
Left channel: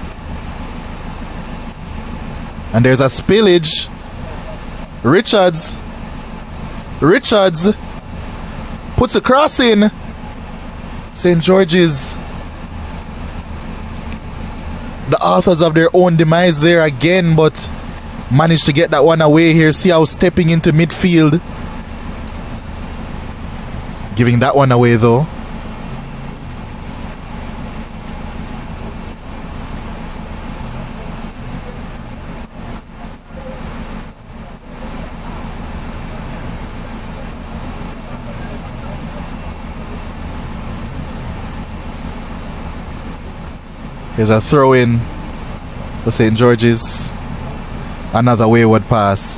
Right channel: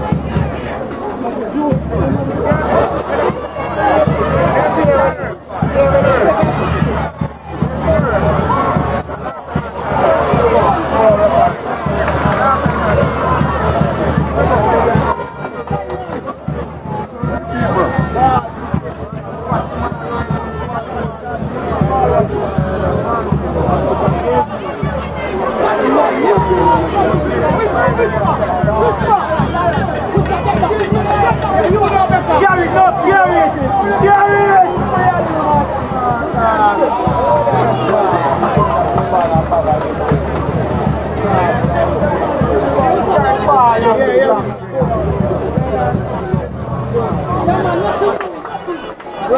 And there's a spillage. Richards puts a cross in. St. George's, the authors of their own demise there again, but managed to get that one away here. See how stepping into midfield, giving that one away though. There's a throw in for St. George's. Another wayward pass.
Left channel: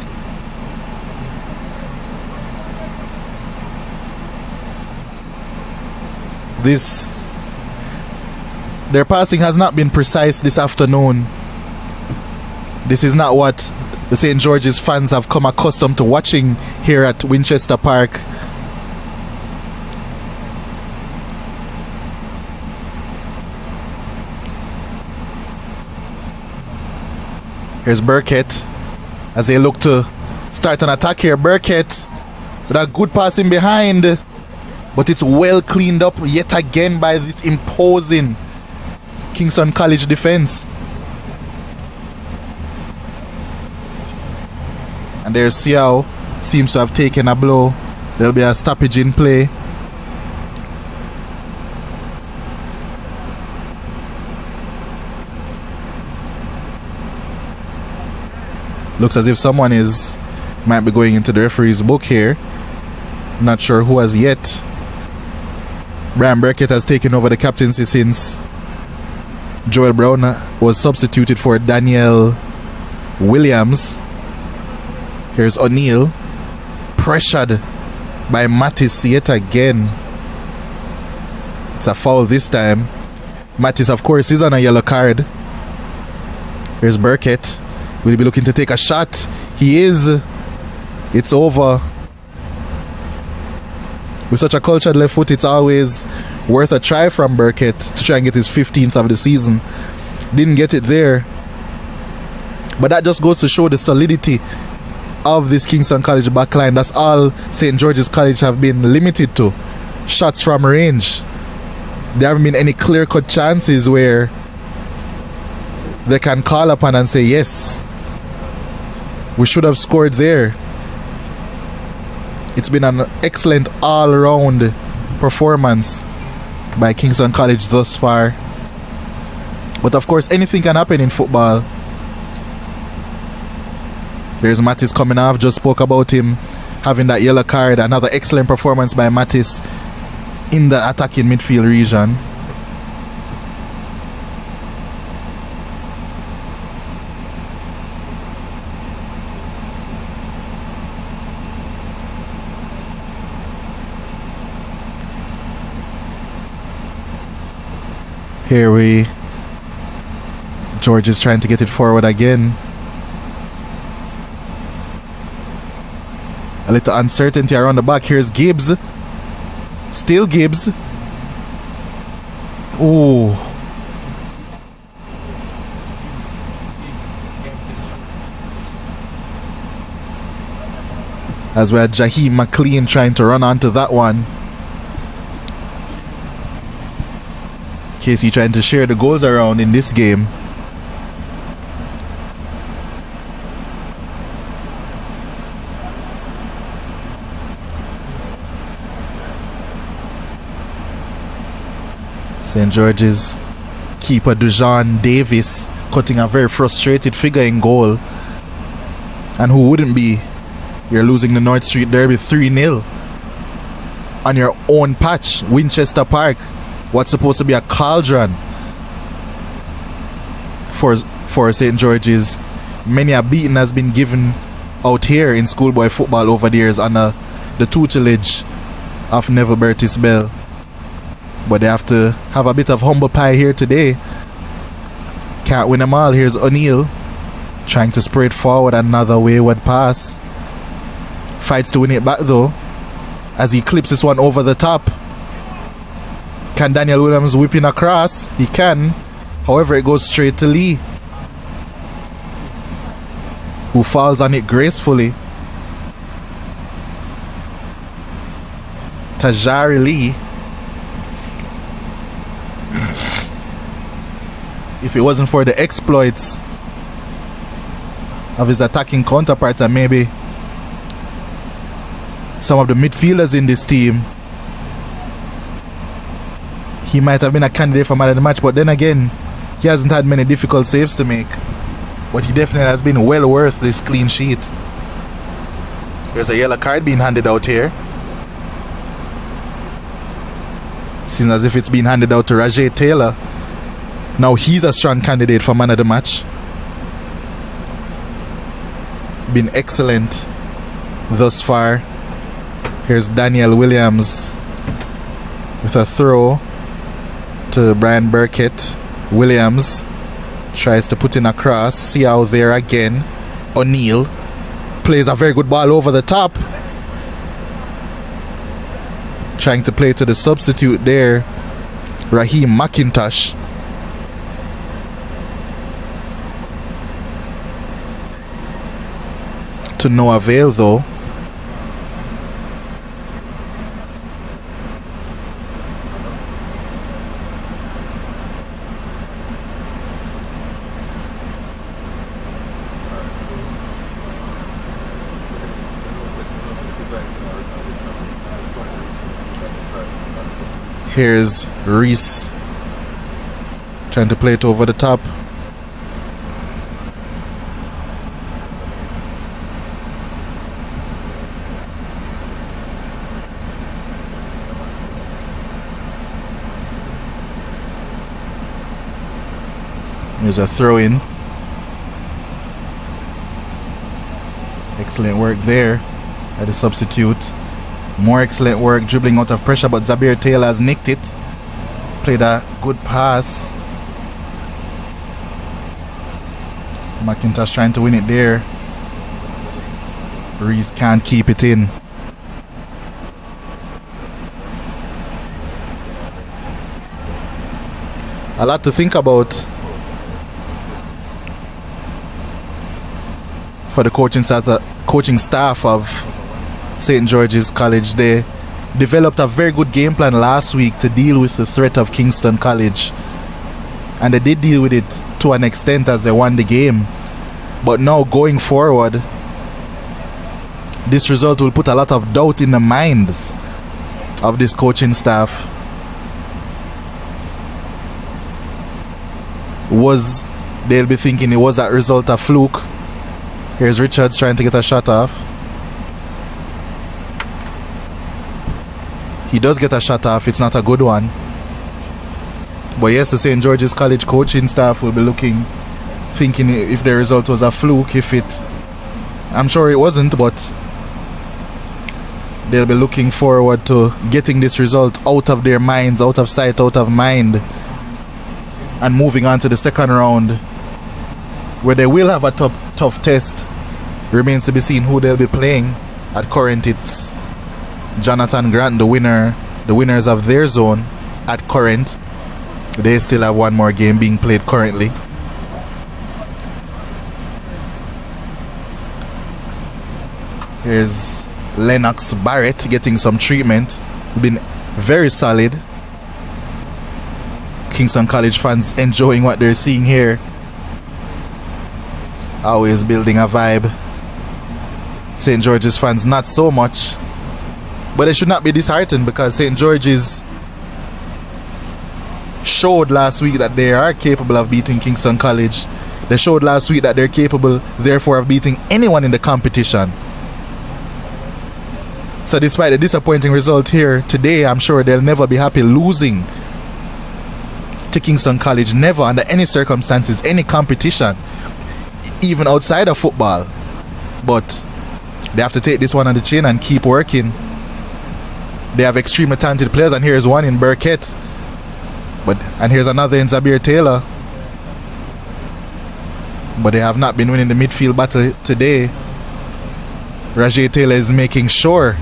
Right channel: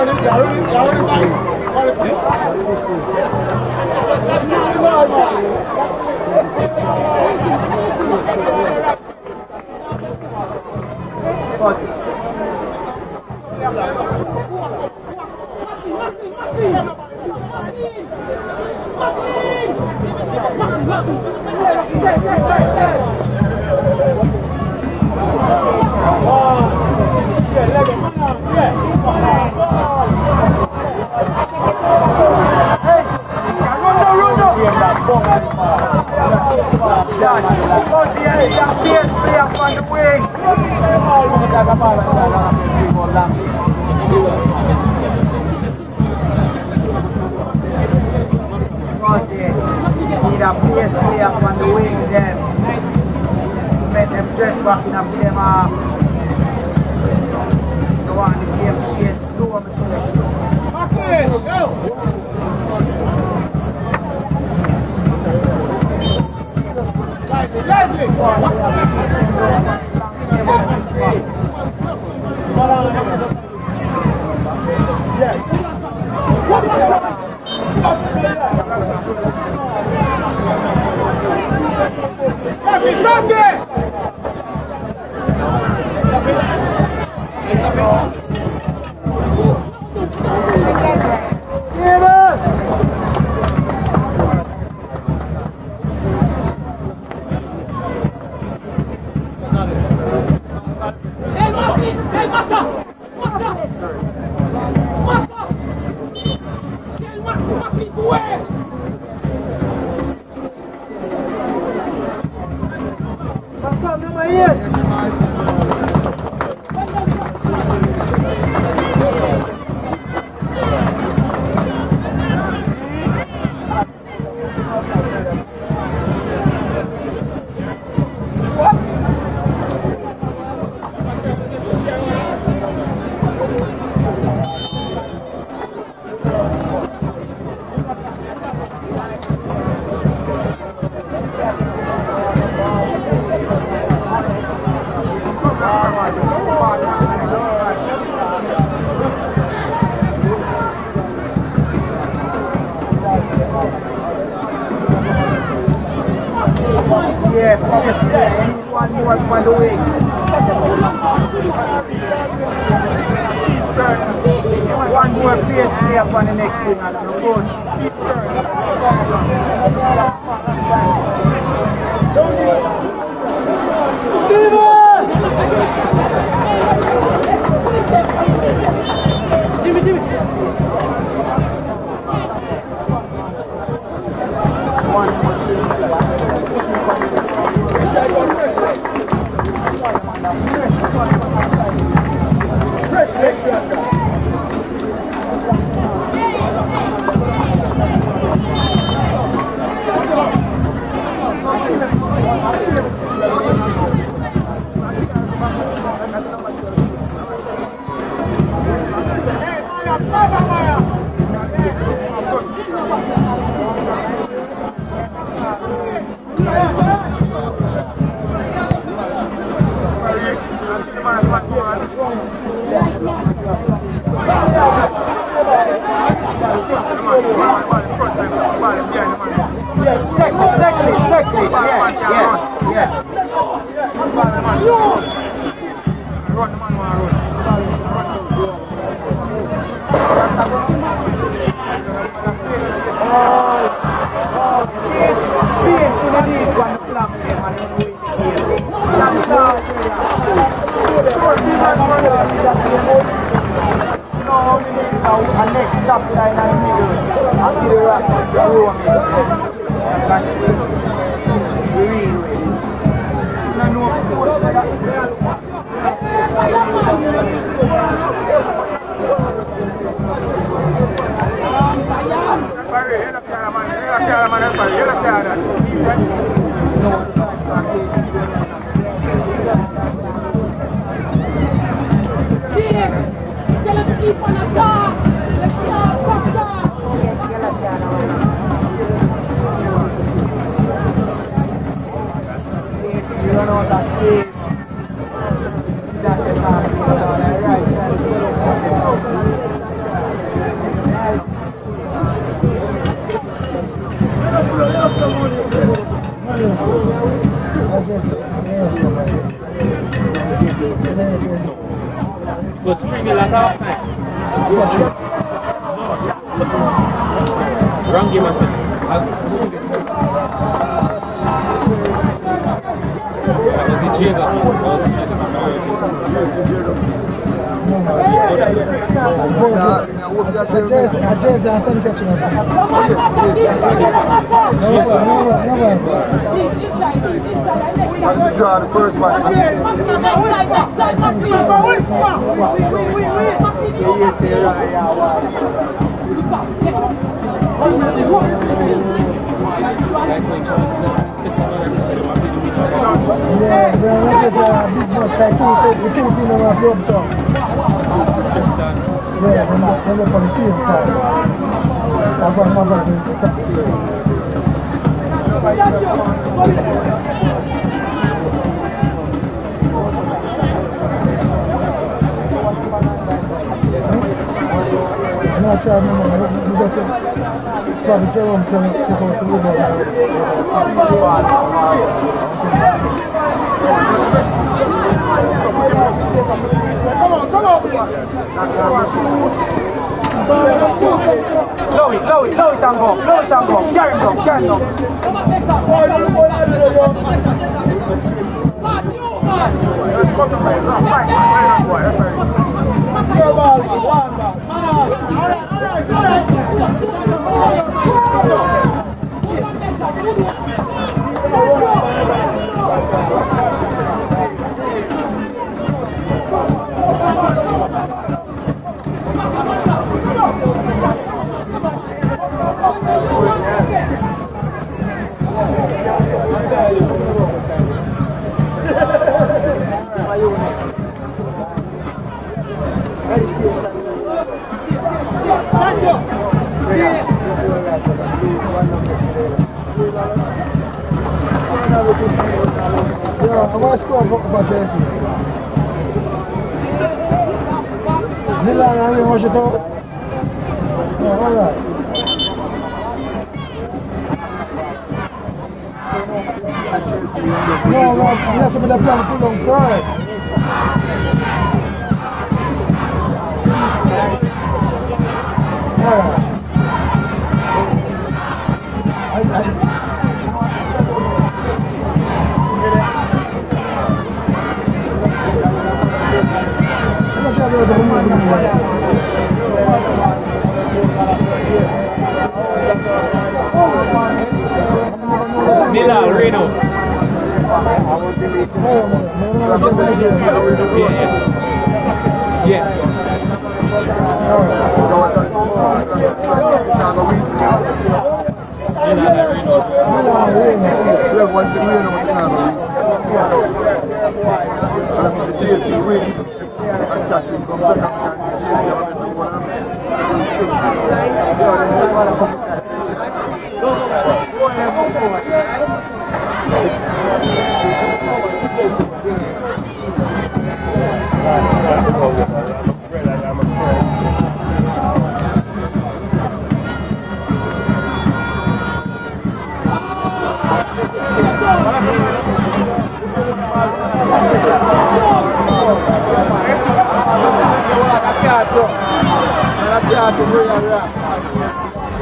Their passing has not been precise this afternoon. This is not what the St. George's fans have come accustomed to watching here at Winchester Park. There's Burkett as they look to start an attack here. Burkett, that good passing behind, but it's well cleaned up yet again by this imposing Kingston College defense. And there's Siao, seems to have taken a blow. There'll be a stoppage in play. Looks as if someone might be going into the referee's book here. Not sure who as yet. Brian Burkett has taken over the captaincy since Joel Brown was substituted for Daniel Williams. Here's O'Neill, pressured by Mattis yet again. It's a foul this time. Mattis, of course, is on a yellow card. Here's Burkett. Will he be looking to take a shot? He is. It's over. With such a cultured left foot, it's always worth a try from Burkett to try and get his 15th of the season. Didn't get it there. But that just goes to show the solidity of this Kingston College backline. That's all St. George's College have been limited to. Shots from range. There haven't been any clear-cut chances where they can call upon and say, yes, we should have scored there. It's been an excellent all-round performance by Kingston College thus far. But of course, anything can happen in football. There's Mattis coming off, just spoke about him having that yellow card. Another excellent performance by Mattis in the attacking midfield region. Here George is trying to get it forward again. A little uncertainty around the back. Here's Gibbs. Still Gibbs. Ooh. As we had Jaheem McLean trying to run onto that one. Casey trying to share the goals around in this game. St. George's keeper Dujan Davis cutting a very frustrated figure in goal. And who wouldn't be? You're losing the North Street Derby 3-0 on your own patch, Winchester Park. What's supposed to be a cauldron for St. George's. Many a beating has been given out here in schoolboy football over the years under the tutelage of Neville Bertis Bell. But they have to have a bit of humble pie here today. Can't win them all. Here's O'Neill trying to spread forward, another wayward pass. Fights to win it back though, as he clips this one over the top. Can Daniel Williams whip in across? He can. However, it goes straight to Lee, who falls on it gracefully. Tajari Lee. If it wasn't for the exploits of his attacking counterparts and maybe some of the midfielders in this team, he might have been a candidate for man of the match. But then again, he hasn't had many difficult saves to make. But he definitely has been well worth this clean sheet. There's a yellow card being handed out here. It seems as if it's being handed out to Rajay Taylor. Now he's a strong candidate for man of the match. Been excellent thus far. Here's Daniel Williams with a throw to Brian Burkett. Williams tries to put in a cross. See out there again. O'Neill plays a very good ball over the top. Trying to play to the substitute there, Raheem McIntosh. To no avail though. Here's Reese trying to play it over the top. There's a throw in. Excellent work there for the substitute. More excellent work dribbling out of pressure, but Zabir Taylor has nicked it. Played a good pass. McIntosh trying to win it there. Reese can't keep it in. A lot to think about for the coaching staff of St. George's College. They developed a very good game plan last week to deal with the threat of Kingston College, and they did deal with it to an extent as they won the game. But now going forward, this result will put a lot of doubt in the minds of this coaching staff. They'll be thinking it was that result a fluke. Here's Richards trying to get a shot off. He does get a shot off, it's not a good one. But yes, the St. George's College coaching staff will be thinking if the result was a fluke, I'm sure it wasn't, but they'll be looking forward to getting this result out of their minds, out of sight, out of mind, and moving on to the second round, where they will have a tough test. Remains to be seen who they'll be playing. At current, it's Jonathan Grant, the winners of their zone. At current, they still have one more game being played currently. Here's Lennox Barrett getting some treatment. Been very solid. Kingston College fans enjoying what they're seeing here. Always building a vibe. St. George's fans not so much. But they should not be disheartened, because St. George's showed last week that they are capable of beating Kingston College. They showed last week that they're capable, therefore, of beating anyone in the competition. So despite the disappointing result here today, I'm sure they'll never be happy losing to Kingston College. Never, under any circumstances, any competition, even outside of football. But they have to take this one on the chin and keep working. They have extremely talented players, and here's one in Burkett. And here's another in Zabir Taylor. But they have not been winning the midfield battle today. Rajay Taylor is making sure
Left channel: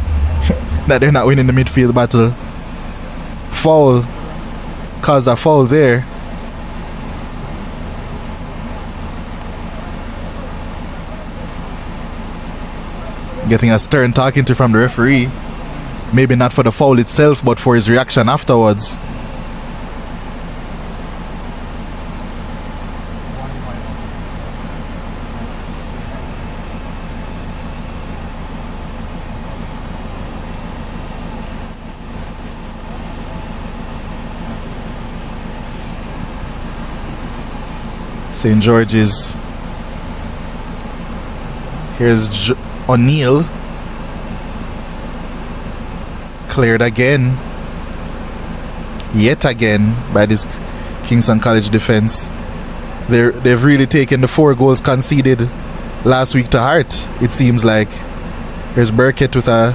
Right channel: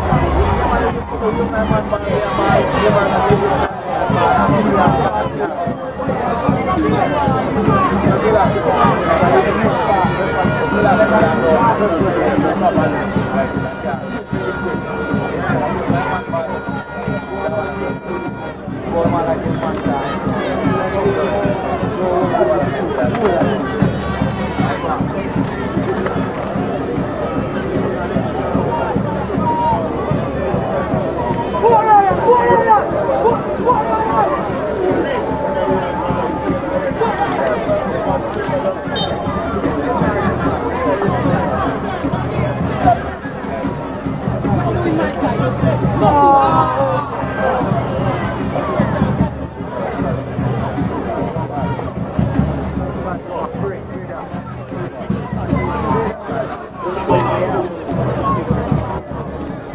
that they're not winning the midfield battle. Foul. Caused a foul there. Getting a stern talking to from the referee. Maybe not for the foul itself, but for his reaction afterwards. St. George's. Here's O'Neill. Cleared again. Yet again by this Kingston College defense. They've really taken the 4 goals conceded last week to heart, it seems like. Here's Burkett with a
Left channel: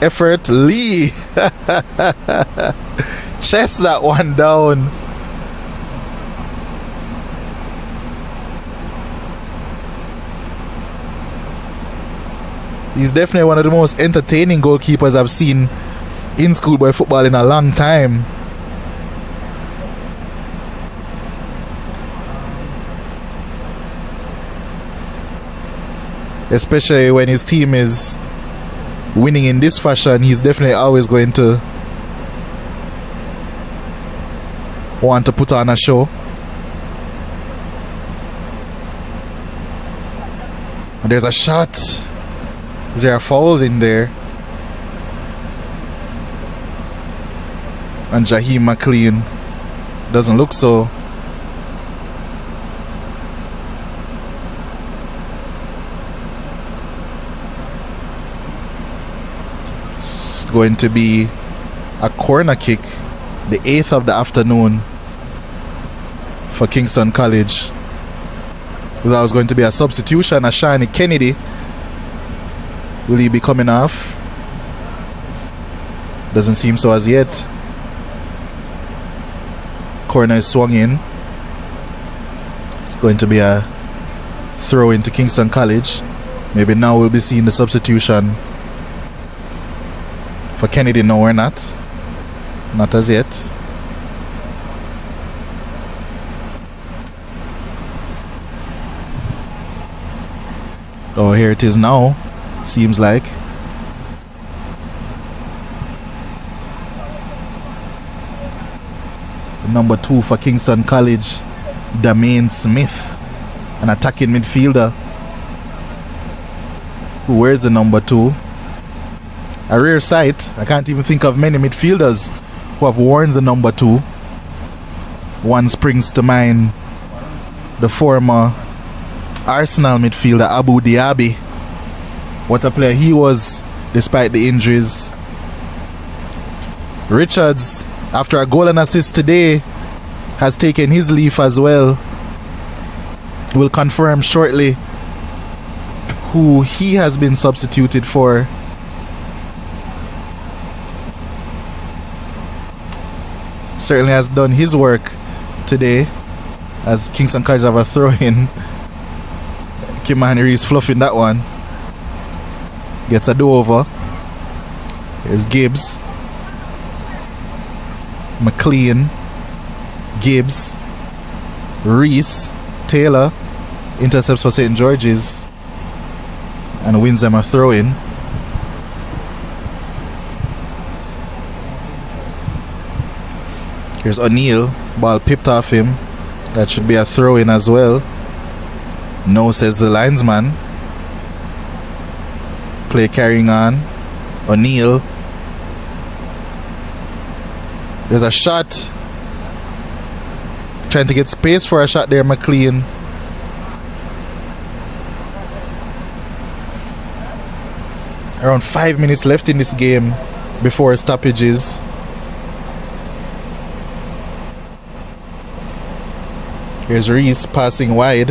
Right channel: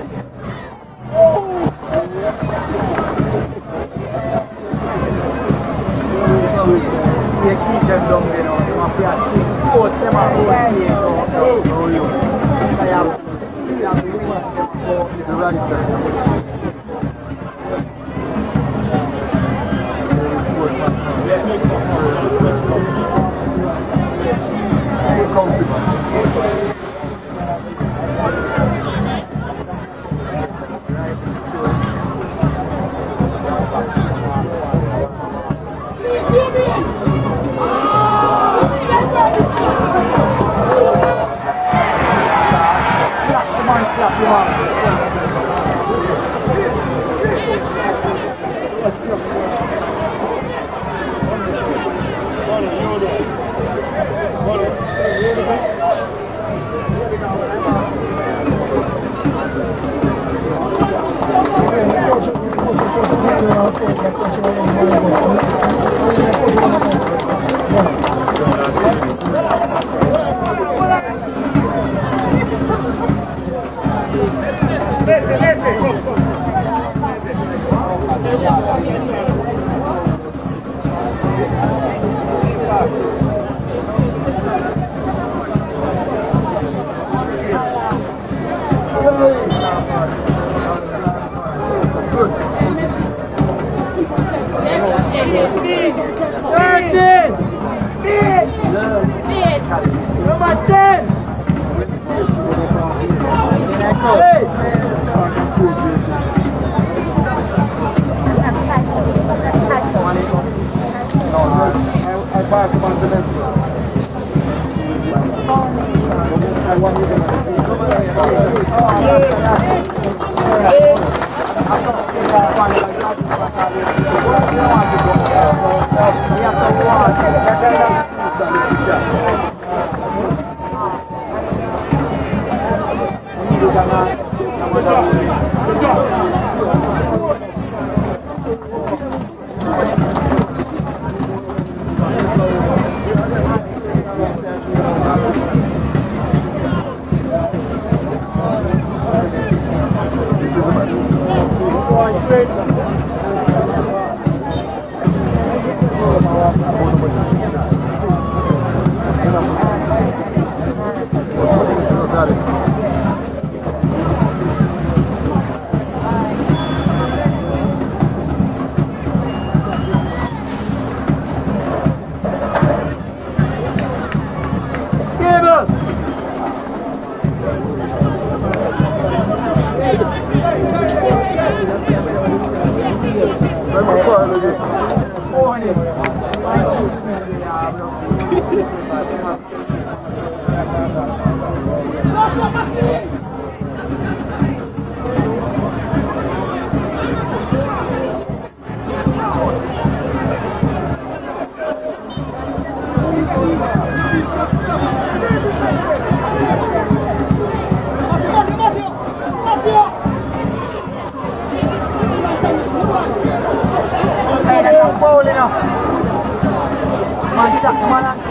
effort. Lee chests that one down. He's definitely one of the most entertaining goalkeepers I've seen in schoolboy football in a long time. Especially when his team is winning in this fashion, he's definitely always going to want to put on a show. There's a shot. Is there a foul in there? And Jaheim McLean doesn't look so. It's going to be a corner kick, the 8th of the afternoon for Kingston College. That was going to be a substitution. Ashani Kennedy. Will he be coming off? Doesn't seem so as yet. Corner is swung in. It's going to be a throw into Kingston College. Maybe now we'll be seeing the substitution for Kennedy. No, we're not. Not as yet. Oh, here it is now. Seems like. Number 2 for Kingston College, Damain Smith, an attacking midfielder. Where's the number 2? A rare sight. I can't even think of many midfielders who have worn the number 2. One springs to mind, the former Arsenal midfielder Abu Diaby. What a player he was despite the injuries. Richards, after a goal and assist today, has taken his leave as well. We'll confirm shortly who he has been substituted for. Certainly has done his work today as Kingston College have a throw-in. Kimani Reese fluffing that one. Gets a do-over. There's Gibbs. McLean. Gibbs. Reese. Taylor. Intercepts for St. George's. And wins them a throw-in. There's O'Neill. Ball pipped off him. That should be a throw-in as well. No, says the linesman. Play carrying on. O'Neill. There's a shot. Trying to get space for a shot there, McLean. Around 5 minutes left in this game before stoppages. Here's Reese passing wide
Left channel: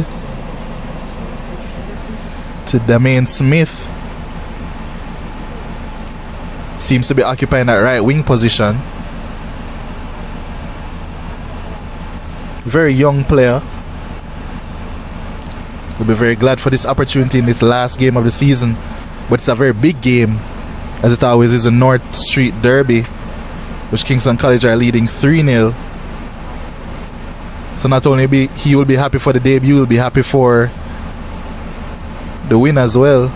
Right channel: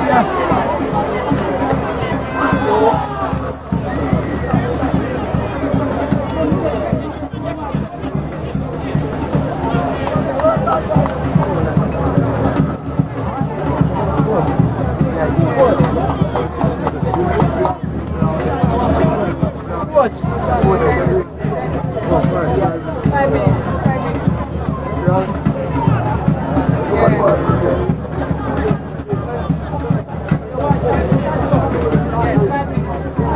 to Damain Smith. Seems to be occupying that right wing position. Very young player. We'll be very glad for this opportunity in this last game of the season. But it's a very big game, as it always is, a North Street Derby, which Kingston College are leading 3-0. So not only he will be happy for the debut, he will be happy for the win as well.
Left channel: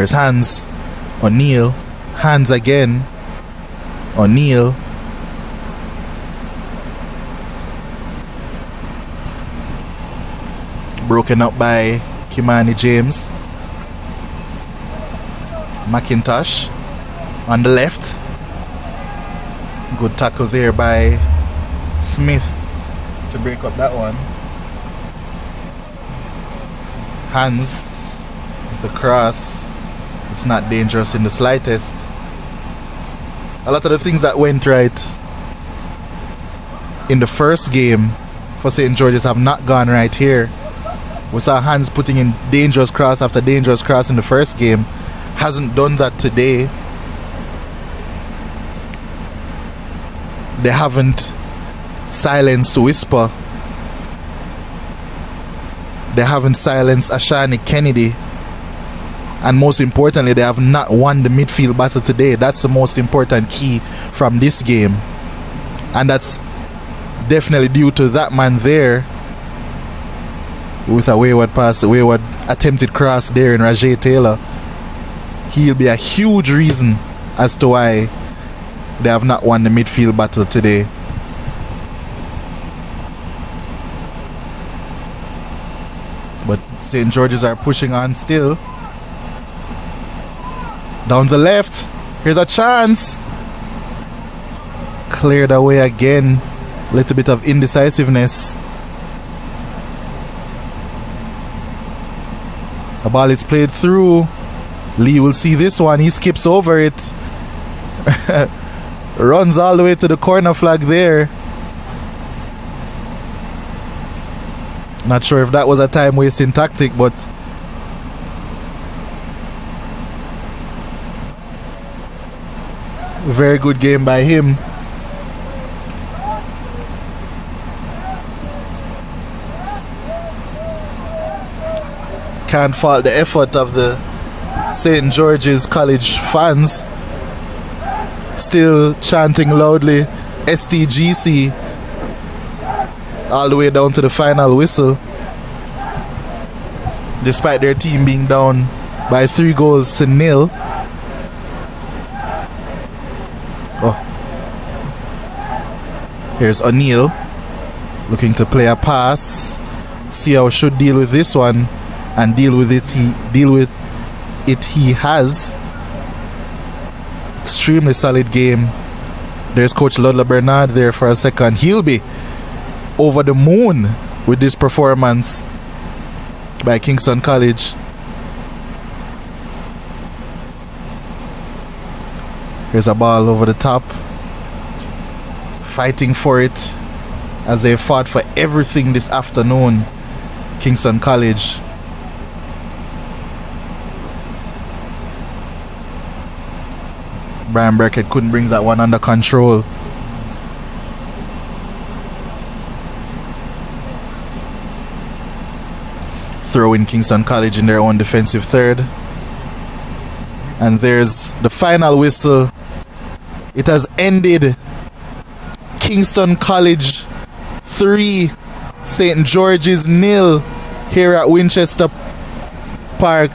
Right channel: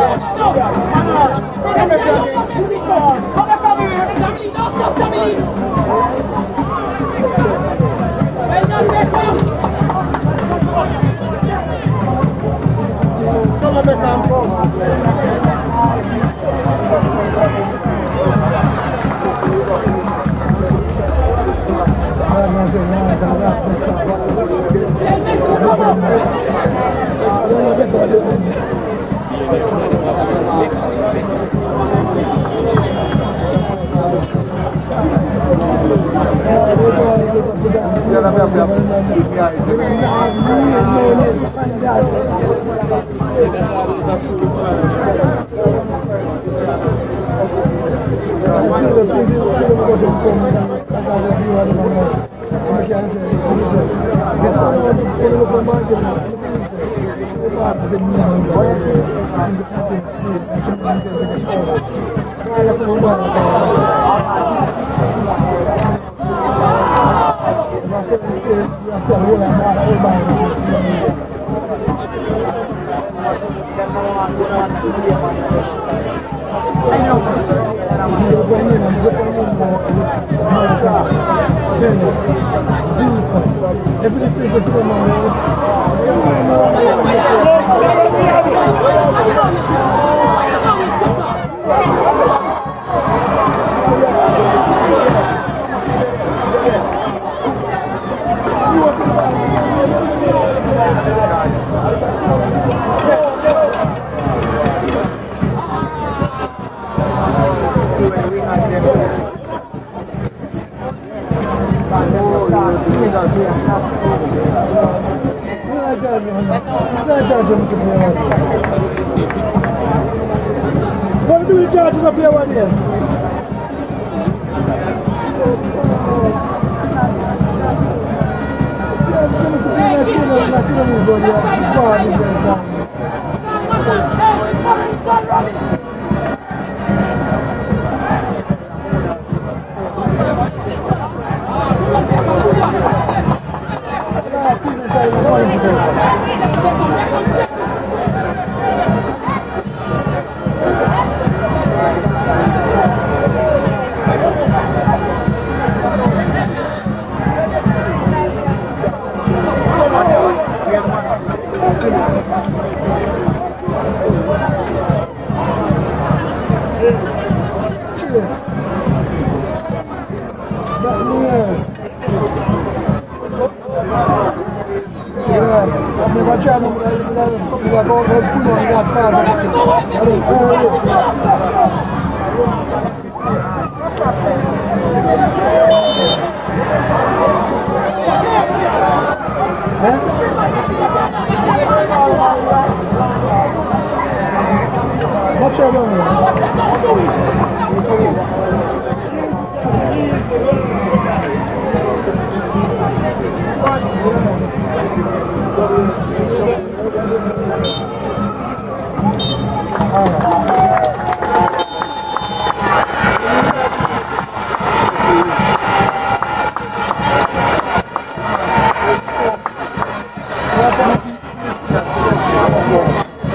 Here's Hans. O'Neill. Hans again. O'Neill. Broken up by Kimani James. McIntosh on the left. Good tackle there by Smith. Hands with the cross. It's not dangerous in the slightest. A lot of the things that went right in the first game for St. George's have not gone right here. We saw Hans putting in dangerous cross after dangerous cross in the first game. Hasn't done that today. They haven't silenced Whisper. They haven't silenced Ashani Kennedy. And most importantly, they have not won the midfield battle today. That's the most important key from this game. And that's definitely due to that man there with a wayward pass, a wayward attempted cross there in Rajay Taylor. He'll be a huge reason as to why they have not won the midfield battle today. But St. George's are pushing on still. Down the left, here's a chance. Cleared away again. A little bit of indecisiveness. The ball is played through. Lee will see this one. He skips over it. Runs all the way to the corner flag there. Not sure if that was a time wasting tactic, but very good game by him. Can't fault the effort of the St. George's College fans. Still chanting loudly STGC all the way down to the final whistle, despite their team being down by 3-0. Here's O'Neill looking to play a pass. See how should deal with this one, and deal with it. He has. Extremely solid game. There's Coach Ludla Bernard there for a second. He'll be over the moon with this performance by Kingston College. There's a ball over the top. Fighting for it as they fought for everything this afternoon. Kingston College. Brian Burkett couldn't bring that one under control. Throw in Kingston College in their own defensive third. And there's the final whistle. It has ended. Kingston College 3, St. George's 0 here at Winchester Park.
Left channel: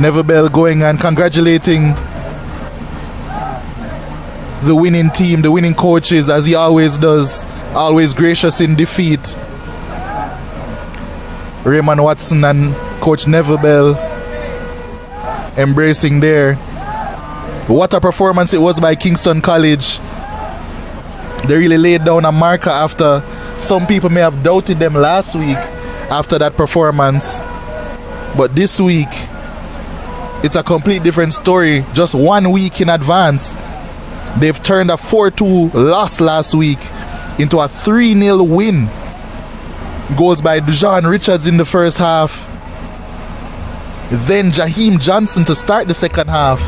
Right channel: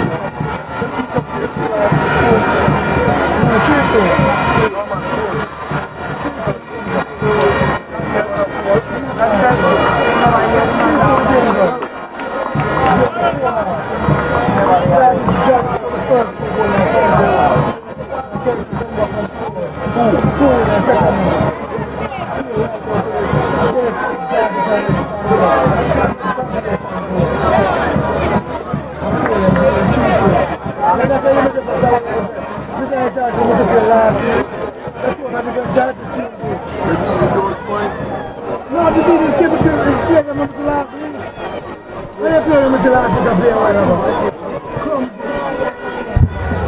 Neville Bell going and congratulating the winning team, the winning coaches, as he always does, always gracious in defeat. Raymond Watson and Coach Neville Bell embracing there. What a performance it was by Kingston College. They really laid down a marker after some people may have doubted them last week after that performance. But this week, it's a complete different story. Just 1 week in advance, they've turned a 4-2 loss last week into a 3-0 win. Goes by Dujan Richards in the first half. Then Jaheim Johnson to start the second half.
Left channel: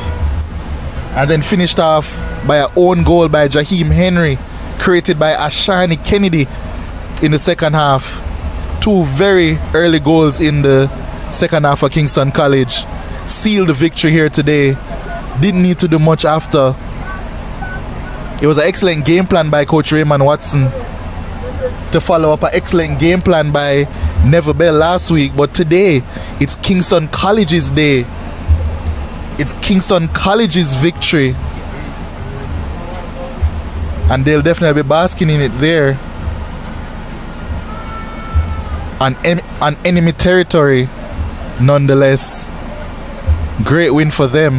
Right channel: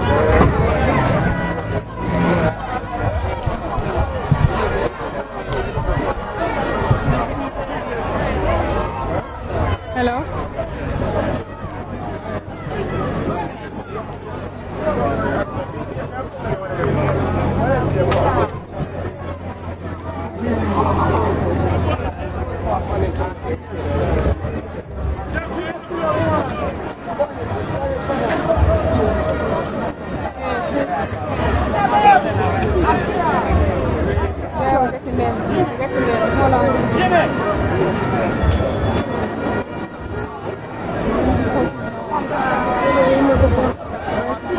And then finished off by an own goal by Jaheim Henry, created by Ashani Kennedy in the second half. 2 very early goals in the second half for Kingston College. Sealed the victory here today. Didn't need to do much after. It was an excellent game plan by Coach Raymond Watson to follow up an excellent game plan by Neville Bell last week. But today, It's Kingston College's day. It's Kingston College's victory. And they'll definitely be basking in it there. On enemy territory, nonetheless. Great win for them.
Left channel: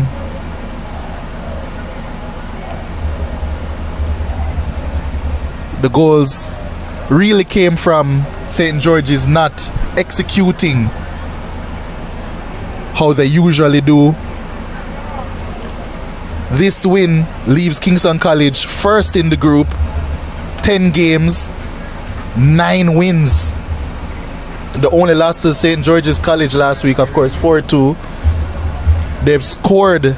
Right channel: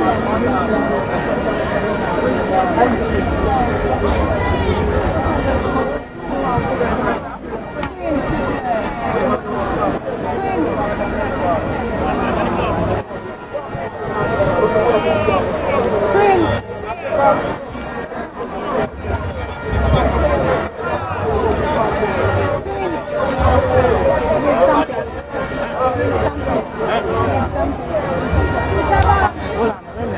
The goals really came from St. George's not executing how they usually do. This win leaves Kingston College first in the group, 10 games, 9 wins. The only loss to St. George's College last week, of course, 4-2. They've scored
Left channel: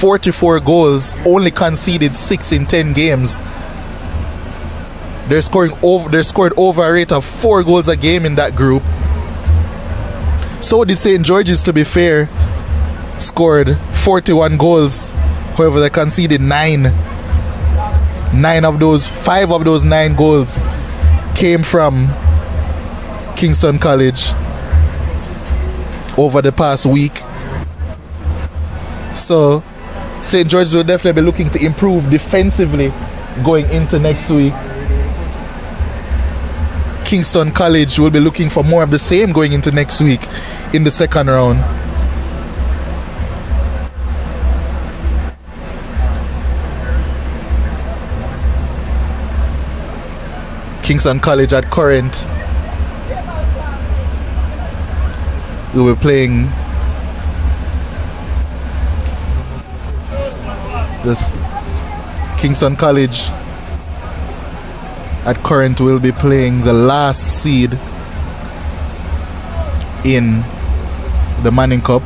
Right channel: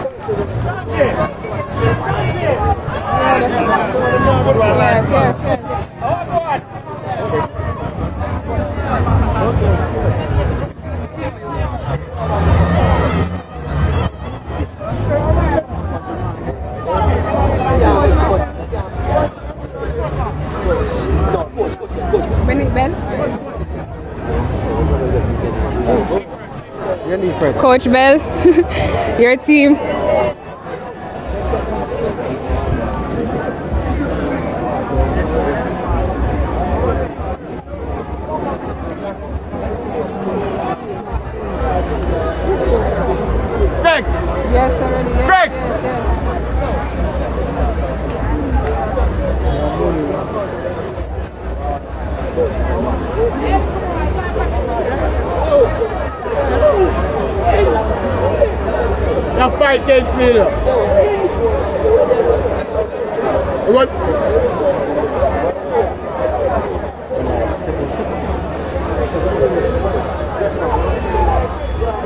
44 goals, only conceded 6 in 10 games. They're scored over a rate of 4 goals a game in that group. So did St. George's, to be fair, scored 41 goals. However, they conceded 9. 5 of those 9 goals came from Kingston College over the past week. Coach Bell, your team. St. George's will definitely be looking to improve defensively going into next week. Kingston College will be looking for more of the same going into next week in the second round. Greg! Yes, already. Greg! Kingston College at current we were playing Now fight against me. this Kingston College at current will be playing the last seed in the Manning Cup.